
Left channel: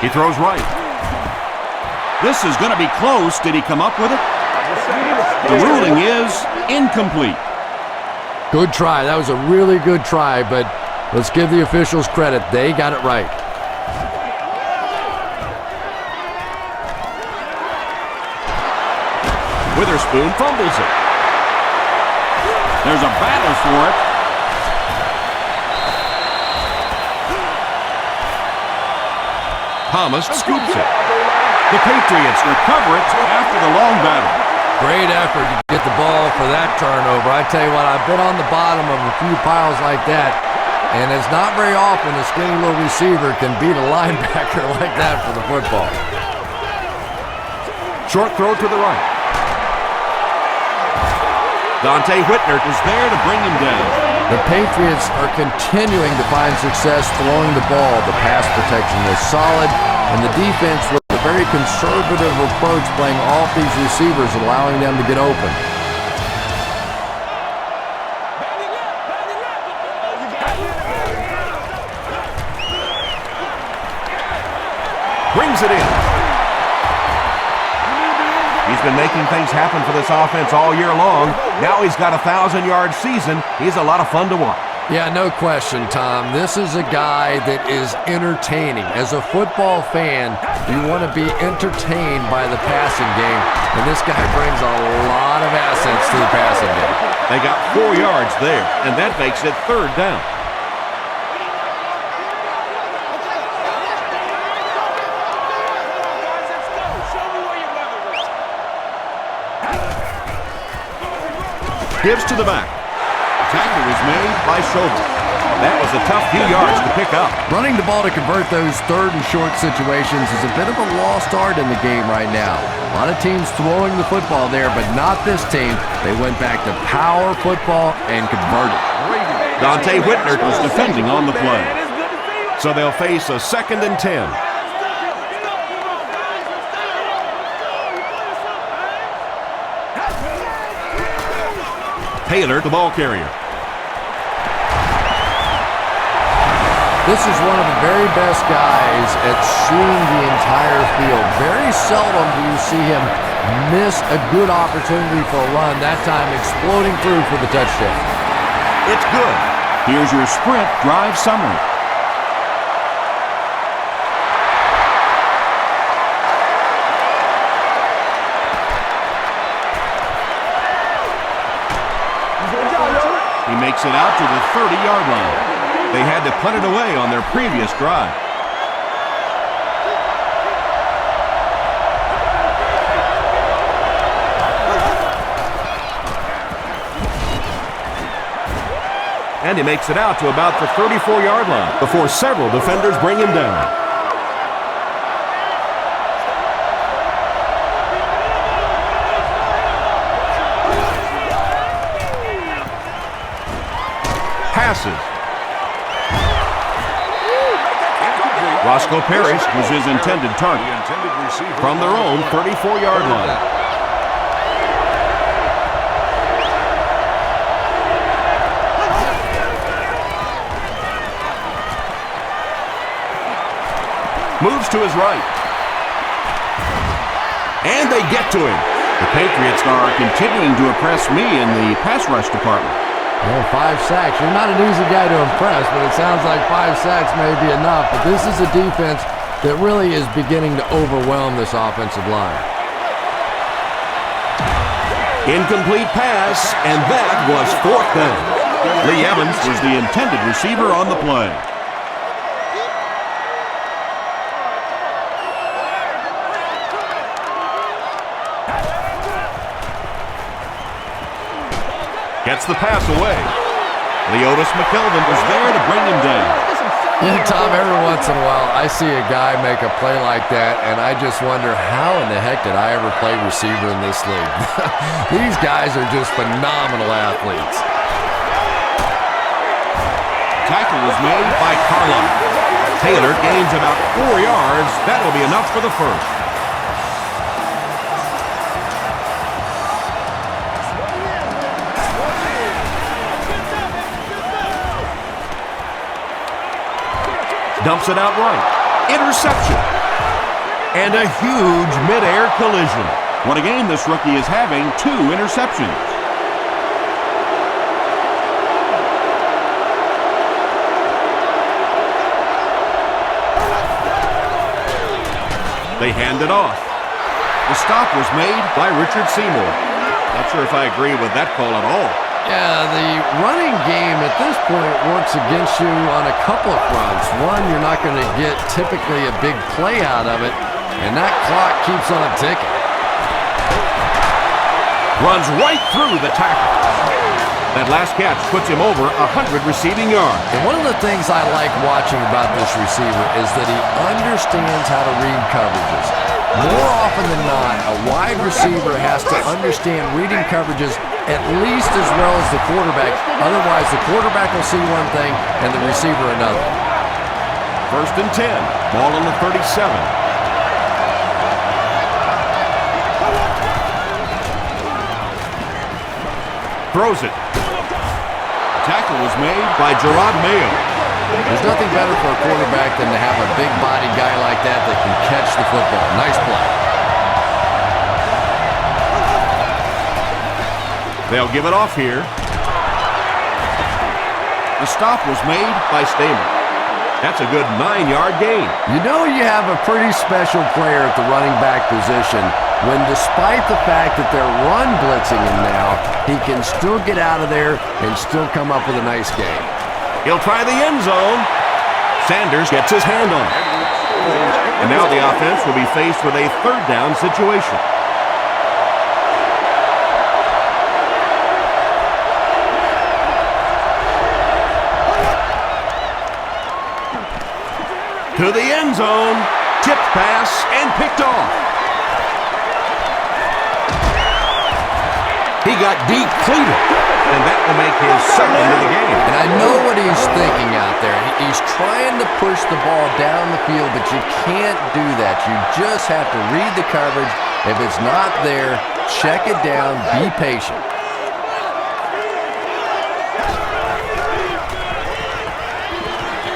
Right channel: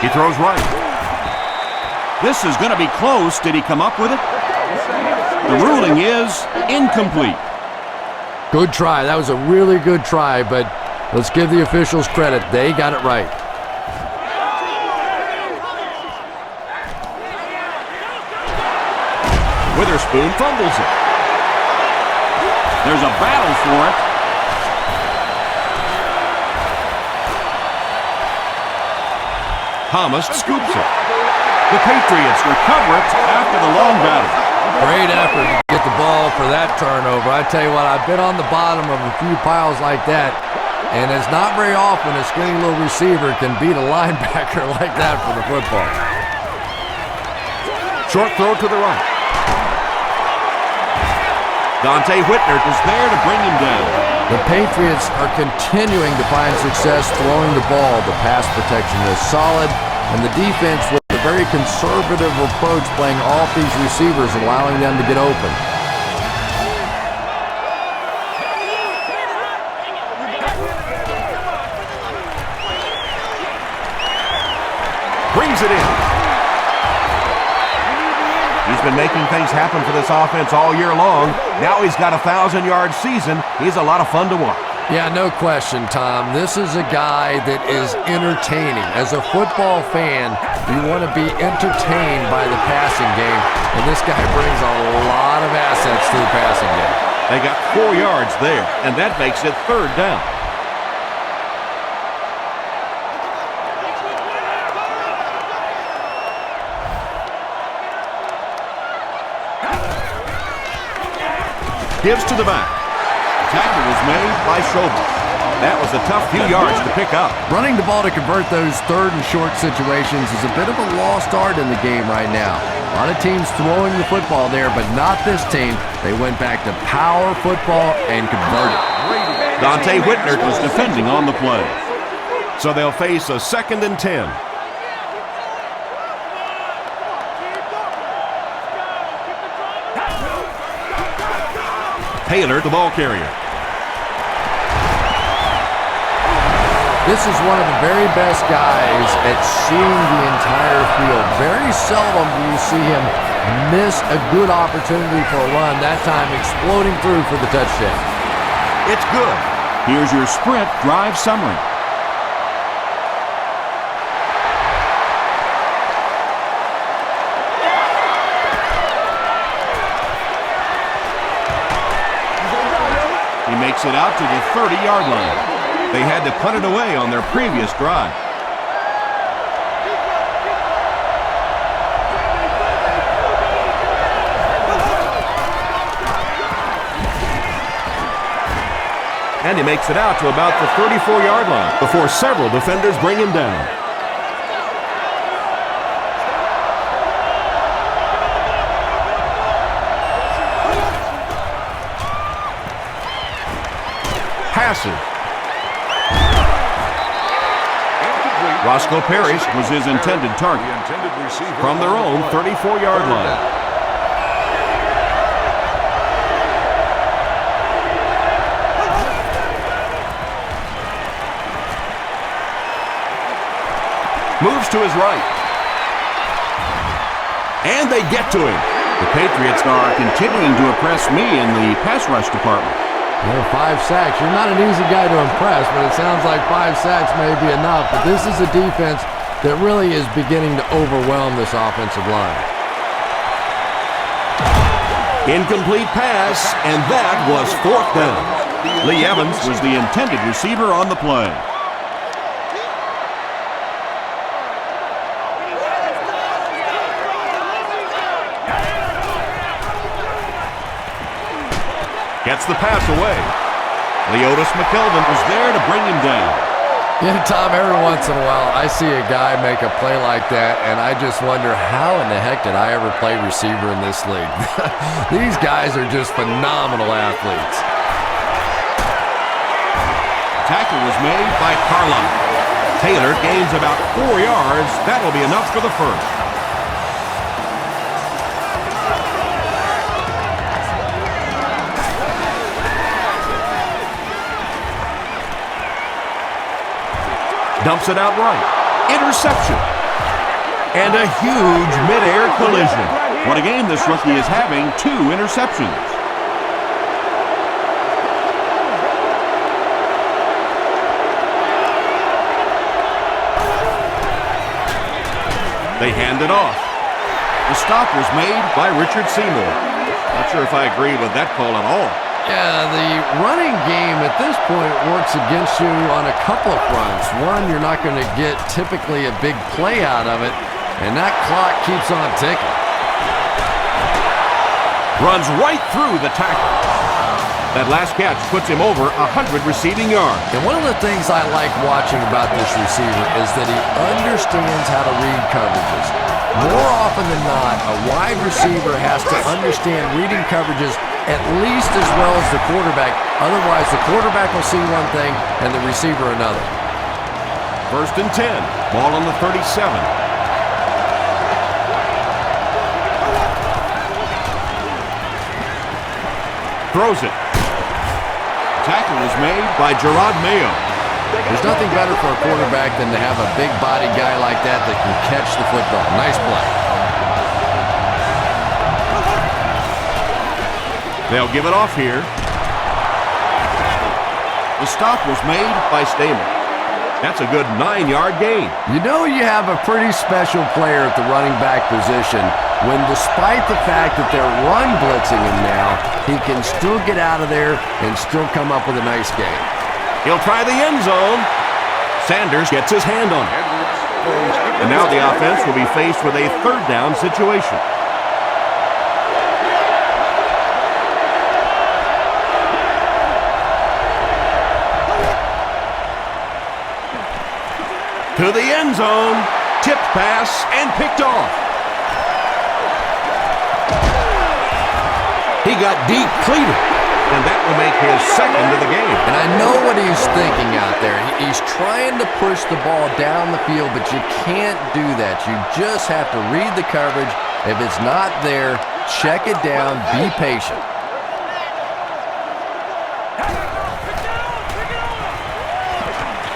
He throws right. This is going to be close. Did he come up with it? The ruling is incomplete. Good try. That was a really good try, but let's give the officials credit. They got it right. Witherspoon fumbles it. There's a battle for it. Thomas scoops it. The Patriots recover it after the long battle. Great effort to get the ball for that turnover. I tell you what, I've been on the bottom of a few piles like that, and it's not very often a skinny little receiver can beat a linebacker like that for the football. Short throw to the right. Dante Whitner is there to bring him down. The Patriots are continuing to find success throwing the ball. The pass protection is solid, and the defense with a very conservative approach playing off these receivers, allowing them to get open. Brings it in. He's been making things happen for this offense all year long. Now he's got a 1,000-yard season. He's a lot of fun to watch. Yeah, no question, Tom. This is a guy that is entertaining. As a football fan, you want to be entertained by the passing game, and this guy brings a lot of assets to the passing game. They got 4 yards there, and that makes it 3rd down. Gives to the back. Tackle was made by Schobel. That was a tough few yards to pick up. Running the ball to convert those 3rd and short situations is a bit of a lost art in the game right now. A lot of teams throwing the football there, but not this team. They went back to power football and converted. Dante Whitner Was defending on the play. So they'll face a 2nd and 10. Taylor, the ball carrier. This is one of the very best guys at seeing the entire field. Very seldom do you see him miss a good opportunity for a run, that time exploding through for the touchdown. It's good. Here's your sprint drive summary. makes it out to the 30-yard line. They had to punt it away on their previous drive. And he makes it out to about the 34-yard line before several defenders bring him down. Passes. Roscoe Parrish was his intended target. From their own 34-yard line. Moves to his right. And they get to him. The Patriots are continuing to impress me in the pass rush department. Yeah, 5 sacks. You're not an easy guy to impress, but it sounds like 5 sacks may be enough. But this is a defense that really is beginning to overwhelm this offensive line. Incomplete pass, and that was 4th down. Lee Evans was the intended receiver on the play. Gets the pass away. Leotis McKelvin was there to bring him down. Yeah, Tom, every once in a while I see a guy make a play like that, and I just wonder how in the heck did I ever play receiver in this league? These guys are just phenomenal athletes. Tackle was made by Carlisle. Taylor gains about 4 yards. That'll be enough for the first. Dumps it out right. Interception. And a huge mid-air collision. What a game this rookie is having. 2 interceptions. They hand it off. The stop was made by Richard Seymour. Not sure if I agree with that call at all. Yeah, the running game at this point works against you on a couple of fronts. One, you're not going to get typically a big play out of it, and that clock keeps on ticking. Runs right through the tackle. That last catch puts him over 100 receiving yards. And one of the things I like watching about this receiver is that he understands how to read coverages. More often than not, a wide receiver has to understand reading coverages at least as well as the quarterback. Otherwise, the quarterback will see one thing and the receiver another. 1st and 10. Ball on the 37. Throws it. Tackle was made by Gerard Mayo. There's nothing better for a quarterback than to have a big-bodied guy like that that can catch the football. Nice play. They'll give it off here. The stop was made by Stamer. That's a good 9-yard gain. You know you have a pretty special player at the running back position when, despite the fact that they're run blitzing him now, he can still get out of there and still come up with a nice game. He'll try the end zone. Sanders gets his hand on it. And now the offense will be faced with a 3rd down situation. To the end zone. Tipped pass and picked off. He got depleted, and that will make his 2nd of the game. And I know what he's thinking out there. He's trying to push the ball down the field, but you can't do that. You just have to read the coverage. If it's not there, check it down, be patient.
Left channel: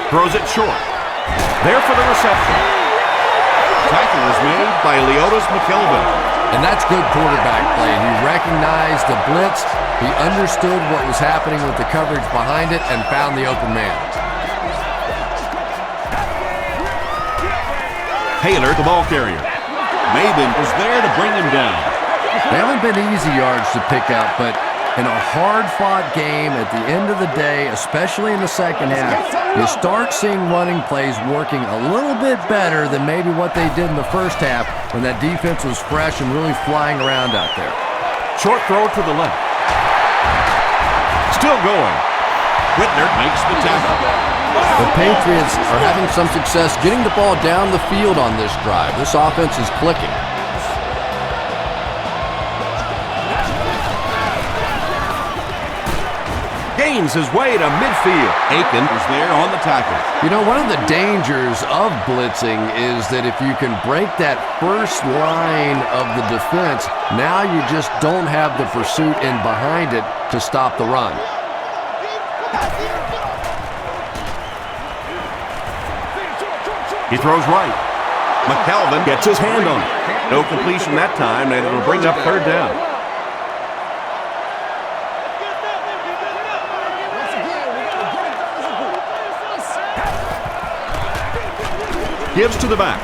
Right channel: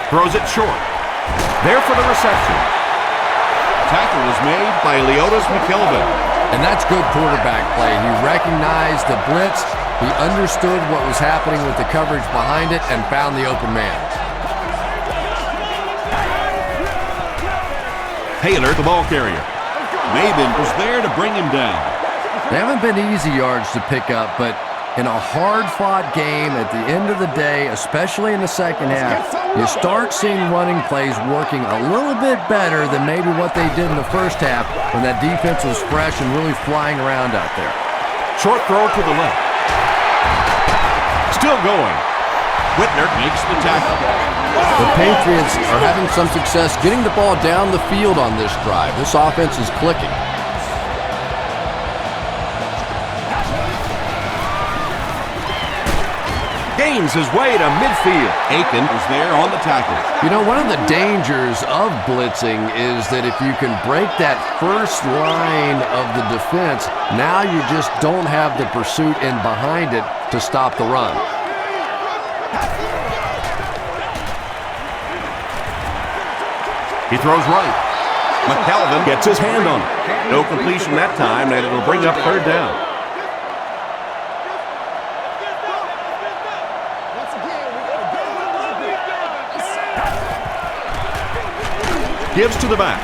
Throws it short. There for the reception. Tackle was made by Leotis McKelvin. And that's good quarterback play. He recognized the blitz, he understood what was happening with the coverage behind it, and found the open man. Taylor, the ball carrier. Maben was there to bring him down. They haven't been easy yards to pick up, but In a hard-fought game at the end of the day, especially in the second half, you start seeing running plays working a little bit better than maybe what they did in the first half when that defense was fresh and really flying around out there. Short throw to the left. Still going. Whitner makes the tackle. The Patriots are having some success getting the ball down the field on this drive. This offense is clicking. Gains his way to midfield. Aiken was there on the tackle. You know, one of the dangers of blitzing is that if you can break that first line of the defense, now you just don't have the pursuit in behind it to stop the run. He throws right. McKelvin gets his hand on it. No completion that time, and it'll bring up third down. Gives to the back.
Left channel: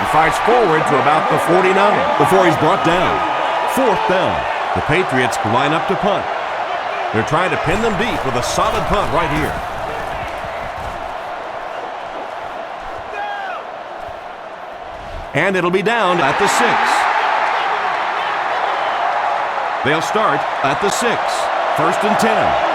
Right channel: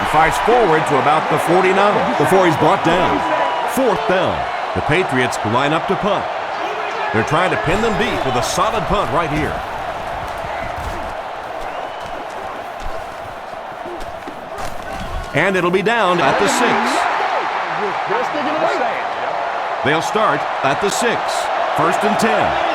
He fights forward to about the 49 before he's brought down. Fourth down. The Patriots line up to punt. They're trying to pin them deep with a solid punt right here. And it'll be down at the 6. They'll start at the 6. First and 10.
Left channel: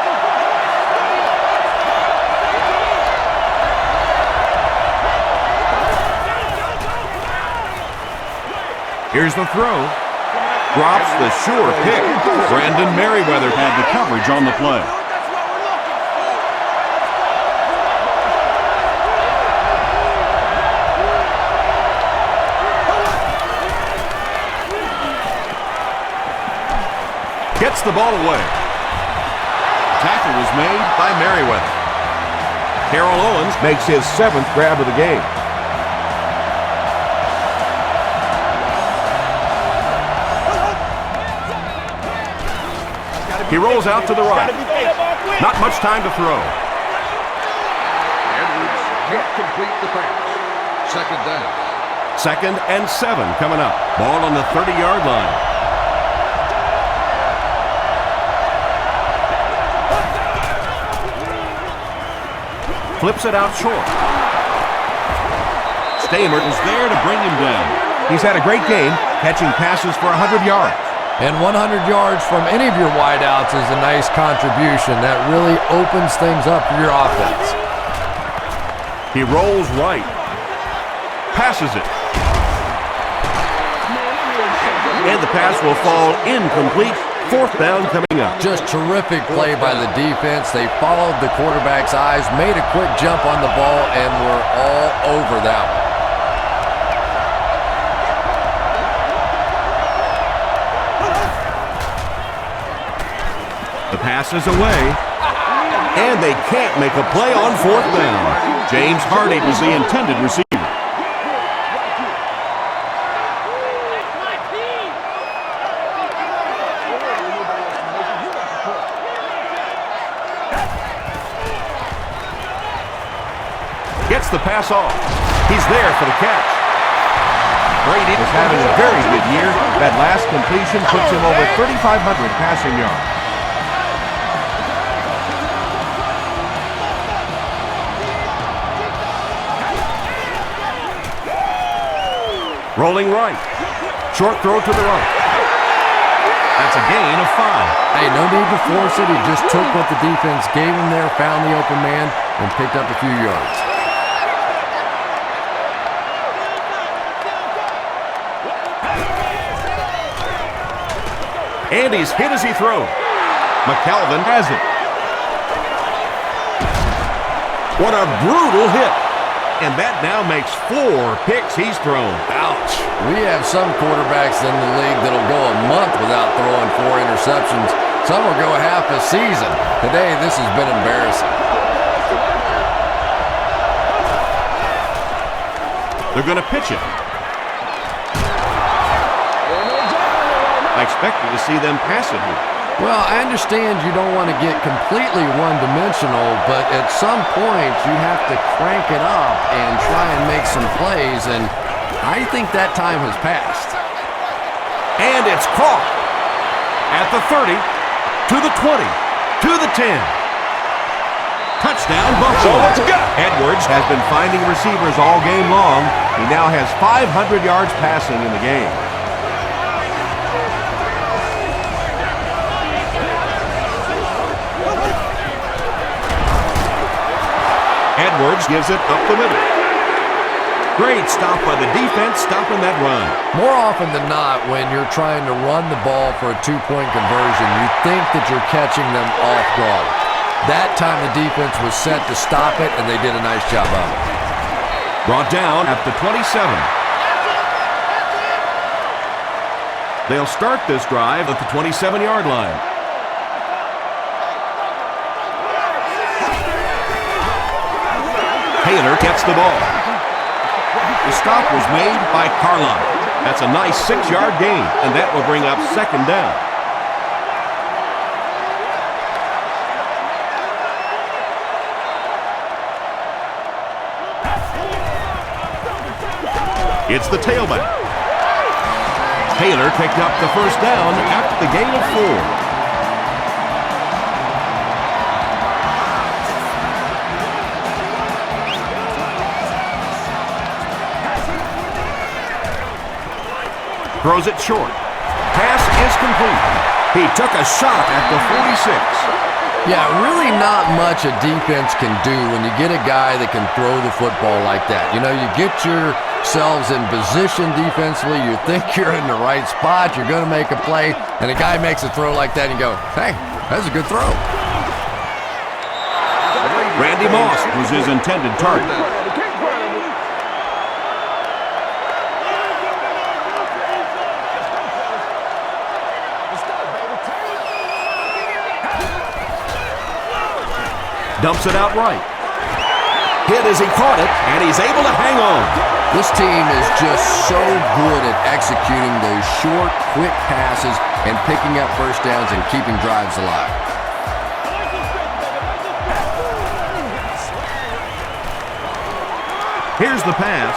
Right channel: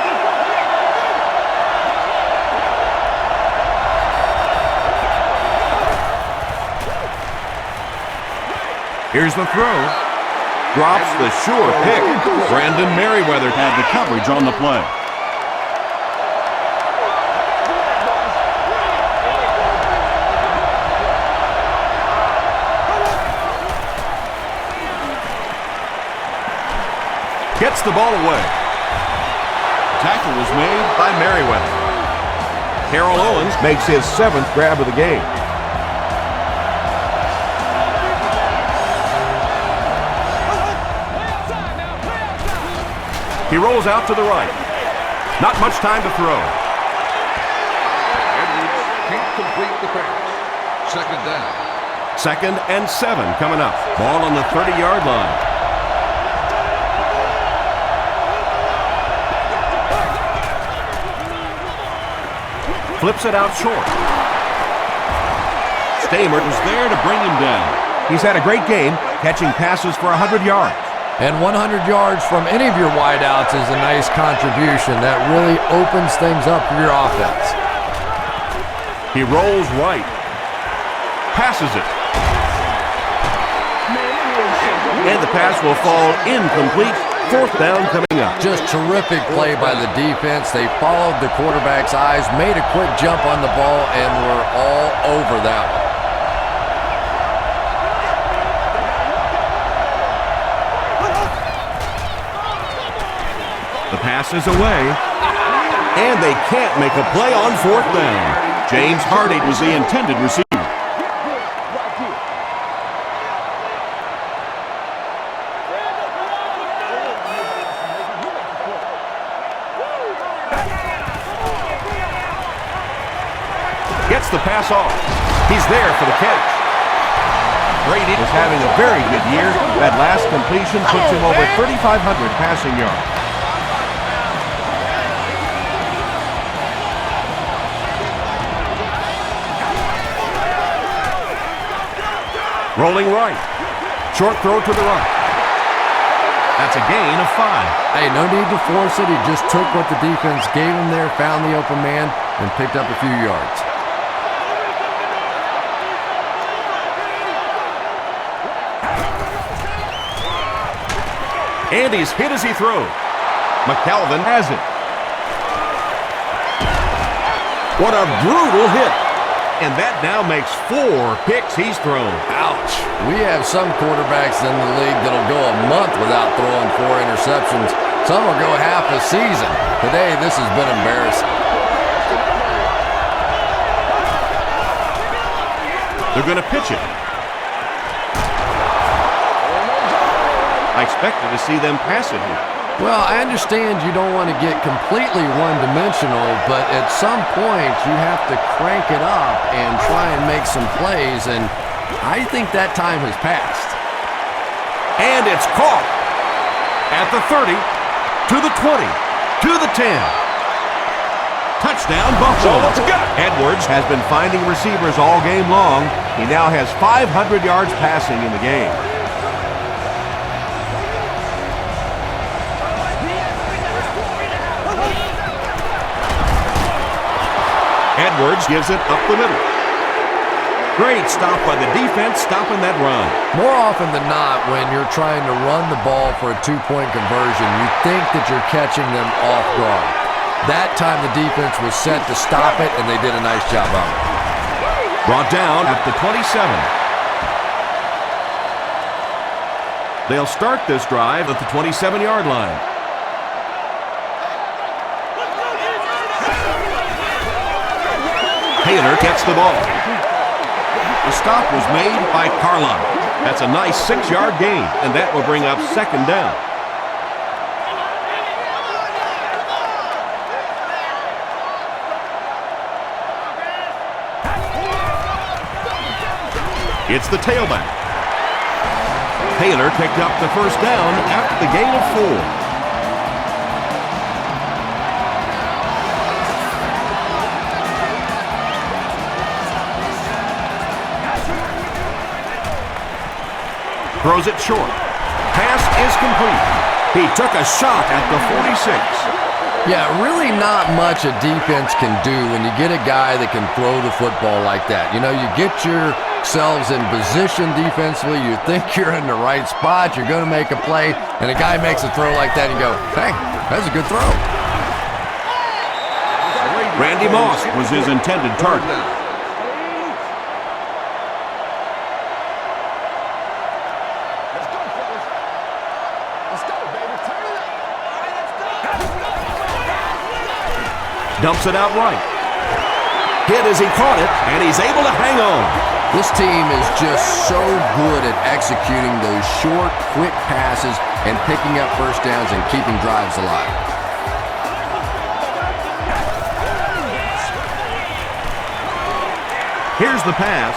Here's the throw. Drops the sure pick. Brandon Merriweather Had the coverage on the play. gets the ball away. Tackle was made By Merriweather. Terrell Owens makes his 7th grab of the game. He rolls out to the right. Not much time to throw. Edwards can't complete the pass. Second down. 2nd and 7 coming up. Ball on the 30-yard line. Flips it out short. Stamer was there to bring him down. He's had a great game, catching passes for 100 yards. And 100 yards from any of your wideouts is a nice contribution. That really opens things up for your offense. He rolls right. Passes it. And the pass will fall incomplete. 4th down coming up. Just terrific play by the defense. They followed the quarterback's eyes, made a quick jump on the ball, and were all over that one. The pass is away, and they can't make a play on 4th down. James Hardy was the intended receiver. Gets the pass off. He's there for the catch. Brady is having a very good year. That last completion puts him over 3,500 passing yards. Rolling right. Short throw to the right. That's a gain of 5. Hey, no need to force it. He just took what the defense gave him there, found the open man, and picked up a few yards. And he's hit as he throws. McKelvin has it. What a brutal hit. And that now makes 4 picks he's thrown. Ouch. We have some quarterbacks in the league that'll go a month without throwing 4 interceptions. Some will go half a season. Today, this has been embarrassing. They're going to pitch it. I expected to see them pass it here. Well, I understand you don't want to get completely one-dimensional, but at some point you have to crank it up and try and make some plays, and I think that time has passed. And it's caught at the 30. To the 20. To the 10. Touchdown, Buffalo. So what's it got? Edwards has been finding receivers all game long. He now has 500 yards passing in the game. Edwards gives it up the middle. Great stop by the defense, stopping that run. More often than not, when you're trying to run the ball for a two-point conversion, you think that you're catching them off guard. That time the defense was set to stop it, and they did a nice job of it. Brought down at the 27. They'll start this drive at the 27-yard line. Taylor gets the ball. The stop was made by Carlisle. That's a nice 6-yard gain, and that will bring up second down. It's the tailback. Taylor picked up the first down after the gain of 4. Throws it short. Pass is complete. He took a shot at the 46. Yeah, really not much a defense can do when you get a guy that can throw the football like that. You know, you get yourselves in position defensively, you think you're in the right spot, you're going to make a play, and a guy makes a throw like that, and you go, hey, that's a good throw. Randy Moss was his intended target. Dumps it out right. Hit as he caught it, and he's able to hang on. This team is just so good at executing those short, quick passes and picking up first downs and keeping drives alive. Here's the pass.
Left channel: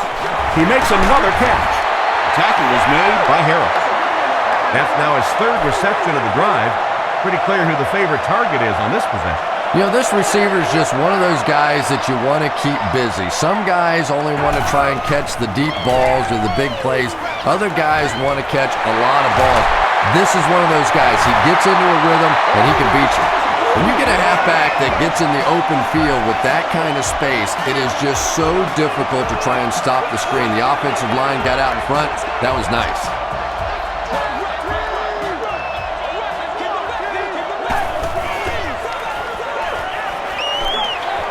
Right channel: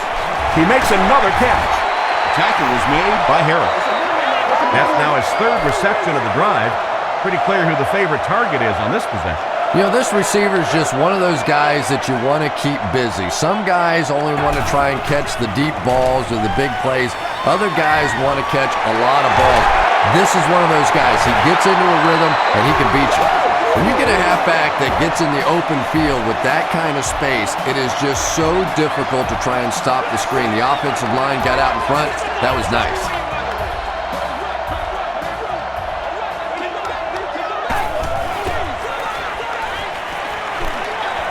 He makes another catch. The tackle was made by Harris. That's now his third reception of the drive. Pretty clear who the favorite target is on this possession. You know, this receiver is just one of those guys that you want to keep busy. Some guys only want to try and catch the deep balls or the big plays. Other guys want to catch a lot of balls. This is one of those guys. He gets into a rhythm, and he can beat you. When you get a halfback that gets in the open field with that kind of space, it is just so difficult to try and stop the screen. The offensive line got out in front. That was nice.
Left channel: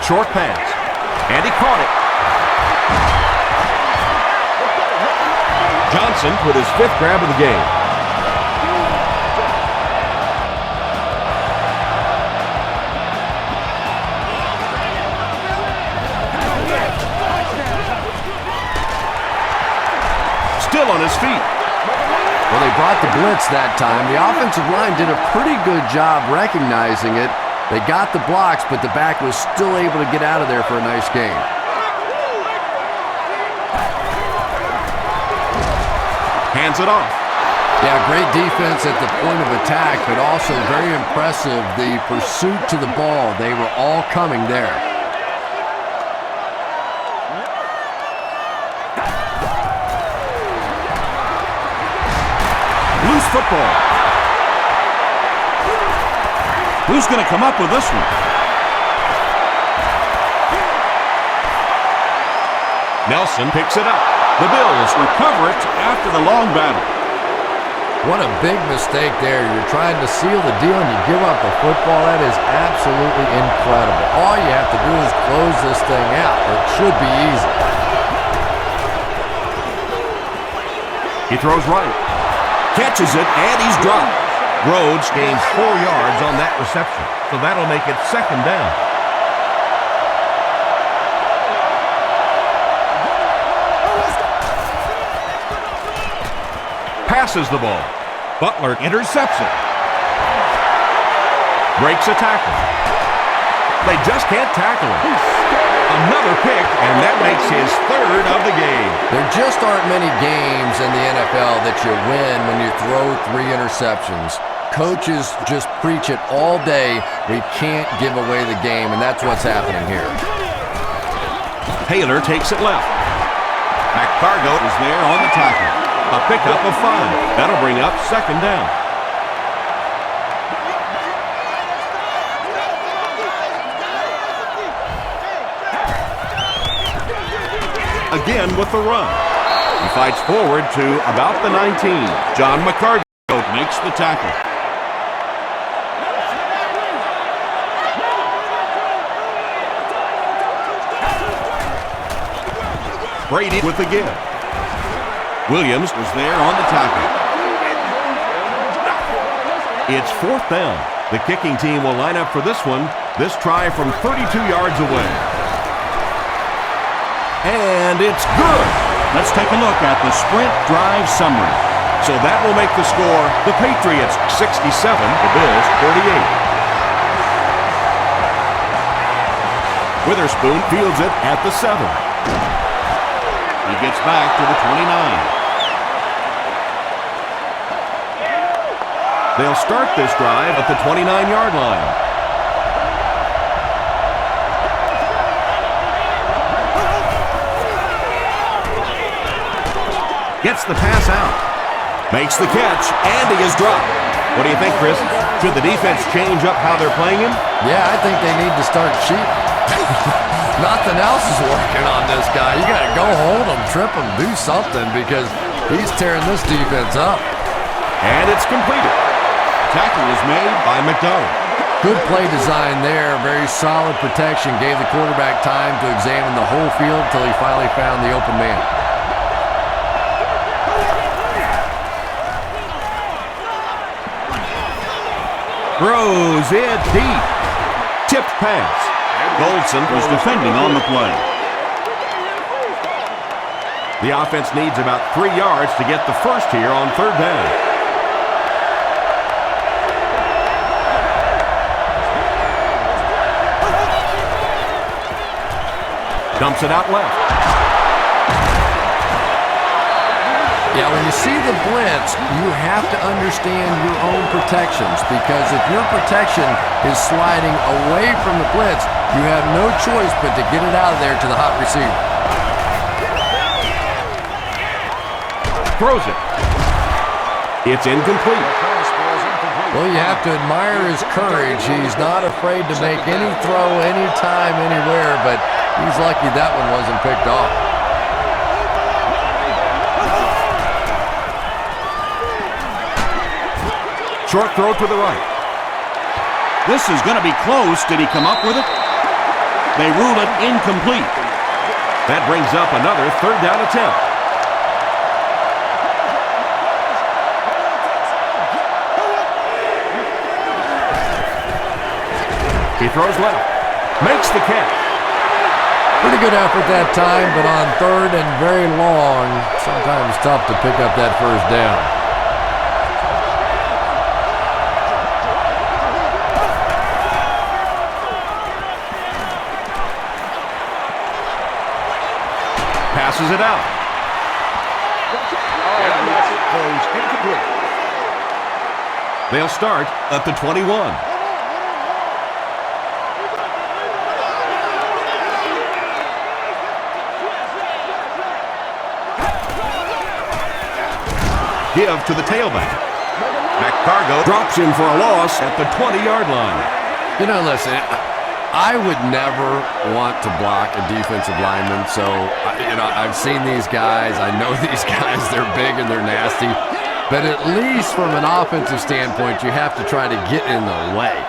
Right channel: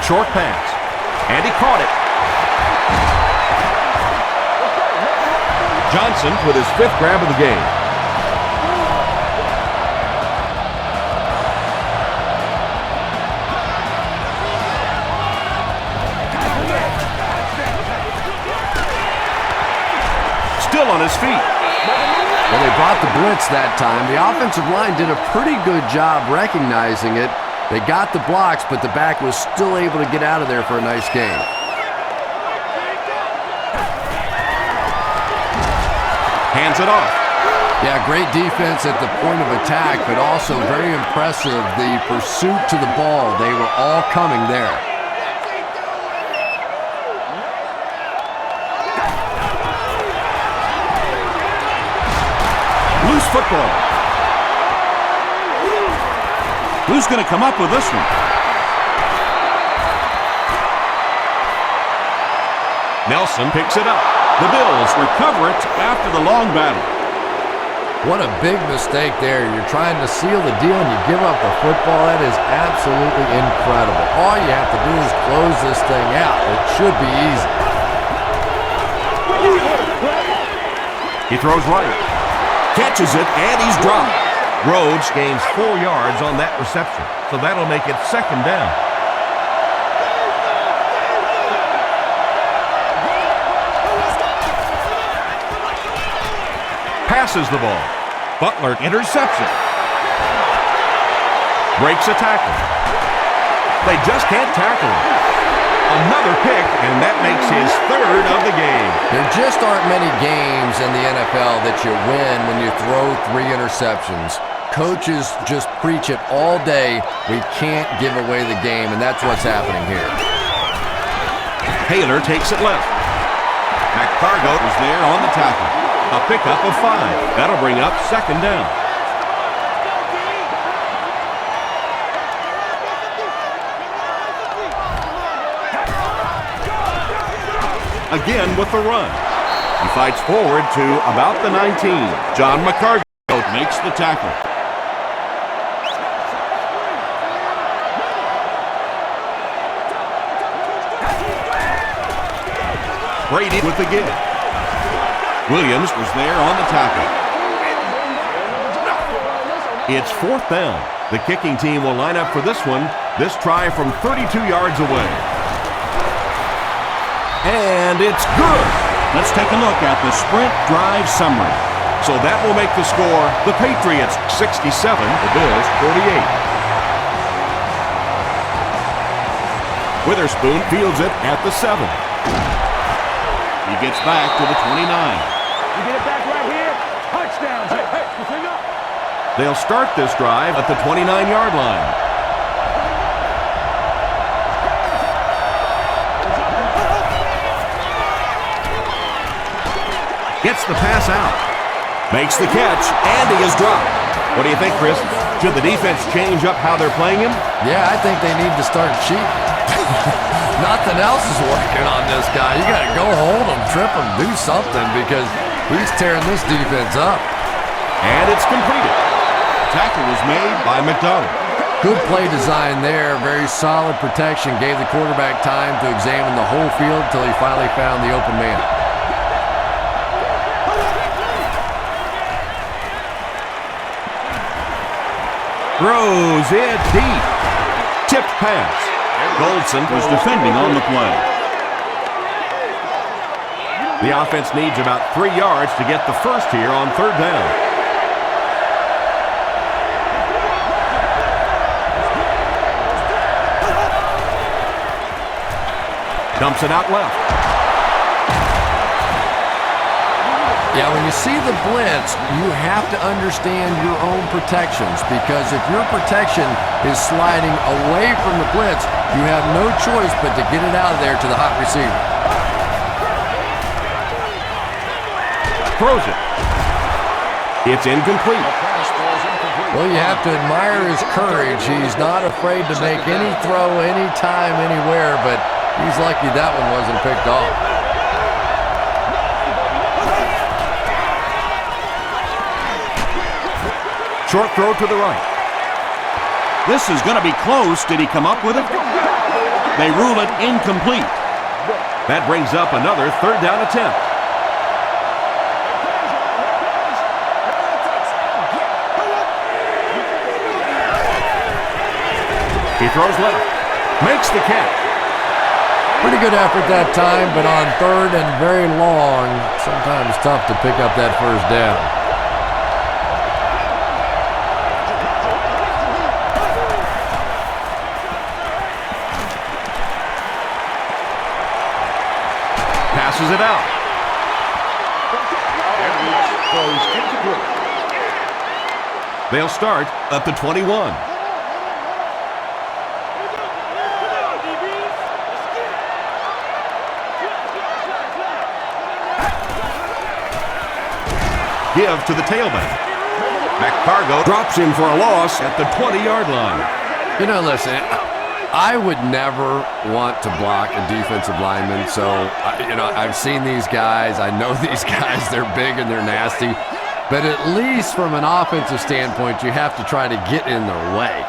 Short pass, and he caught it. Johnson with his 5th grab of the game. Still on his feet. Well, they brought the blitz that time. The offensive line did a pretty good job recognizing it. They got the blocks, but the back was still able to get out of there for a nice gain. Hands it off. Yeah, great defense at the point of attack, but also very impressive. The pursuit to the ball, they were all coming there. Loose football. Who's going to come up with this one? Nelson picks it up. The Bills recover it after the long battle. What a big mistake there. You're trying to seal the deal and you give up the football. That is absolutely incredible. All you have to do is close this thing out. It should be easy. He throws right. Catches it, and he's dropped. Rhodes gains 4 yards on that reception, so that'll make it second down. Passes the ball. Butler intercepts it. Breaks a tackle. They just can't tackle him. Another pick, and that makes his 3rd of the game. There just aren't many games in the NFL that you win when you throw 3 interceptions. Coaches just preach it all day. We can't give away the game, and that's what's happening here. Taylor takes it left. McCargo is there on the tackle. A pickup of 5. That'll bring up second down. Again with the run. He fights forward to about the 19. John McCargo makes the tackle. Brady with the give. Williams was there on the tackle. It's 4th down. The kicking team will line up for this one. This try from 32 yards away. And it's good. Let's take a look at the sprint drive summary. So that will make the score the Patriots 67, the Bills 48. Witherspoon fields it at the 7. He gets back to the 29. They'll start this drive at the 29-yard line. Gets the pass out. Makes the catch, and he is dropped. What do you think, Chris? Should the defense change up how they're playing him? Yeah, I think they need to start cheating. Nothing else is working on this guy. You got to go hold him, trip him, do something, because he's tearing this defense up. And it's completed. Tackle was made by McDonald. Good play design there. Very solid protection. Gave the quarterback time to examine the whole field until he finally found the open man. Throws it deep. Tipped pass. Goldson Was defending on the play. The offense needs about 3 yards to get the first here on 3rd down. Dumps it out left. Yeah, when you see the blitz, you have to understand your own protections, because if your protection is sliding away from the blitz, you have no choice but to get it out of there to the hot receiver. Throws it. It's incomplete. Well, you have to admire his courage. He's not afraid to make any throw, anytime, anywhere, but he's lucky that one wasn't picked off. Short throw to the right. This is going to be close. Did he come up with it? They rule it incomplete. That brings up another 3rd down attempt. He throws left. Makes the catch. Pretty good effort that time, but on 3rd and very long, sometimes tough to pick up that first down. Passes it out. Throws incomplete. They'll start at the 21. Give to the tailback. McCargo drops him for a loss at the 20-yard line. You know, listen, I would never want to block a defensive lineman, so, I've seen these guys. I know these guys. They're big and they're nasty. But at least from an offensive standpoint, you have to try to get in their way.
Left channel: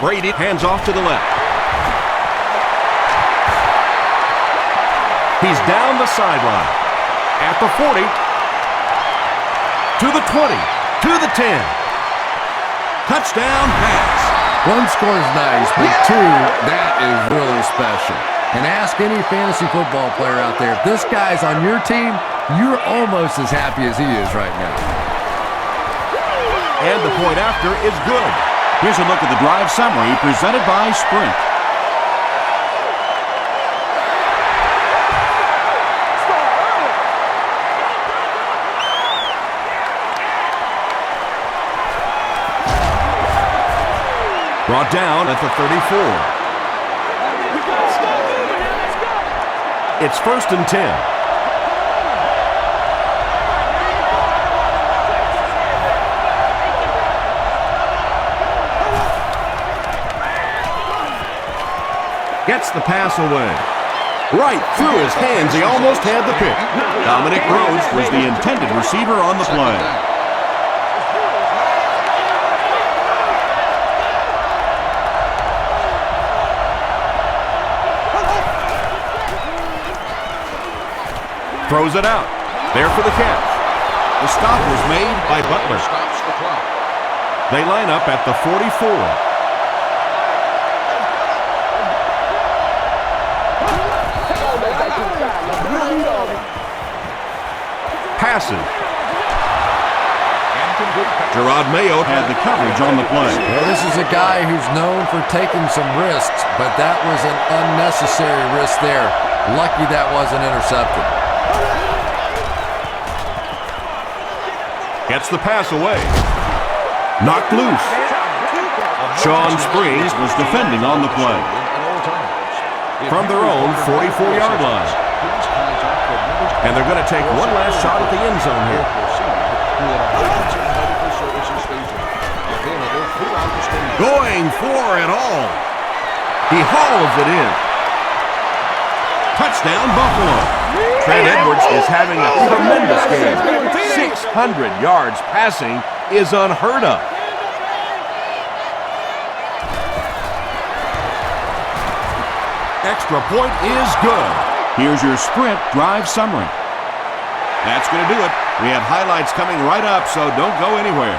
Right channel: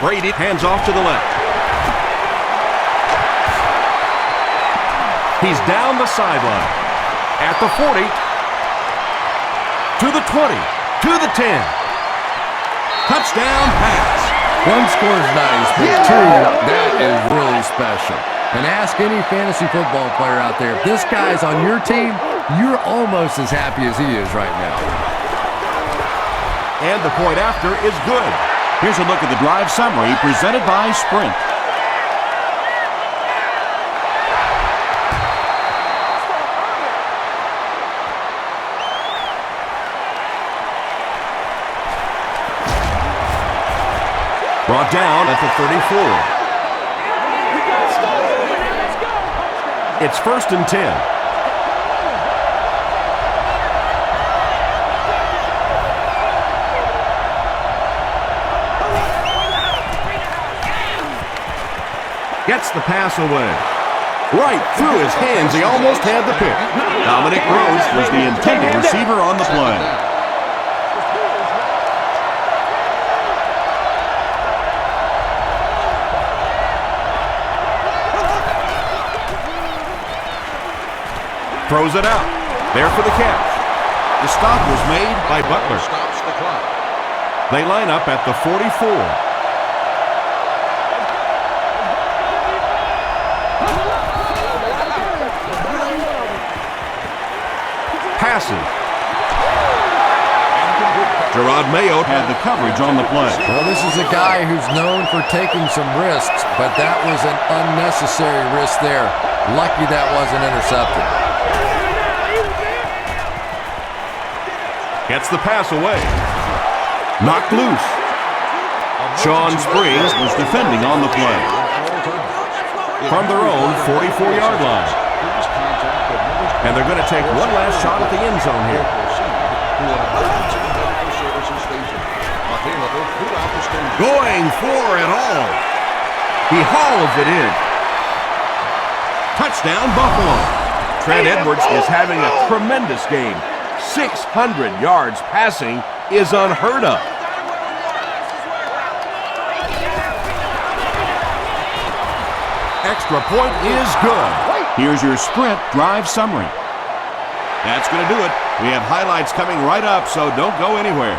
Brady hands off to the left. He's down the sideline. At the 40. To the 20. To the 10. Touchdown pass. One score is nice, but two, that is really special. And ask any fantasy football player out there, if this guy's on your team, you're almost as happy as he is right now. And the point after is good. Here's a look at the drive summary presented by Sprint. Brought down at the 34. It's 1st and 10. Gets the pass away. Right through his hands. He almost had the pick. Dominic Rhodes was the intended receiver on the play. Throws it out. There for the catch. The stop was made by Butler. Stops the clock. They line up at the 44. Passes. Gerard Mayo Had the coverage on the play. Well, this is a guy who's known for taking some risks, but that was an unnecessary risk there. Lucky that wasn't intercepted. gets the pass away. Knocked loose. Sean Springs was defending on the play. From their own 44-yard line. And they're going to take one last shot at the end zone here. Going for it all. He hauls it in. Touchdown, Buffalo. Trent Edwards is having a tremendous game. 600 yards passing is unheard of. Extra point is good. Here's your Sprint drive summary. That's going to do it. We have highlights coming right up, so don't go anywhere.